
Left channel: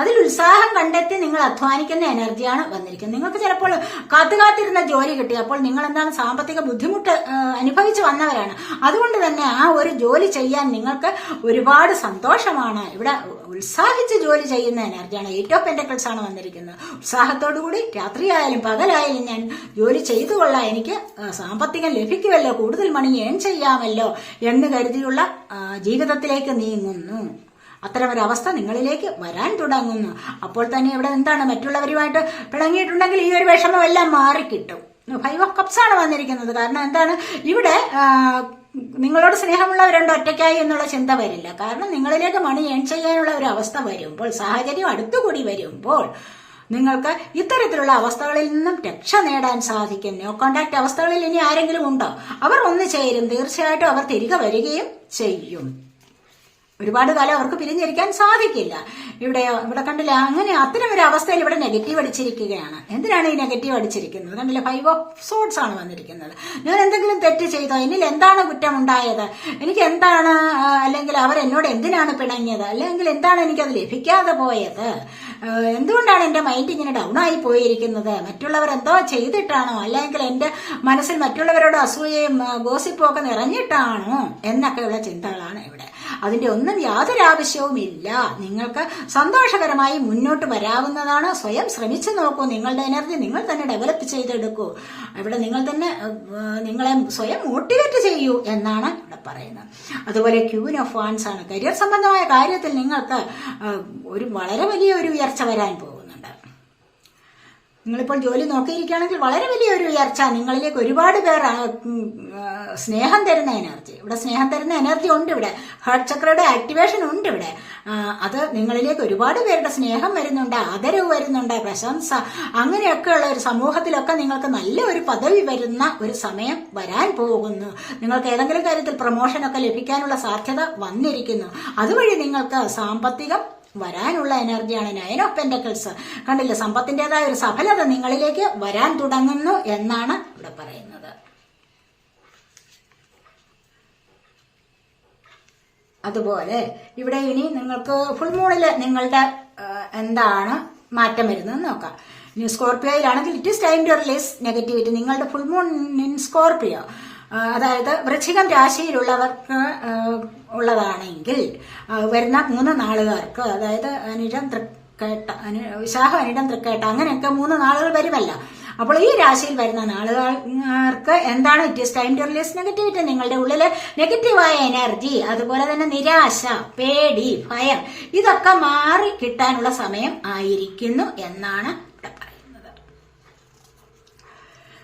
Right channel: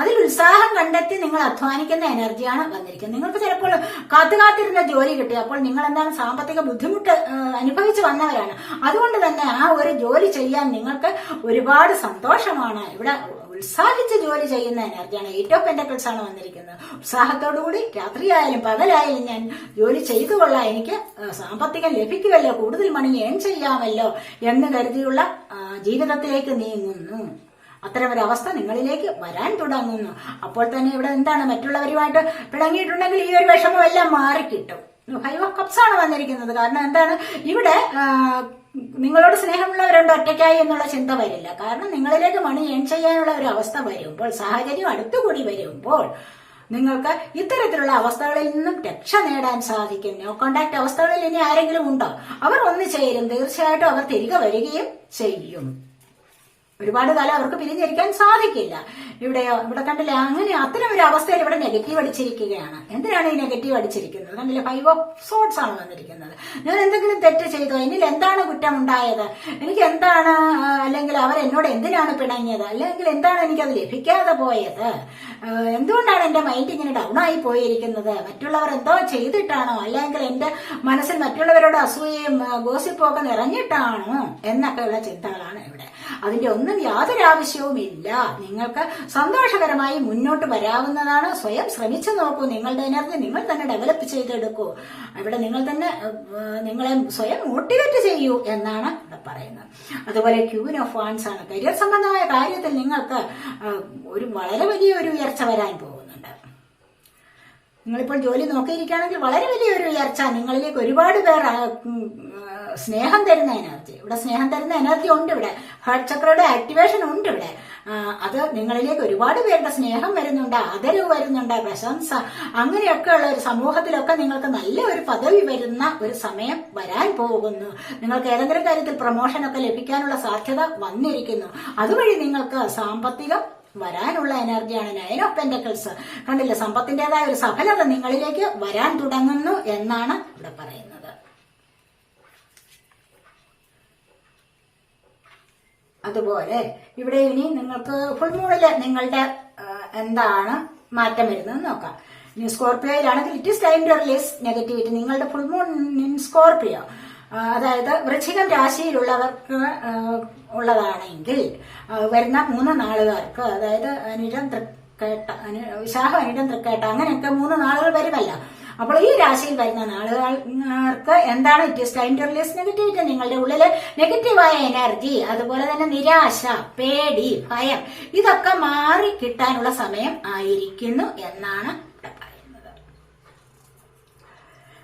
അതിൽ ഉത്സാഹം കണ്ടെത്തി നിങ്ങൾ അധ്വാനിക്കുന്ന എനർജിയാണ് വന്നിരിക്കുന്നത്. നിങ്ങൾക്ക് ചിലപ്പോൾ കാത്തുകാത്തിരുന്ന ജോലി കിട്ടി, അപ്പോൾ നിങ്ങൾ എന്താണ്, സാമ്പത്തിക ബുദ്ധിമുട്ട് അനുഭവിച്ചു വന്നവരാണ്. അതുകൊണ്ട് തന്നെ ആ ഒരു ജോലി ചെയ്യാൻ നിങ്ങൾക്ക് ഒരുപാട് സന്തോഷമാണ്. ഇവിടെ ഉത്സാഹിച്ച് ജോലി ചെയ്യുന്ന എനർജിയാണ്. 8 ഓഫ് പെന്റക്കിൾസ് ആണ് വന്നിരിക്കുന്നത്. ഉത്സാഹത്തോടുകൂടി രാത്രിയായാലും പകലായാലും ഞാൻ ജോലി ചെയ്തു കൊള്ളാം, എനിക്ക് സാമ്പത്തികം ലഭിക്കുമല്ലോ, കൂടുതൽ മണി ഏൺ ചെയ്യാമല്ലോ എന്ന് കരുതിയുള്ള ജീവിതത്തിലേക്ക് നീങ്ങുന്നു. അത്തരമൊരവസ്ഥ നിങ്ങളിലേക്ക് വരാൻ തുടങ്ങുന്നു. അപ്പോൾ തന്നെ ഇവിടെ എന്താണ്, മറ്റുള്ളവരുമായിട്ട് പിണങ്ങിയിട്ടുണ്ടെങ്കിൽ ഈ ഒരു വിഷമമെല്ലാം മാറിക്കിട്ടും. 5 ഓഫ് കപ്സ് ആണ് വന്നിരിക്കുന്നത്. കാരണം എന്താണ്, ഇവിടെ നിങ്ങളോട് സ്നേഹമുള്ളവരുണ്ട്, ഒറ്റയ്ക്കായി എന്നുള്ള ചിന്ത വരില്ല. കാരണം നിങ്ങളിലേക്ക് മണി ഏൺ ചെയ്യാനുള്ള ഒരു അവസ്ഥ വരുമ്പോൾ, സാഹചര്യം അടുത്തുകൂടി വരുമ്പോൾ നിങ്ങൾക്ക് ഇത്തരത്തിലുള്ള അവസ്ഥകളിൽ നിന്നും രക്ഷ നേടാൻ സാധിക്കും. നോ കോണ്ടാക്ട് അവസ്ഥകളിൽ ഇനി ആരെങ്കിലും ഉണ്ടോ, അവർ ഒന്ന് ചേരും, തീർച്ചയായിട്ടും അവർ തിരികെ വരികയും ചെയ്യും. ഒരുപാട് കാലം അവർക്ക് പിരിഞ്ഞിരിക്കാൻ സാധിക്കില്ല. ഇവിടെ കണ്ടില്ല, അങ്ങനെ അത്തരം ഒരു അവസ്ഥയിൽ ഇവിടെ നെഗറ്റീവ് അടിച്ചിരിക്കുകയാണ്. എന്തിനാണ് ഈ നെഗറ്റീവ് അടിച്ചിരിക്കുന്നത്? കണ്ടില്ല, 5 ഓഫ് സോർട്സ് ആണ് വന്നിരിക്കുന്നത്. ഞാൻ എന്തെങ്കിലും തെറ്റ് ചെയ്തോ, എന്നിൽ എന്താണ് കുറ്റമുണ്ടായത്, എനിക്ക് എന്താണ്, അല്ലെങ്കിൽ അവർ എന്നോട് എന്തിനാണ് പിണങ്ങിയത്, അല്ലെങ്കിൽ എന്താണ് എനിക്കത് ലഭിക്കാതെ പോയത്, എന്തുകൊണ്ടാണ് എന്റെ മൈൻഡ് ഇങ്ങനെ ഡൗൺ ആയി പോയിരിക്കുന്നത്, മറ്റുള്ളവർ എന്തോ ചെയ്തിട്ടാണോ, അല്ലെങ്കിൽ എന്റെ മനസ്സിൽ മറ്റുള്ളവരോട് അസൂയയും ഗോസിപ്പും ഒക്കെ നിറഞ്ഞിട്ടാണോ എന്നൊക്കെയുള്ള ചിന്തകളാണ് ഇവിടെ. അതിന്റെ ഒന്നും യാതൊരു ആവശ്യവുമില്ല. നിങ്ങൾക്ക് സന്തോഷകരമായി മുന്നോട്ട് വരാവുന്നതാണ്. സ്വയം ശ്രമിച്ചു നോക്കൂ. നിങ്ങളുടെ എനർജി നിങ്ങൾ തന്നെ ഡെവലപ്പ് ചെയ്തെടുക്കൂ. ഇവിടെ നിങ്ങൾ തന്നെ നിങ്ങളെ സ്വയം മോട്ടിവേറ്റ് ചെയ്യൂ എന്നാണ് ഇവിടെ പറയുന്നത്. അതുപോലെ ക്യൂൻ ഓഫ് വാൻസ് ആണ്. കരിയർ സംബന്ധമായ കാര്യത്തിൽ നിങ്ങൾക്ക് ഒരു വളരെ വലിയൊരു ഉയർച്ച വരാൻ പോകുന്നുണ്ട്. നിങ്ങളിപ്പോൾ ജോലി നോക്കിയിരിക്കുകയാണെങ്കിൽ വളരെ വലിയൊരു ഉയർച്ച, നിങ്ങളിലേക്ക് ഒരുപാട് പേർ സ്നേഹം തരുന്ന എനർജി, ഇവിടെ സ്നേഹം തരുന്ന എനർജി ഉണ്ട്. ഇവിടെ ഹാർട്ട് ചക്രയുടെ ആക്ടിവേഷൻ ഉണ്ട്. ഇവിടെ അത് നിങ്ങളിലേക്ക് ഒരുപാട് പേരുടെ സ്നേഹം വരുന്നുണ്ട്, ആദരവ് വരുന്നുണ്ട്, പ്രശംസ, അങ്ങനെയൊക്കെയുള്ള ഒരു സമൂഹത്തിലൊക്കെ നിങ്ങൾക്ക് നല്ല ഒരു പദവി വരുന്ന ഒരു സമയം വരാൻ പോകുന്നു. നിങ്ങൾക്ക് ഏതെങ്കിലും കാര്യത്തിൽ പ്രൊമോഷനൊക്കെ ലഭിക്കാനുള്ള സാധ്യത വന്നിരിക്കുന്നു. അതുവഴി നിങ്ങൾക്ക് സാമ്പത്തികം വരാനുള്ള എനർജിയാണ് 9 ഓഫ് പെന്റക്കിൾസ്. കണ്ടില്ല, സമ്പത്തിന്റേതായ ഒരു സഫലത നിങ്ങളിലേക്ക് വരാൻ തുടങ്ങുന്നു എന്നാണ് ഇവിടെ പറയുന്നത്. അതുപോലെ ഇവിടെ ഇനി നിങ്ങൾക്ക് ഫുൾ മൂണില് നിങ്ങളുടെ എന്താണ് മാറ്റം വരുന്നത് നോക്കാം. ഇനി സ്കോർപ്പിയോയിലാണെങ്കിൽ it is time to release negativity. നിങ്ങളുടെ ഫുൾ മൂൺ ഇൻ സ്കോർപ്പിയോ, അതായത് വൃശ്ചികം രാശിയിലുള്ളവർക്ക് ഉള്ളതാണെങ്കിൽ വരുന്ന 3 നാളുകാർക്ക്, അതായത് അനിഴം തൃക്കേട്ട, വിശാഖം അനിഴം തൃക്കേട്ട, അങ്ങനെയൊക്കെ 3 നാളുകൾ വരുമല്ലോ. അപ്പോൾ ഈ രാശിയിൽ വരുന്ന നാളുകാർക്ക് എന്താണ്, it is time to release negativity. നിങ്ങളുടെ ഉള്ളിലെ നെഗറ്റീവായ എനർജി, അതുപോലെ തന്നെ നിരാശ, പേടി, ഭയം, ഇതൊക്കെ മാറി കിട്ടാനുള്ള സമയം ആയിരിക്കുന്നു എന്നാണ് ഇവിടെ പറയുന്നത്.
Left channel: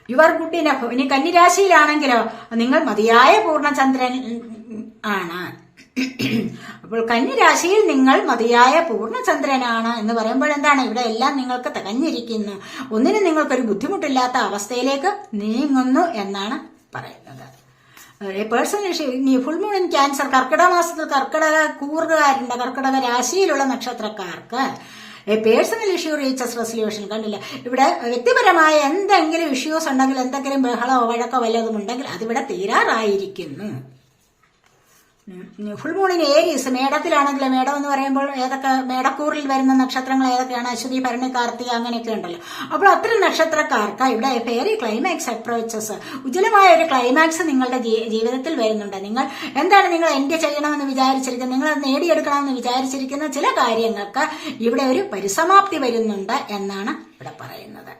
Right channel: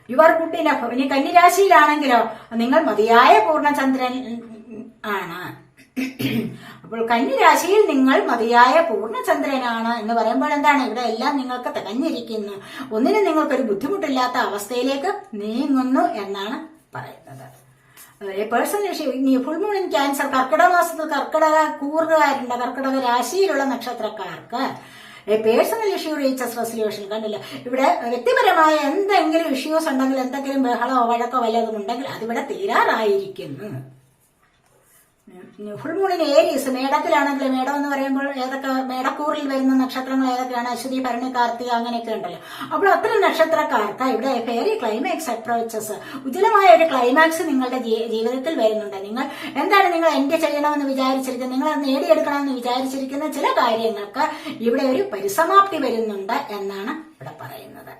Your good enough. ഇനി കന്നിരാശിയിലാണെങ്കിലോ നിങ്ങൾ മതിയായ പൂർണ്ണചന്ദ്രൻ ആണ്. അപ്പോൾ കന്നിരാശിയിൽ നിങ്ങൾ മതിയായ പൂർണ്ണചന്ദ്രനാണ് എന്ന് പറയുമ്പോൾ എന്താണ്, ഇവിടെ എല്ലാം നിങ്ങൾക്ക് തികഞ്ഞിരിക്കുന്നു. ഒന്നിനും നിങ്ങൾക്കൊരു ബുദ്ധിമുട്ടില്ലാത്ത അവസ്ഥയിലേക്ക് നീങ്ങുന്നു എന്നാണ് പറയുന്നത്. Personal full moon in Cancer, കർക്കിടക മാസത്തിൽ കർക്കിടക കൂറുകാരുണ്ട്. കർക്കിടക രാശിയിലുള്ള നക്ഷത്രക്കാർക്ക് പേഴ്സണൽ ഇഷ്യൂ റീച്ചസ് റെസൊല്യൂഷൻ. കണ്ടില്ല, ഇവിടെ വ്യക്തിപരമായ എന്തെങ്കിലും ഇഷ്യൂസ് ഉണ്ടെങ്കിൽ, എന്തെങ്കിലും ബഹളമോ വഴക്കോ വല്ലതും ഉണ്ടെങ്കിൽ അതിവിടെ തീരാറായിരിക്കുന്നു. ഫുൾ മൂണിന് ഏരീസ്, മേടത്തിലാണെങ്കിൽ, മേടം എന്ന് പറയുമ്പോൾ ഏതൊക്കെ മേടക്കൂറിൽ വരുന്ന നക്ഷത്രങ്ങൾ ഏതൊക്കെയാണ്, അശ്വതി, ഭരണി, കാർത്തിക, അങ്ങനെയൊക്കെ ഉണ്ടല്ലോ. അപ്പോൾ അത്തരം നക്ഷത്രക്കാർക്ക് ഇവിടെ ഫെയറി ക്ലൈമാക്സ് അപ്രോച്ചസ്, ഉജ്ജ്വലമായ ഒരു ക്ലൈമാക്സ് നിങ്ങളുടെ ജീവിതത്തിൽ വരുന്നുണ്ട്. നിങ്ങൾ എന്താണ് നിങ്ങൾ എൻഡ് ചെയ്യണമെന്ന് വിചാരിച്ചിരിക്കുന്നത്, നിങ്ങൾ നേടിയെടുക്കണമെന്ന് വിചാരിച്ചിരിക്കുന്ന ചില കാര്യങ്ങൾക്ക് ഇവിടെ ഒരു പരിസമാപ്തി വരുന്നുണ്ട് എന്നാണ് ഇവിടെ പറയുന്നത്.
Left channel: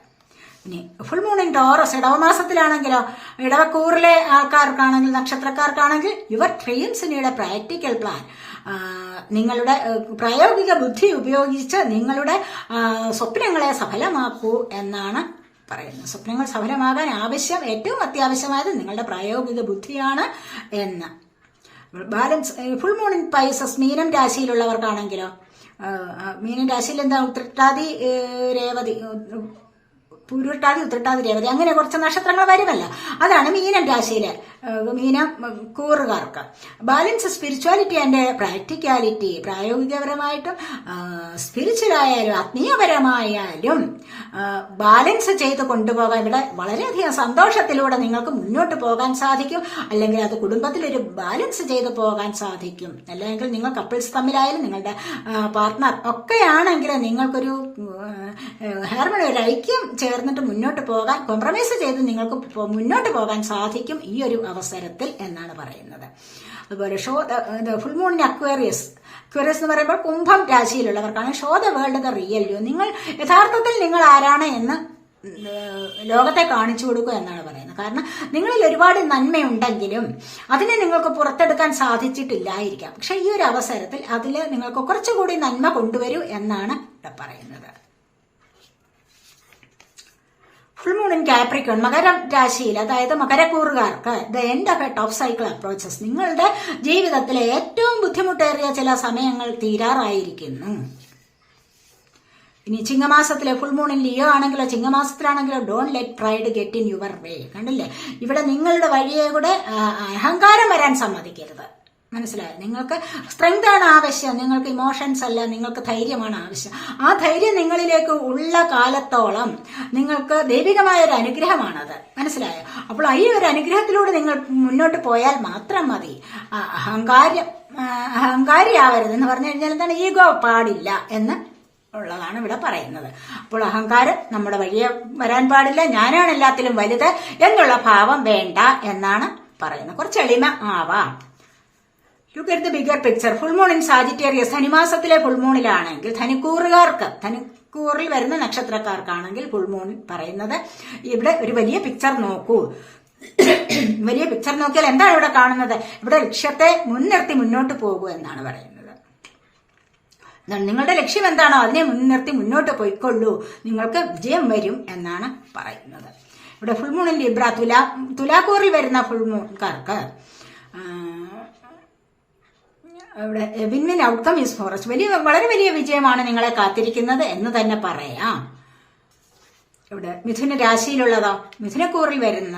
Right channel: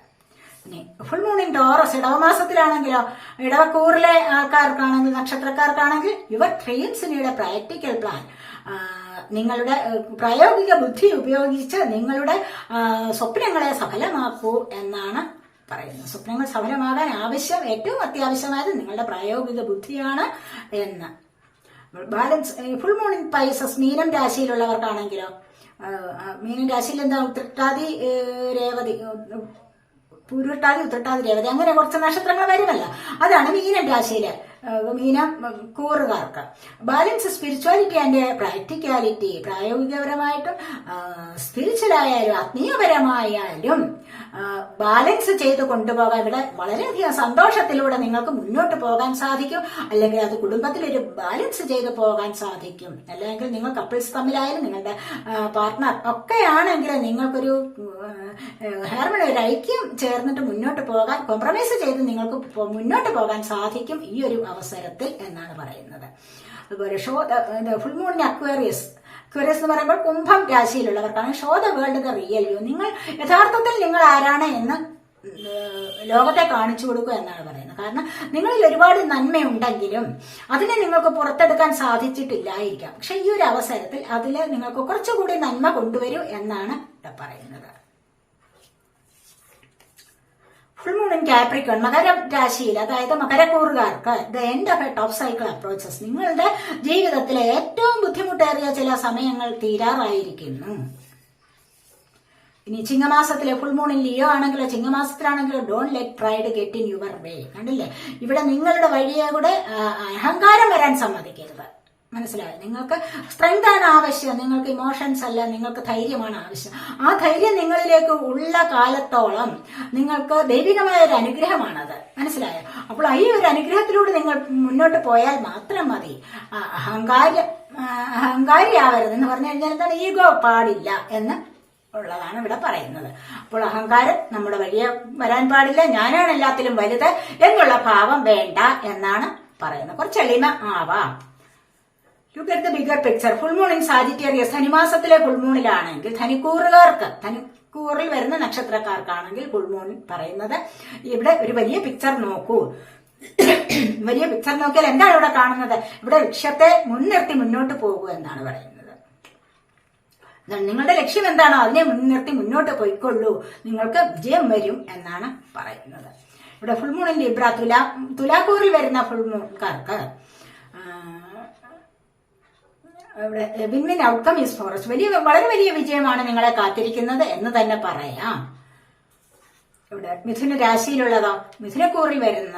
ഇനി ഫുൾ മൂൺ ഇൻ ടോറസ്, ഇടവമാസത്തിലാണെങ്കിലോ, ഇടവക്കൂറിലെ ആൾക്കാർക്കാണെങ്കിൽ, നക്ഷത്രക്കാർക്കാണെങ്കിൽ your dreams need a practical plan. നിങ്ങളുടെ പ്രായോഗിക ബുദ്ധി ഉപയോഗിച്ച് നിങ്ങളുടെ സ്വപ്നങ്ങളെ സഫലമാക്കൂ എന്നാണ് പറയുന്നത്. സ്വപ്നങ്ങൾ സഫലമാകാൻ ആവശ്യം, ഏറ്റവും അത്യാവശ്യമായത് നിങ്ങളുടെ പ്രായോഗിക ബുദ്ധിയാണ് എന്ന്. Balance full moon in Pisces, മീനം രാശിയിലുള്ളവർക്കാണെങ്കിലോ, മീനം രാശിയിൽ എന്താ, ഉത്രട്ടാതി, രേവതി, പൂരുരുട്ടാതി ഉത്രട്ടാതി രേവതി അങ്ങനെ കുറച്ച് നക്ഷത്രങ്ങൾ വരുമല്ല. അതാണ് മീനം രാശിയിലെ മീനം കൂറുകാർക്ക്. ബാലൻസ് സ്പിരിച്വാലിറ്റി ആൻഡ് പ്രാക്ടിക്കാലിറ്റി, പ്രായോഗികപരമായിട്ടും സ്പിരിച്വലായാലും ആത്മീയപരമായാലും ബാലൻസ് ചെയ്ത് കൊണ്ടുപോകാൻ ഇവിടെ വളരെയധികം സന്തോഷത്തിലൂടെ നിങ്ങൾക്ക് മുന്നോട്ട് പോകാൻ സാധിക്കും. അല്ലെങ്കിൽ അത് കുടുംബത്തിലൊരു ബാലൻസ് ചെയ്ത് പോകാൻ സാധിക്കും. അല്ലെങ്കിൽ നിങ്ങൾ കപ്പിൾസ് തമ്മിലായാലും നിങ്ങളുടെ പാർട്ട്ണർ ഒക്കെ ആണെങ്കിൽ നിങ്ങൾക്കൊരു ഹാർമണി, ഒരു ഐക്യം ചേർന്നിട്ട് മുന്നോട്ട് പോകാൻ, കോംപ്രമൈസ് ചെയ്ത് നിങ്ങൾക്ക് മുന്നോട്ട് പോകാൻ സാധിക്കും ഈ ഒരു അവസരത്തിൽ എന്നാണ് പറയുന്നത്. അതുപോലെ ഫുൾ മൂണിന് അക്വേറിയസ് എന്ന് പറയുമ്പോൾ കുംഭം രാശിയിലുള്ളവർക്കാണ് show the world the real you. നിങ്ങൾ യഥാർത്ഥത്തിൽ നിങ്ങൾ ആരാണ് എന്ന് ലോകത്തെ കാണിച്ചു കൊടുക്കുക എന്നാണ് പറയുന്നത്. കാരണം നിങ്ങളിൽ ഒരുപാട് നന്മയുണ്ടെങ്കിലും അതിനെ നിങ്ങൾക്ക് പുറത്തെടുക്കാൻ സാധിച്ചിട്ടില്ലായിരിക്കാം. പക്ഷെ ഈ ഒരു അവസരത്തിൽ അതിൽ നിങ്ങൾക്ക് കുറച്ചുകൂടി നന്മ കൊണ്ടുവരൂ എന്നാണ് ഇവിടെ പറയുന്നത്. ഫുൾ മൂൺ ഇൻ കാപ്രിക്കോൺ, മകര രാശിയിൽ, അതായത് മകരക്കൂറുകാർക്ക് the end of a top cycle approaches. നിങ്ങളുടെ ജീവിതത്തിലെ ഏറ്റവും ബുദ്ധിമുട്ടേറിയ ചില സമയങ്ങൾ തീരാറായിരിക്കുന്നു. ഇനി ചിങ്ങമാസത്തിലെ ഫുൾ മൂണിൽ ലിയോ ആണെങ്കിലോ ചിങ്ങമാസത്തിലാണെങ്കിലോ don't let pride get in your way. കണ്ടില്ലേ, ഇവിടെ നിങ്ങളുടെ വഴിയെ കൂടെ അഹങ്കാരം വരാൻ സമ്മതിക്കരുത്. മനസ്സിലായോ? നിങ്ങൾക്ക് സ്ട്രെങ്ത് ആണ് ആവശ്യം, നിങ്ങൾക്ക് ഇമോഷൻസ് അല്ല, നിങ്ങൾക്ക് ധൈര്യമാണ് ആവശ്യം. ആ ധൈര്യം നിങ്ങളിലേക്ക് ഉള്ള കാലത്തോളം നിങ്ങൾക്ക് ദൈവികമായ ഒരു അനുഗ്രഹമാണത്. മനസ്സിലായോ? അപ്പോൾ ഈ ഒരു അനുഗ്രഹത്തിലൂടെ നിങ്ങൾ മുന്നോട്ട് പോയാൽ മാത്രം മതി. അഹങ്കാരിയാവരുത് എന്ന് പറഞ്ഞു കഴിഞ്ഞാൽ എന്താണ്, ഈഗോ പാടില്ല എന്ന് ഉള്ളതാണ് ഇവിടെ പറയുന്നത്. അപ്പോൾ അഹങ്കാരം നമ്മുടെ വഴിയെ വരാൻ പാടില്ല. ഞാനാണ് എല്ലാത്തിലും വലുത് എന്നുള്ള ഭാവം വേണ്ട എന്നാണ് പറയുന്നത്. കുറച്ച് എളിമ ആവാം. Look at the bigger picture. Full moon in Sagittarius, ധനുമാസത്തിലെ ഫുൾ മൂണിലാണെങ്കിൽ ധനുക്കൂറുകാർക്ക്, ധനുക്കൂറിൽ വരുന്ന നക്ഷത്രക്കാർക്കാണെങ്കിൽ ഫുൾ മൂൺ പറയുന്നത് ഇവിടെ ഒരു വലിയ പിക്ചർ നോക്കൂ. വലിയ പിക്ചർ നോക്കിയാൽ എന്താണ് ഇവിടെ കാണുന്നത്? ഇവിടെ ലക്ഷ്യത്തെ മുൻനിർത്തി മുന്നോട്ട് പോകൂ എന്നാണ് പറയുന്നത്. നിങ്ങളുടെ ലക്ഷ്യം എന്താണോ അതിനെ മുൻനിർത്തി മുന്നോട്ട് പോയിക്കൊള്ളൂ, നിങ്ങൾക്ക് വിജയം വരും എന്നാണ് പറയുന്നത്. ഇവിടെ ഫുൾ മൂൺ ഇൻ ലിബ്ര, തുലാക്കൂറിൽ വരുന്ന ഫുൾ മൂൺകാർക്ക് ഇവിടെ win win outcome is forest, വളരെ വലിയ വിജയമാണ് നിങ്ങളെ കാത്തിരിക്കുന്നത് എന്ന് തന്നെ പറയാം. ഇവിടെ മിഥുന രാശിയിലുള്ളതോ മിഥുനക്കൂറിൽ വരുന്ന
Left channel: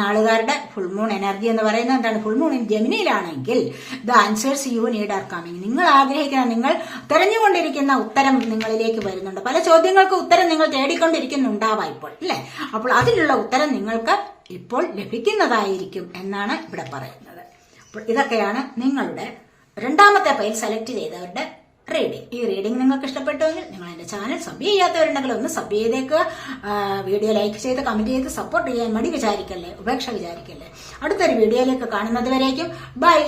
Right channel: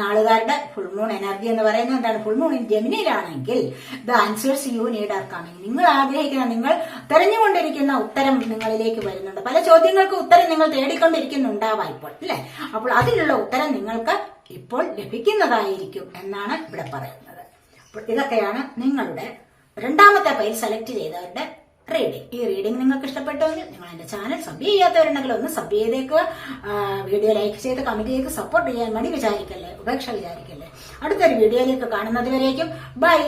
നാളുകാരുടെ ഫുൾ മൂൺ എനർജി എന്ന് പറയുന്നത് എന്താണ്? ഫുൾ മൂൺ ജെമിനിയിലാണെങ്കിൽ the answers you need are coming. നിങ്ങൾ ആഗ്രഹിക്കുന്ന, നിങ്ങൾ തെരഞ്ഞുകൊണ്ടിരിക്കുന്ന ഉത്തരം നിങ്ങളിലേക്ക് വരുന്നുണ്ട്. പല ചോദ്യങ്ങൾക്ക് ഉത്തരം നിങ്ങൾ തേടിക്കൊണ്ടിരിക്കുന്നുണ്ടാവാം ഇപ്പോൾ, അല്ലെ? അപ്പോൾ അതിനുള്ള ഉത്തരം നിങ്ങൾക്ക് ഇപ്പോൾ ലഭിക്കുന്നതായിരിക്കും എന്നാണ് ഇവിടെ പറയുന്നത്. അപ്പോൾ ഇതൊക്കെയാണ് നിങ്ങളുടെ രണ്ടാമത്തെ പേര് സെലക്ട് ചെയ്തവരുടെ റീഡിംഗ്. ഈ റീഡിംഗ് നിങ്ങൾക്ക് ഇഷ്ടപ്പെട്ടുവെങ്കിൽ നിങ്ങൾ എന്റെ ചാനൽ സബ് ചെയ്യാത്തവരുണ്ടെങ്കിൽ ഒന്ന് സബ് ചെയ്തേക്കുക. വീഡിയോ ലൈക്ക് ചെയ്ത് കമന്റ് ചെയ്ത് സപ്പോർട്ട് ചെയ്യാൻ മടി വിചാരിക്കല്ലേ, ഉപേക്ഷ വിചാരിക്കല്ലേ. അടുത്തൊരു വീഡിയോയിലേക്ക് കാണുന്നത് വരേക്കും ബൈ.